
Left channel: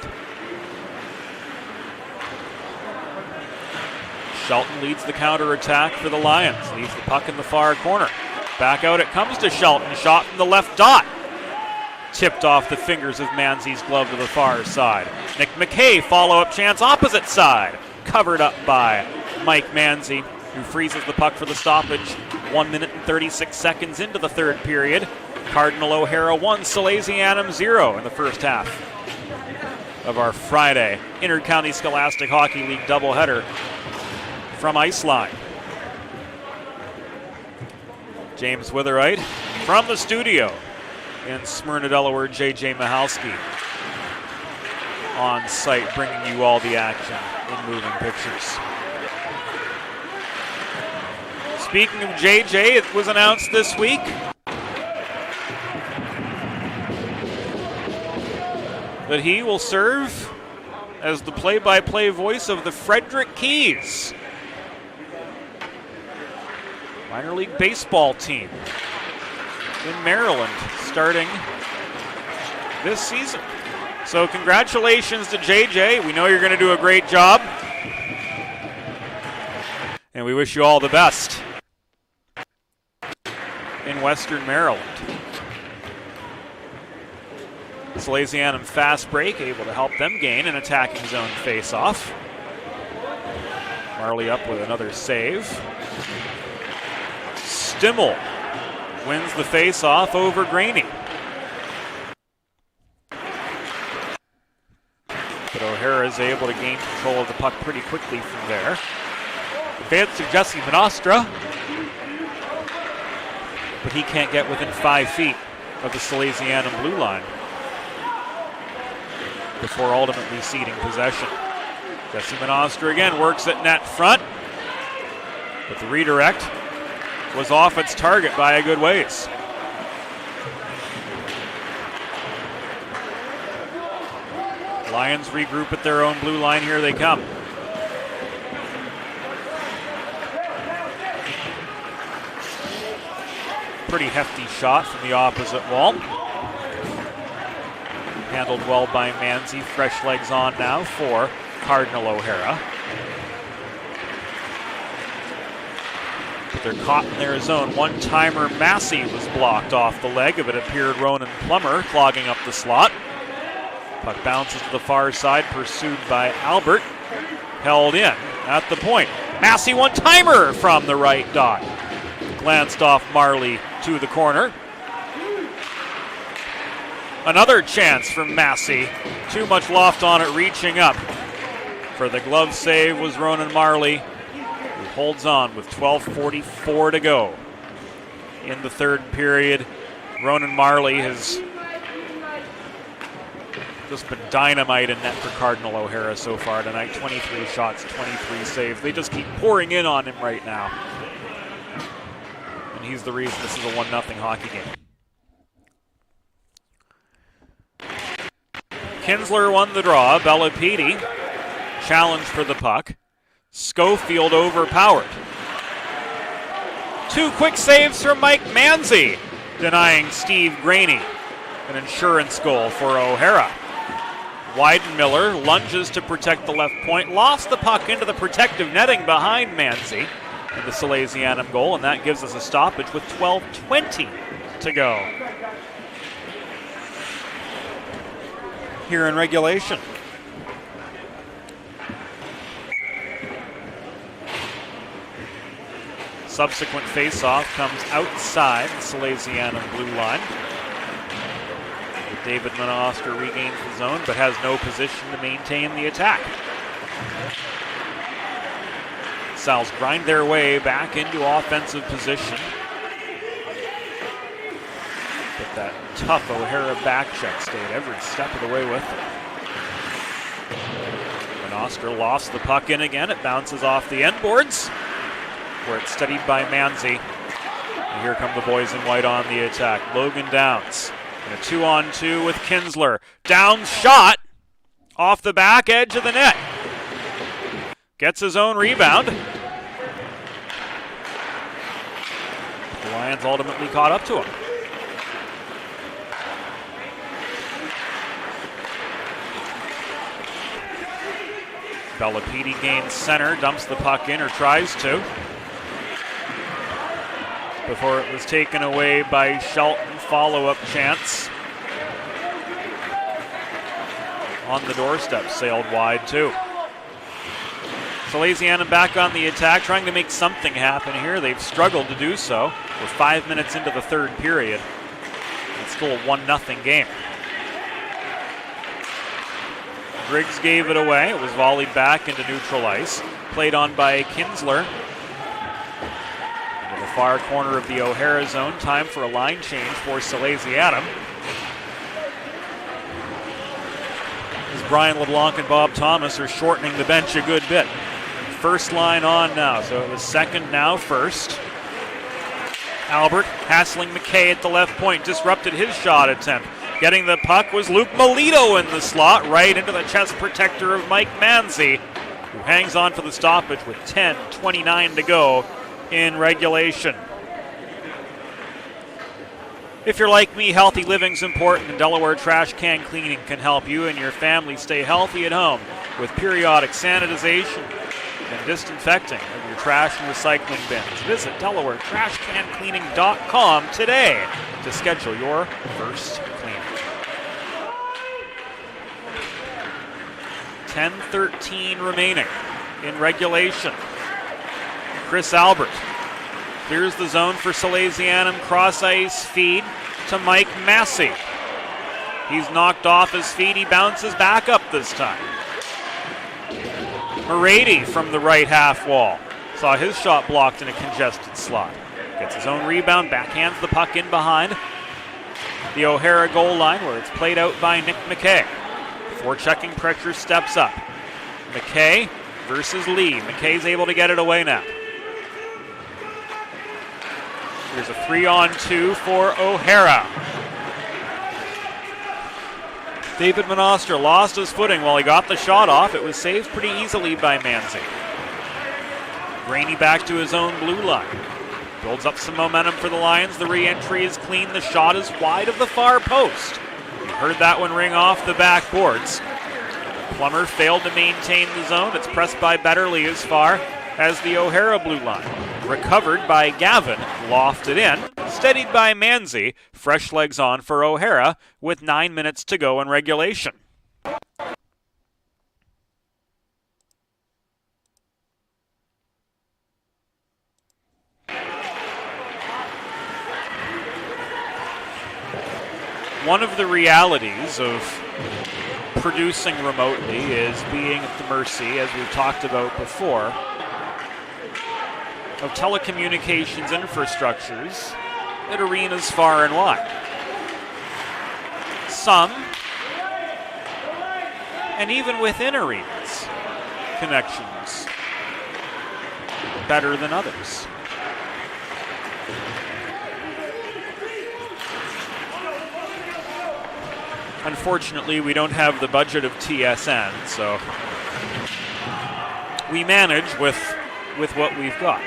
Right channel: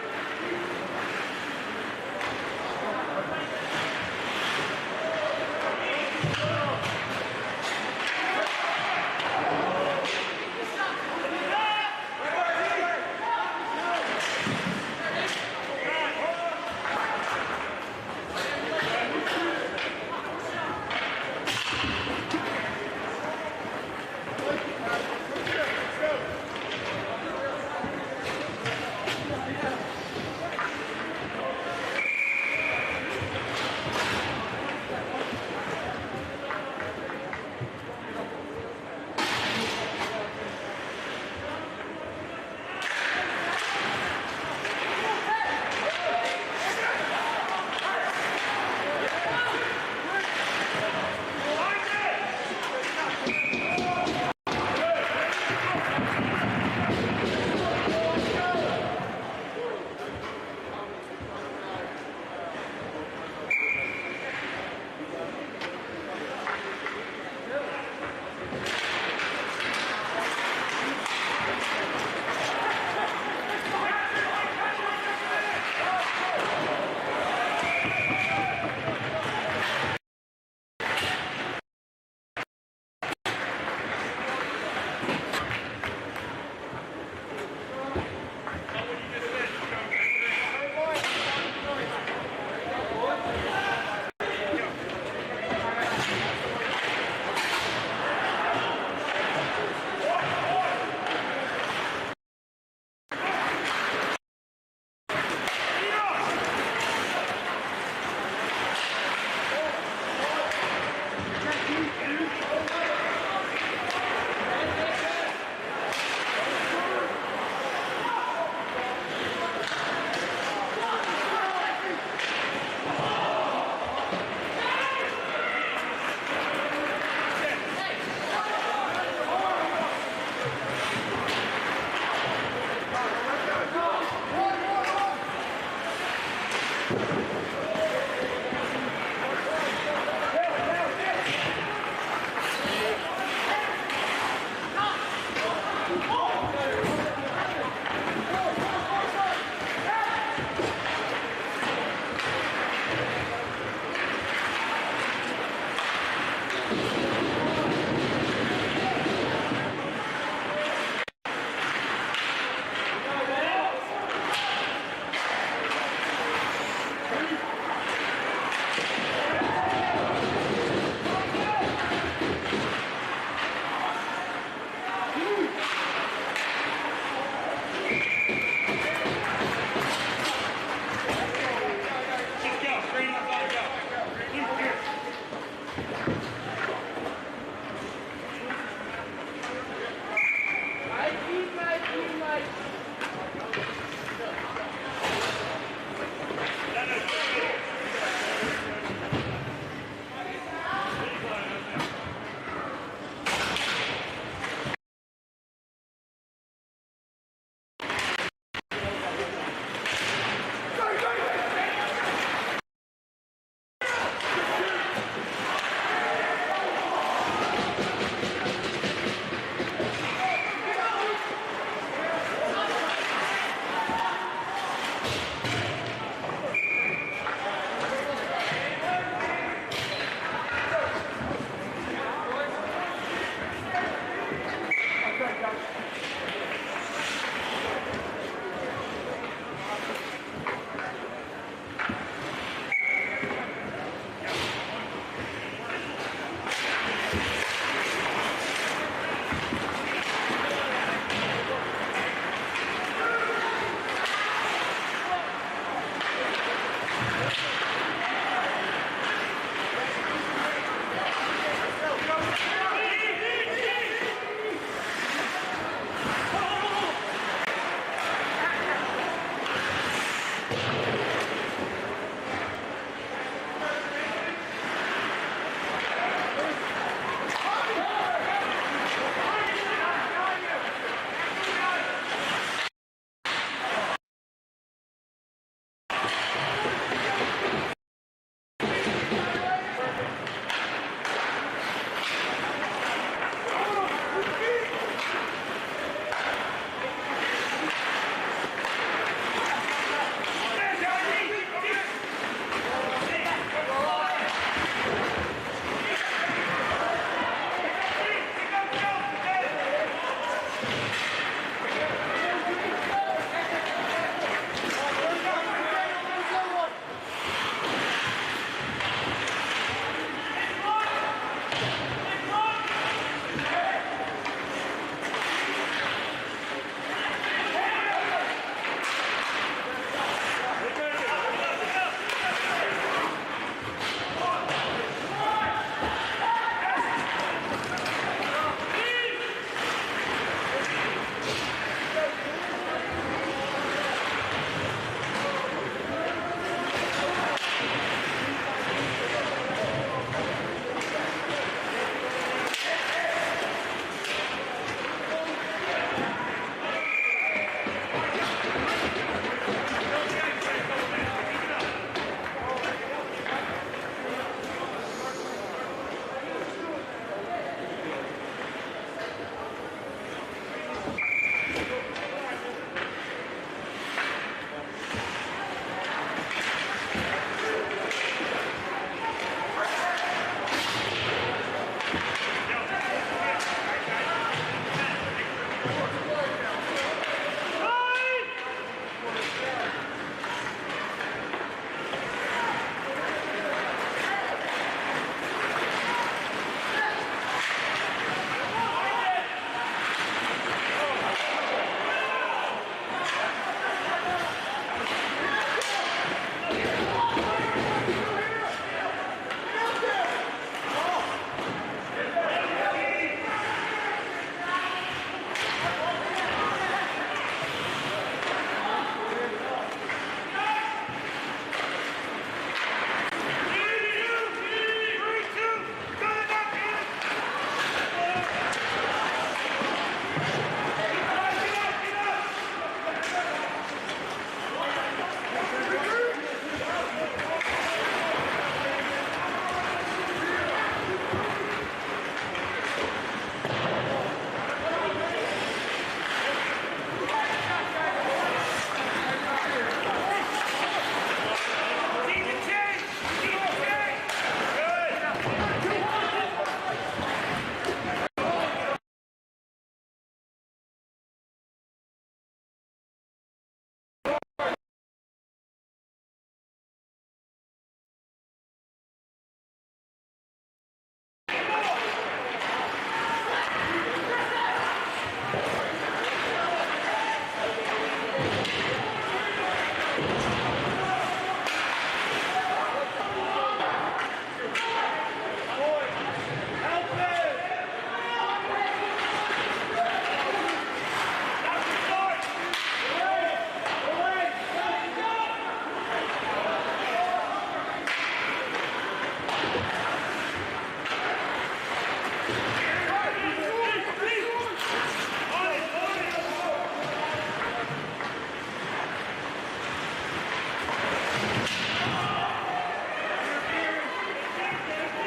Shelton leads the counterattack for the Lions. Leaves the puck in the far corner. Back out it comes to Shelton. Shot from the left dot. Tipped off the fingers of Manzi's glove to the far side. Nick McKay, follow-up chance opposite side. Covered up by Mike Manzi, who freezes the puck for the stoppage 1 minute and 36 seconds into the third period. Cardinal O'Hara 1, Salesianum 0 in the first half of our Friday Inter-County Scholastic Hockey League doubleheader from Iceline. James Witherite from the studio in Smyrna, Delaware, J.J. Mahalski. on site, bringing you all the action in moving pictures. Speaking of JJ, it was announced this week that he will serve as the play-by-play voice of the Frederick Keys minor league baseball team in Maryland starting this season. So congratulations to JJ. We know you're going to do a great job, and we wish you all the best in Western Maryland. Salesianum fast break, able to help them gain an attacking zone face-off. Marley up with another save. Stimmel wins the face-off over Graney. But O'Hara is able to gain control of the puck pretty quickly from there. Advance to Jesse Nostra, but he can't get within 5 feet of the Salesianum blue line before ultimately ceding possession. Jesse Nostra again works at net front, but the redirect was off its target by a good ways. Lions regroup at their own blue line. Here they come. Pretty hefty shot from the opposite wall. Handled well by Manzi. Fresh legs on now for Cardinal O'Hara. They're caught in their zone. One-timer Massey was blocked off the leg of it. Appeared Ronan Plummer clogging up the slot. Puck bounces to the far side, pursued by Albert. Held in at the point. Massey one-timer from the right dot. Glanced off Marley to the corner. Another chance from Massey. Too much loft on it, reaching up. For the glove save was Ronan Marley. He holds on with 12:44 to go in the third period. Ronan Marley has just been dynamite in net for Cardinal O'Hara so far tonight. 23 shots, 23 saves. They just keep pouring in on him right now. And he's the reason this is a 1-0 hockey game. Kinsler won the draw. Bellapede challenged for the puck. Schofield overpowered. 2 quick saves from Mike Manzi, denying Steve Graney an insurance goal for O'Hara. Weidenmiller lunges to protect the left point, lost the puck into the protective netting behind Manzi, the Salesianum goal, and that gives us a stoppage with 12:20 to go here in regulation. Subsequent face-off comes outside the Salesianum blue line. David Manoster regains the zone, but has no position to maintain the attack. Sal's grind their way back into offensive position. But that tough O'Hara back check stayed every step of the way with it. Manoster lost the puck in again. It bounces off the end boards, where it's studied by Manzi. Here come the boys in white on the attack. Logan Downs. 2-on-2 with Kinsler. Down shot off the back edge of the net. Gets his own rebound. The Lions ultimately caught up to him. Bellapede gains center, dumps the puck in, or tries to, before it was taken away by Shelton. Follow-up chance on the doorstep, sailed wide too. Salesianum back on the attack, trying to make something happen here. They've struggled to do so. We're 5 minutes into the third period. It's still a 1-0 game. Briggs gave it away. It was volleyed back into neutral ice. Played on by Kinsler. Far corner of the O'Hara zone. Time for a line change for Salesianum. Brian LeBlanc and Bob Thomas are shortening the bench a good bit. First line on now, so the second now first. Albert hassling McKay at the left point, disrupted his shot attempt. Getting the puck was Luke Melito in the slot, right into the chest protector of Mike Manzi, who hangs on for the stoppage with 10:29 to go in regulation. If you're like me, healthy living's important, and Delaware Trash Can Cleaning can help you and your family stay healthy at home with periodic sanitization and disinfecting of trash and recycling bins. Visit DelawareTrashCanCleaning.com today to schedule your first cleaning. 10:13 remaining in regulation. Chris Albert. Here's the zone for Salesianum, cross ice feed to Mike Massey. He's knocked off his feet, he bounces back up this time. Morady from the right half wall. Saw his shot blocked in a congested slot. Gets his own rebound, backhands the puck in behind the O'Hara goal line where it's played out by Nick McKay. Before checking pressure, steps up. McKay versus Lee. McKay's able to get it away now. There's a 3-on-2 for O'Hara. David Monoster lost his footing while he got the shot off. It was saved pretty easily by Manzi. Rainey back to his own blue line. Builds up some momentum for the Lions. The re-entry is clean. The shot is wide of the far post. Heard that one ring off the backboards. Plummer failed to maintain the zone. It's pressed by Betterly as far as the O'Hara blue line. Recovered by Gavin, lofted in, steadied by Manzi. Fresh legs on for O'Hara with 9 minutes to go in regulation. One of the realities of producing remotely is being at the mercy, as we talked about before, of telecommunications infrastructures at arenas far and wide. Some, and even within arenas, connections better than others. Unfortunately, we don't have the budget of TSN, so we manage with what we've got.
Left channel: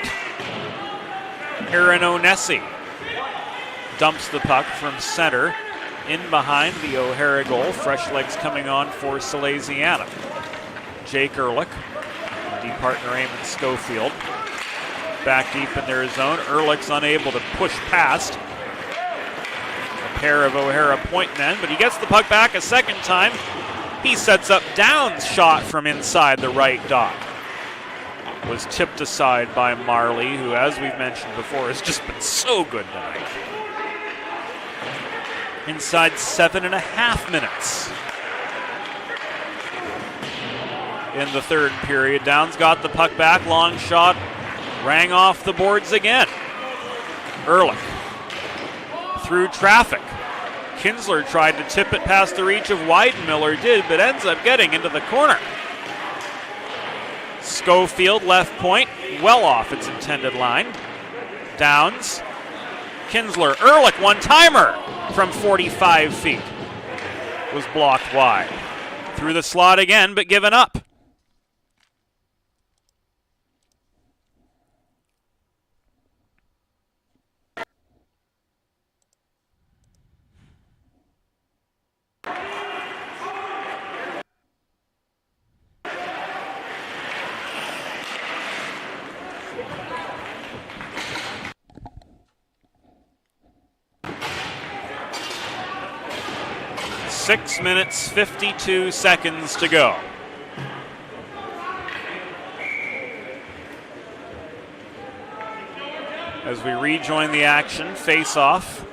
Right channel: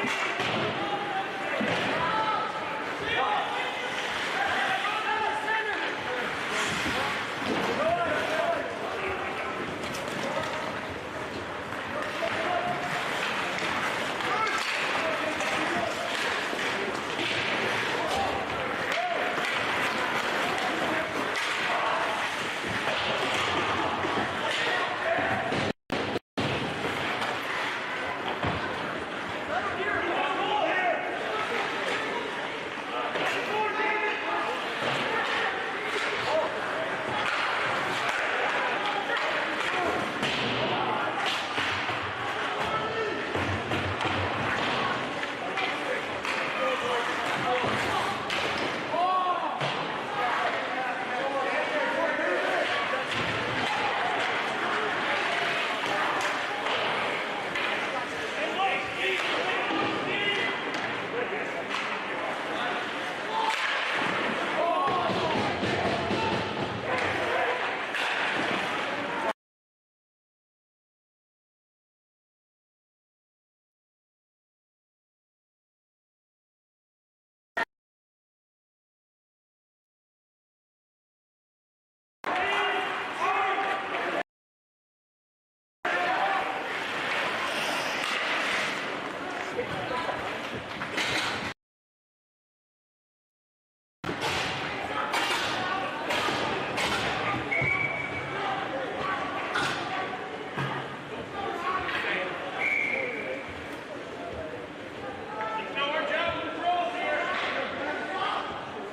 Aaron Onesi dumps the puck from center in behind the O'Hara goal. Fresh legs coming on for Salesianum. Jake Ehrlich, deep partner in Schofield. Back deep in their zone. Ehrlich's unable to push past pair of O'Hara point men, but he gets the puck back a second time. He sets up Downs' shot from inside the right dot. Was tipped aside by Marley, who, as we've mentioned before, has just been so good tonight. Inside 7.5 minutes in the third period. Downs got the puck back, long shot, rang off the boards again. Ehrlich through traffic. Kinsler tried to tip it past the reach of Weidenmiller, did, but ends up getting into the corner. Schofield left point, well off its intended line. Downs, Kinsler, Ehrlich, one-timer from 45 feet. Was blocked wide. Through the slot again, but given up. Six minutes, 52 seconds to go. As we rejoin the action, face-off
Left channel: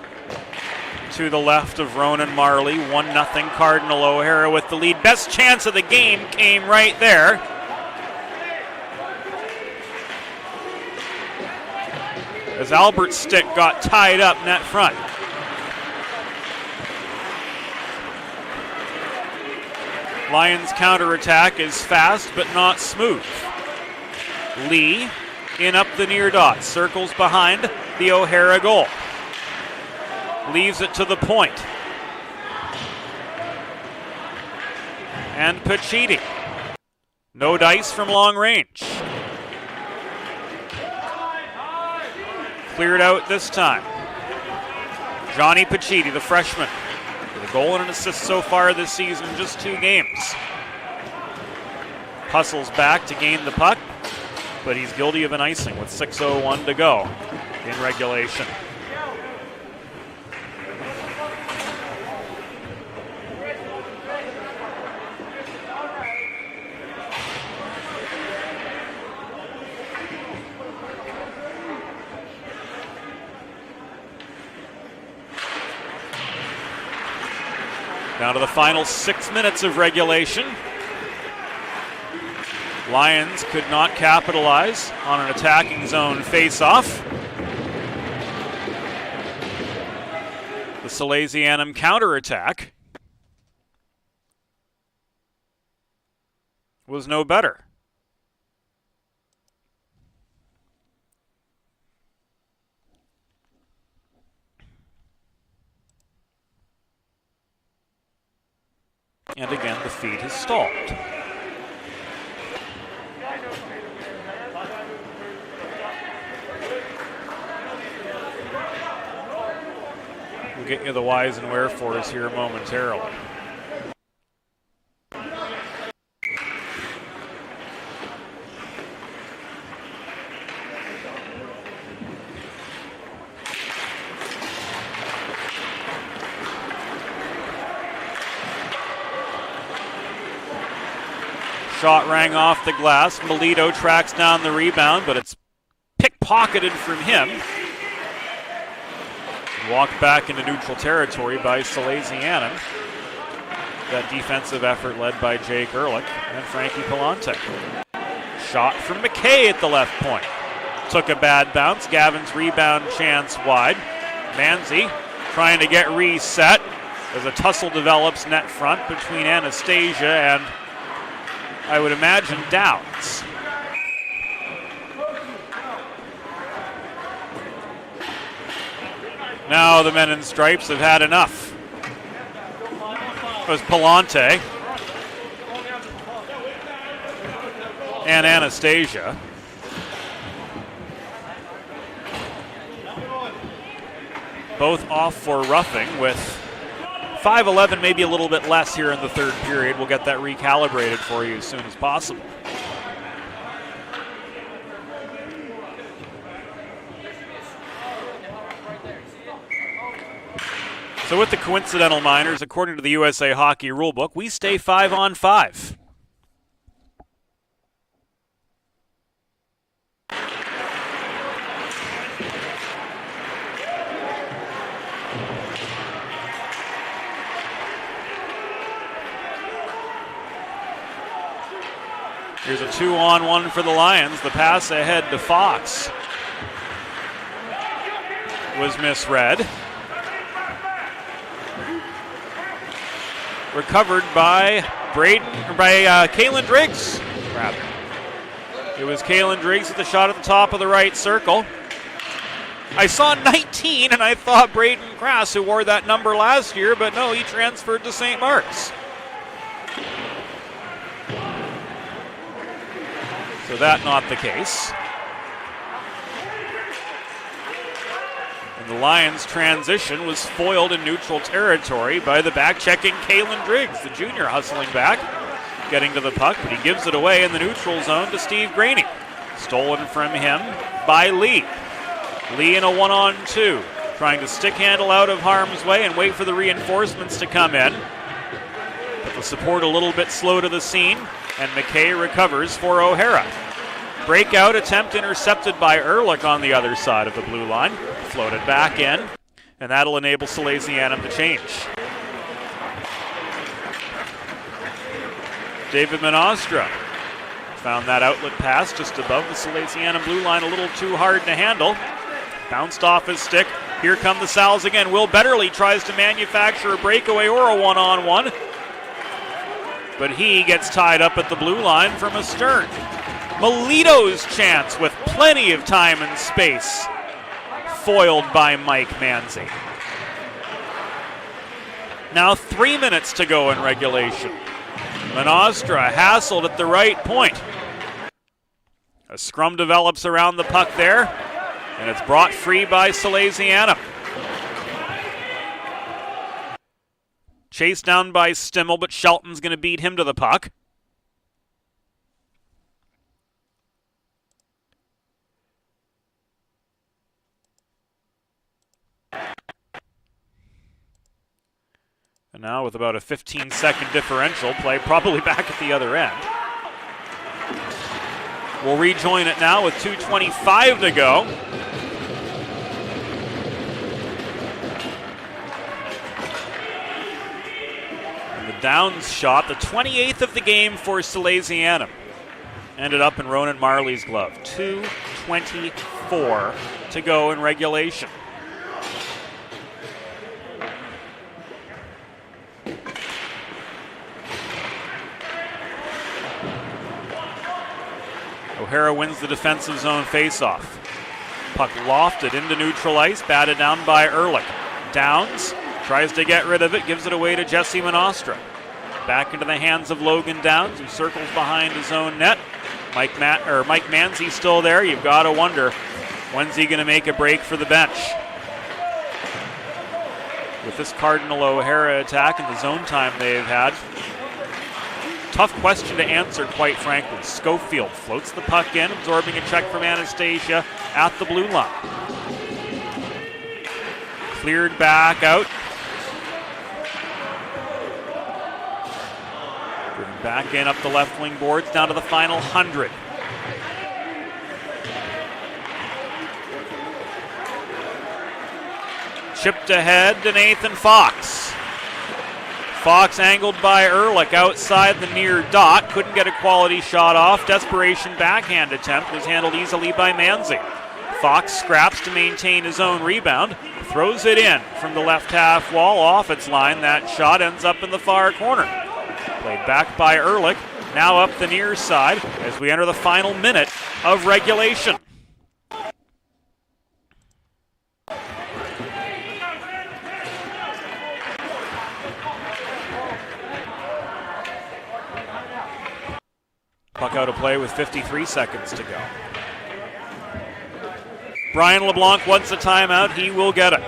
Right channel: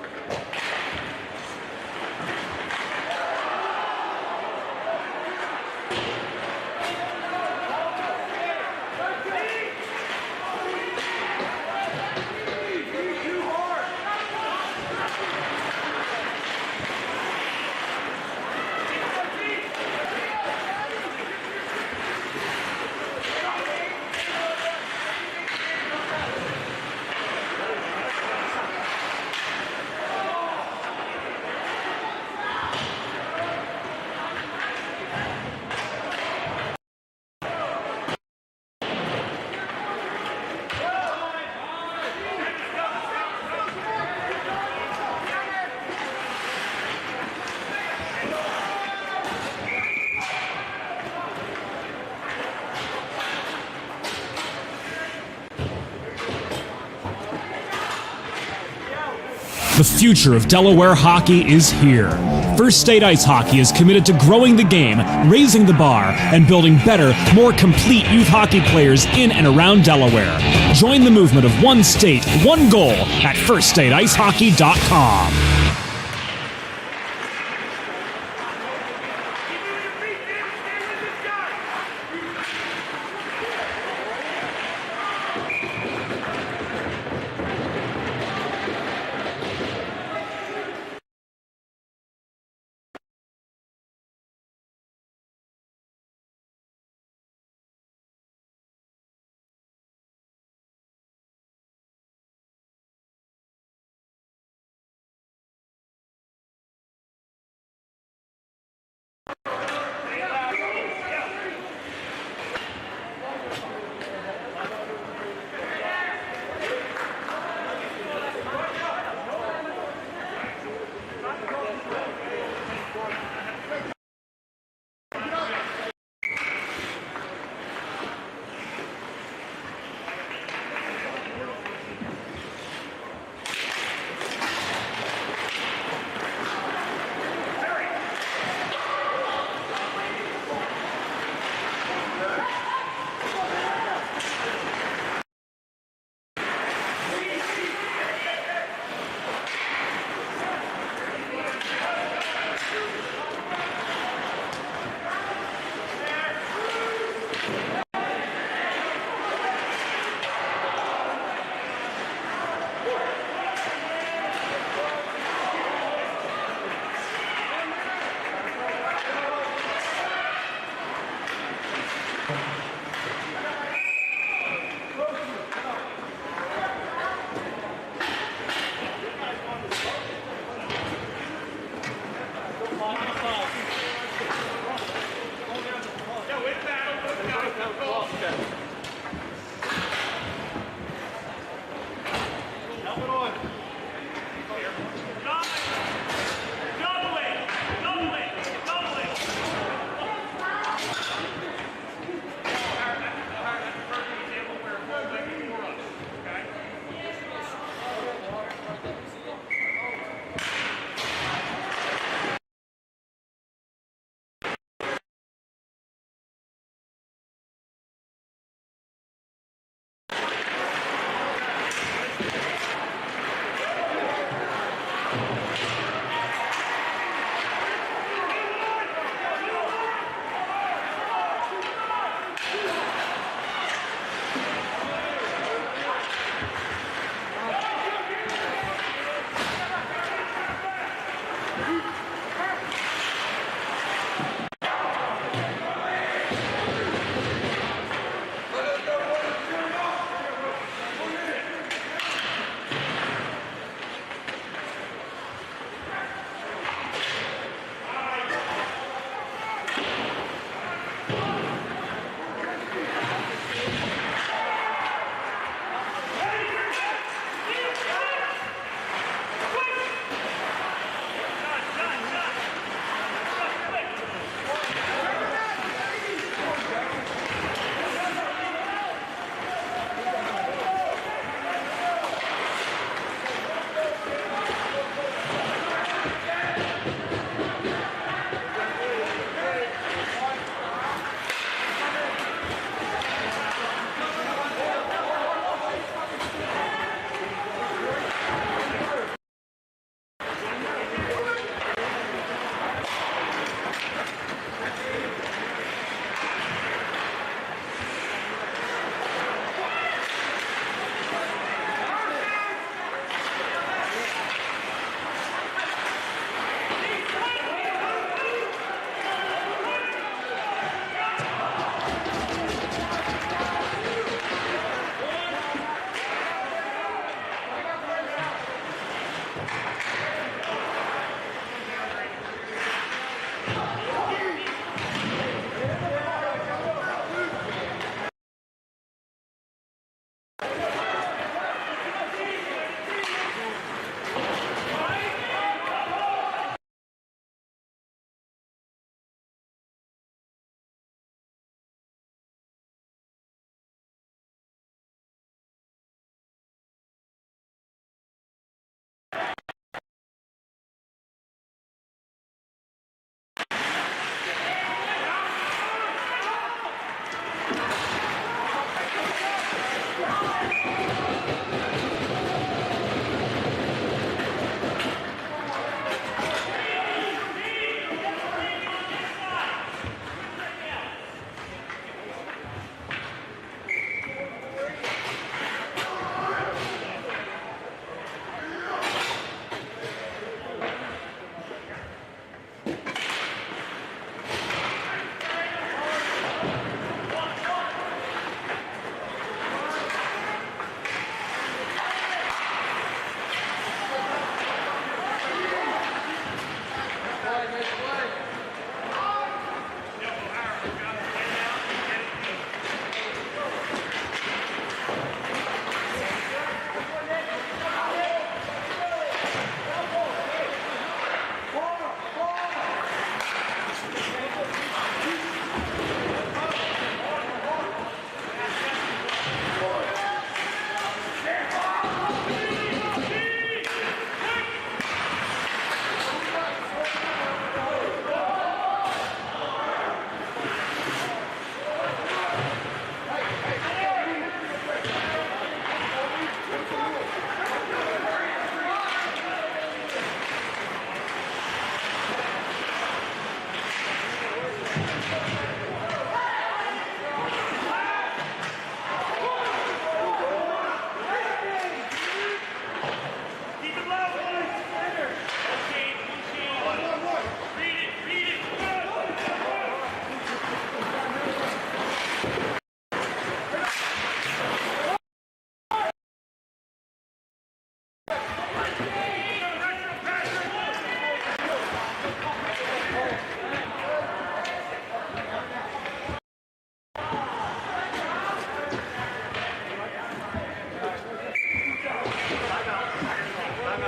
to the left of Ronan Marley. 1-0 Cardinal. O'Hara with the lead. Best chance of the game came right there. As Albert's stick got tied up net front. Lions counterattack is fast but not smooth. Lee in up the near dot, circles behind the O'Hara goal. Leaves it to the point. And Pachiti. No dice from long range. Cleared out this time. Johnny Pachiti, the freshman. A goal and an assist so far this season, just 2 games. Hustles back to gain the puck, but he's guilty of an icing with 6:01 to go in regulation. The future of Delaware hockey is here. First State Ice Hockey is committed to growing the game, raising the bar, and building better, more complete youth hockey players in and around Delaware. Join the movement of one state, one goal at firststateicehockey.com. Down to the final 6 minutes of regulation. Lions could not capitalize on an attacking zone face-off. Salesianum counterattack was no better. And again, the feed is stalled. Get you the whys and wherefores here momentarily. Shot rang off the glass. Melito tracks down the rebound, but it's pickpocketed from him. Walked back into neutral territory by Salesianum. That defensive effort led by Jake Ehrlich and Frankie Palante. Shot from McKay at the left point. Took a bad bounce. Gavin's rebound chance wide. Manzi trying to get reset as a tussle develops net front between Anastasia and, I would imagine, Downs. Now the men in stripes have had enough. It was Palante and Anastasia. Both off for roughing with 5:11, maybe a little bit less here in the third period. We'll get that recalibrated for you as soon as possible. So with the coincidental minors, according to the USA Hockey Rulebook, we stay 5-on-5. Here's a 2-on-1 for the Lions. The pass ahead to Fox was misread. Recovered by Kalen Driggs. It was Kalen Driggs at the shot at the top of the right circle. I saw 19 and I thought Braden Grass, who wore that number last year, but no, he transferred to St. Mark's. So that not the case. The Lions' transition was foiled in neutral territory by the back-checking Kalen Driggs, the junior hustling back, getting to the puck. He gives it away in the neutral zone to Steve Graney. Stolen from him by Lee. Lee in a 1-on-2, trying to stick handle out of harm's way and wait for the reinforcements to come in. The support a little bit slow to the scene, and McKay recovers for O'Hara. Breakout attempt intercepted by Ehrlich on the other side of the blue line. Floated back in, and that'll enable Salesianum to change. David Menostra found that outlet pass just above the Salesianum blue line, a little too hard to handle. Bounced off his stick. Here come the Sal's again. Will Betterly tries to manufacture a breakaway or a 1-on-1. but he gets tied up at the blue line from astern. Melito's chance with plenty of time and space, foiled by Mike Manzi. Now 3 minutes to go in regulation. Menostra hassled at the right point. A scrum develops around the puck there, and it's brought free by Salesianum. Chased down by Stimmel, but Shelton's going to beat him to the puck. And now with about a 15-second differential, play probably back at the other end. We'll rejoin it now with 2:25 to go. The Downs shot, the 28th of the game for Salesianum. Ended up in Ronan Marley's glove. 2:24 to go in regulation. O'Hara wins the defensive zone faceoff. Puck lofted into neutral ice, batted down by Ehrlich. Downs tries to get rid of it, gives it away to Jesse Menostra. Back into the hands of Logan Downs, who circles behind his own net. Mike Manzi still there. You've got to wonder, when's he going to make a break for the bench? With this Cardinal O'Hara attack and the zone time they've had, tough question to answer, quite frankly. Schofield floats the puck in, absorbing a check from Anastasia at the blue line. Cleared back out. Back in up the left wing boards, down to the final 100. Chipped ahead to Nathan Fox. Fox angled by Ehrlich outside the near dot. Couldn't get a quality shot off. Desperation backhand attempt was handled easily by Manzi. Fox scraps to maintain his own rebound. Throws it in from the left half wall off its line. That shot ends up in the far corner. Played back by Ehrlich. Now up the near side as we enter the final minute of regulation. Puck out of play with 53 seconds to go. Brian LeBlanc wants a timeout. He will get it.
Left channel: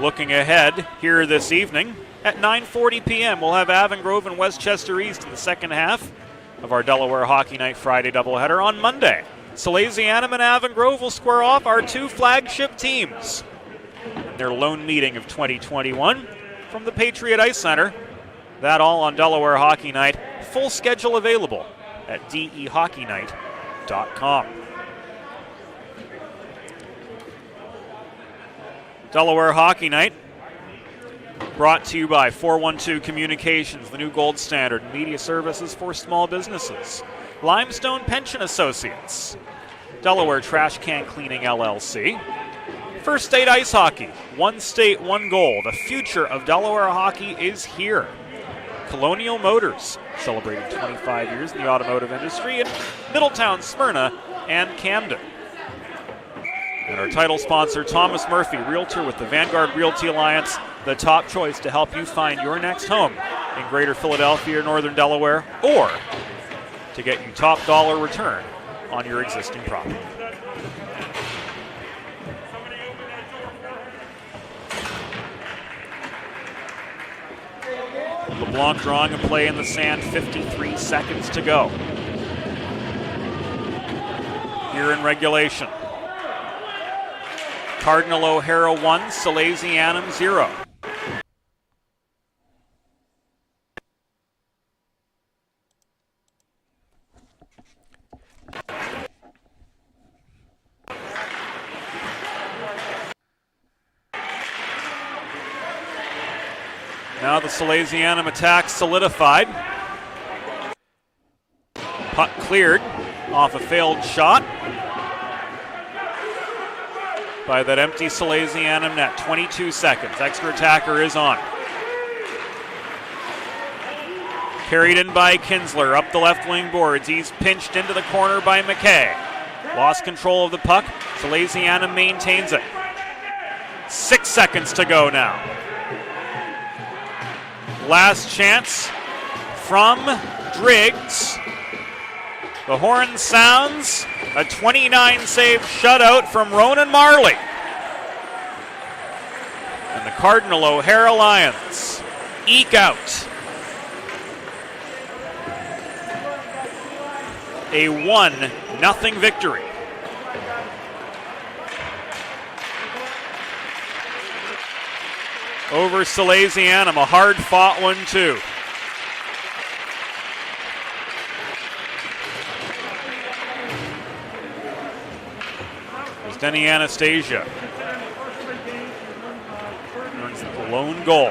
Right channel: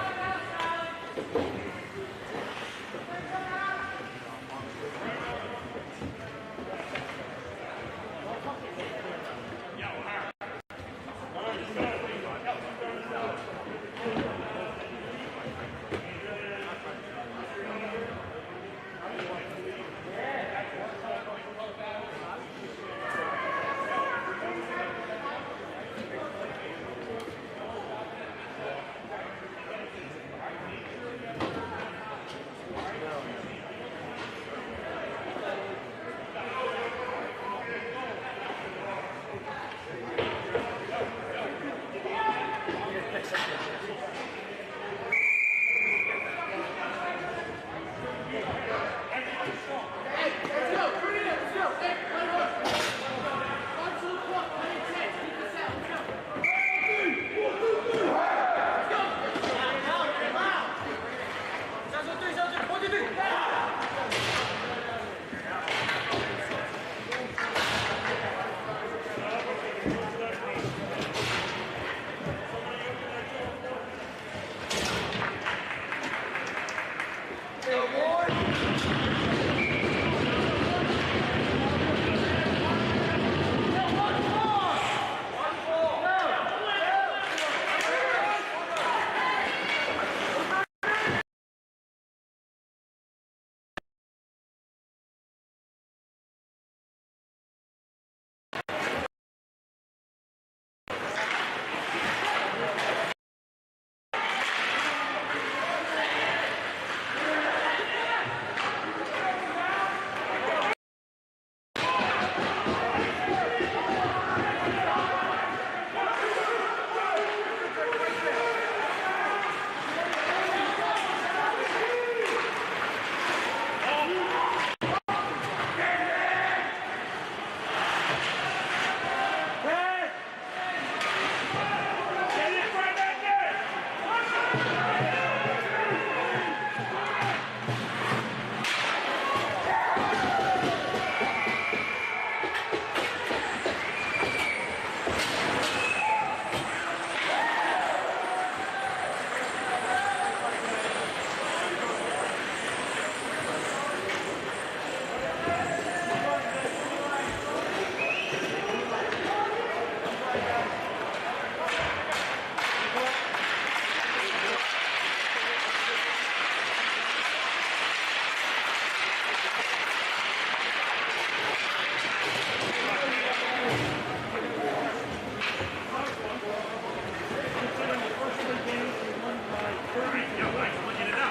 Looking ahead here this evening at 9:40 p.m. we'll have Avon Grove and Westchester East in the second half of our Delaware Hockey Night Friday doubleheader. On Monday, Salesianum and Avon Grove will square off, our two flagship teams. Their lone meeting of 2021 from the Patriot Ice Center. That all on Delaware Hockey Night. Full schedule available at dehockeynight.com. Delaware Hockey Night brought to you by 412 Communications, the new gold standard media services for small businesses. Limestone Pension Associates. Delaware Trash Can Cleaning LLC. First State Ice Hockey, one state, one goal. The future of Delaware hockey is here. Colonial Motors, celebrating 25 years in the automotive industry in Middletown, Smyrna, and Camden. And our title sponsor, Thomas Murphy, Realtor with the Vanguard Realty Alliance, the top choice to help you find your next home in Greater Philadelphia or Northern Delaware, or to get you top dollar return on your existing property. LeBlanc drawing a play in the sand, 53 seconds to go. Here in regulation. Cardinal O'Hara 1, Salesianum 0. Now the Salesianum attack solidified. Puck cleared off a failed shot. by that empty Salesianum net. 22 seconds. Exner attacker is on. Carried in by Kinsler up the left wing boards. He's pinched into the corner by McKay. Lost control of the puck. Salesianum maintains it. 6 seconds to go now. Last chance from Driggs. The horn sounds. A 29-save shutout from Ronan Marley. And the Cardinal O'Hara Lions eke out a 1-0 victory. Over Salesianum, a hard-fought one, too. Denny Anastasia. Lone goal.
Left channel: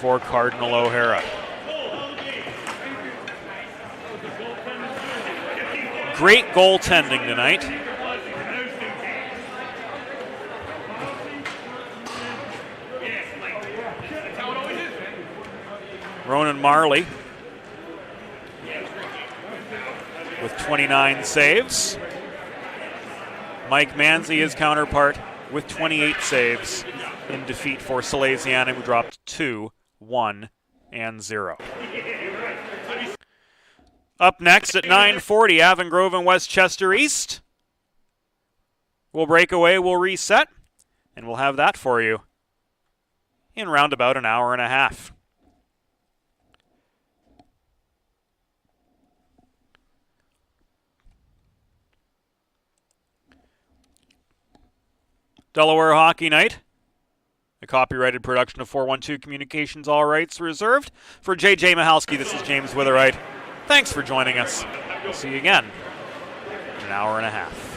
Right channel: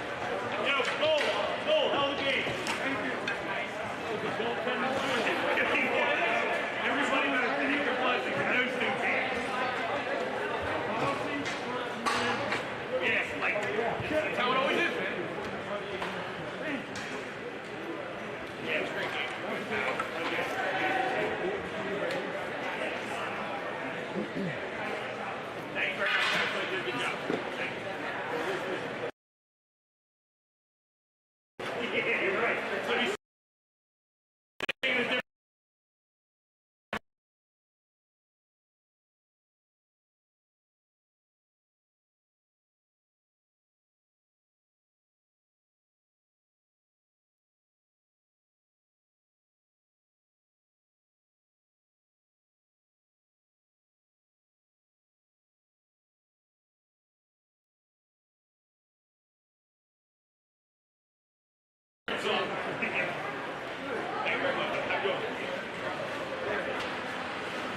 For Cardinal O'Hara. Great goaltending tonight. Ronan Marley with 29 saves. Mike Manzi, his counterpart, with 28 saves in defeat for Salesianum, dropped 2-1-0. Up next at 9:40, Avon Grove and Westchester East. We'll break away, we'll reset, and we'll have that for you in round about an hour and a half. Delaware Hockey Night, a copyrighted production of 412 Communications, all rights reserved. For J.J. Mahalski, this is James Witherite. Thanks for joining us. See you again in an hour and a half.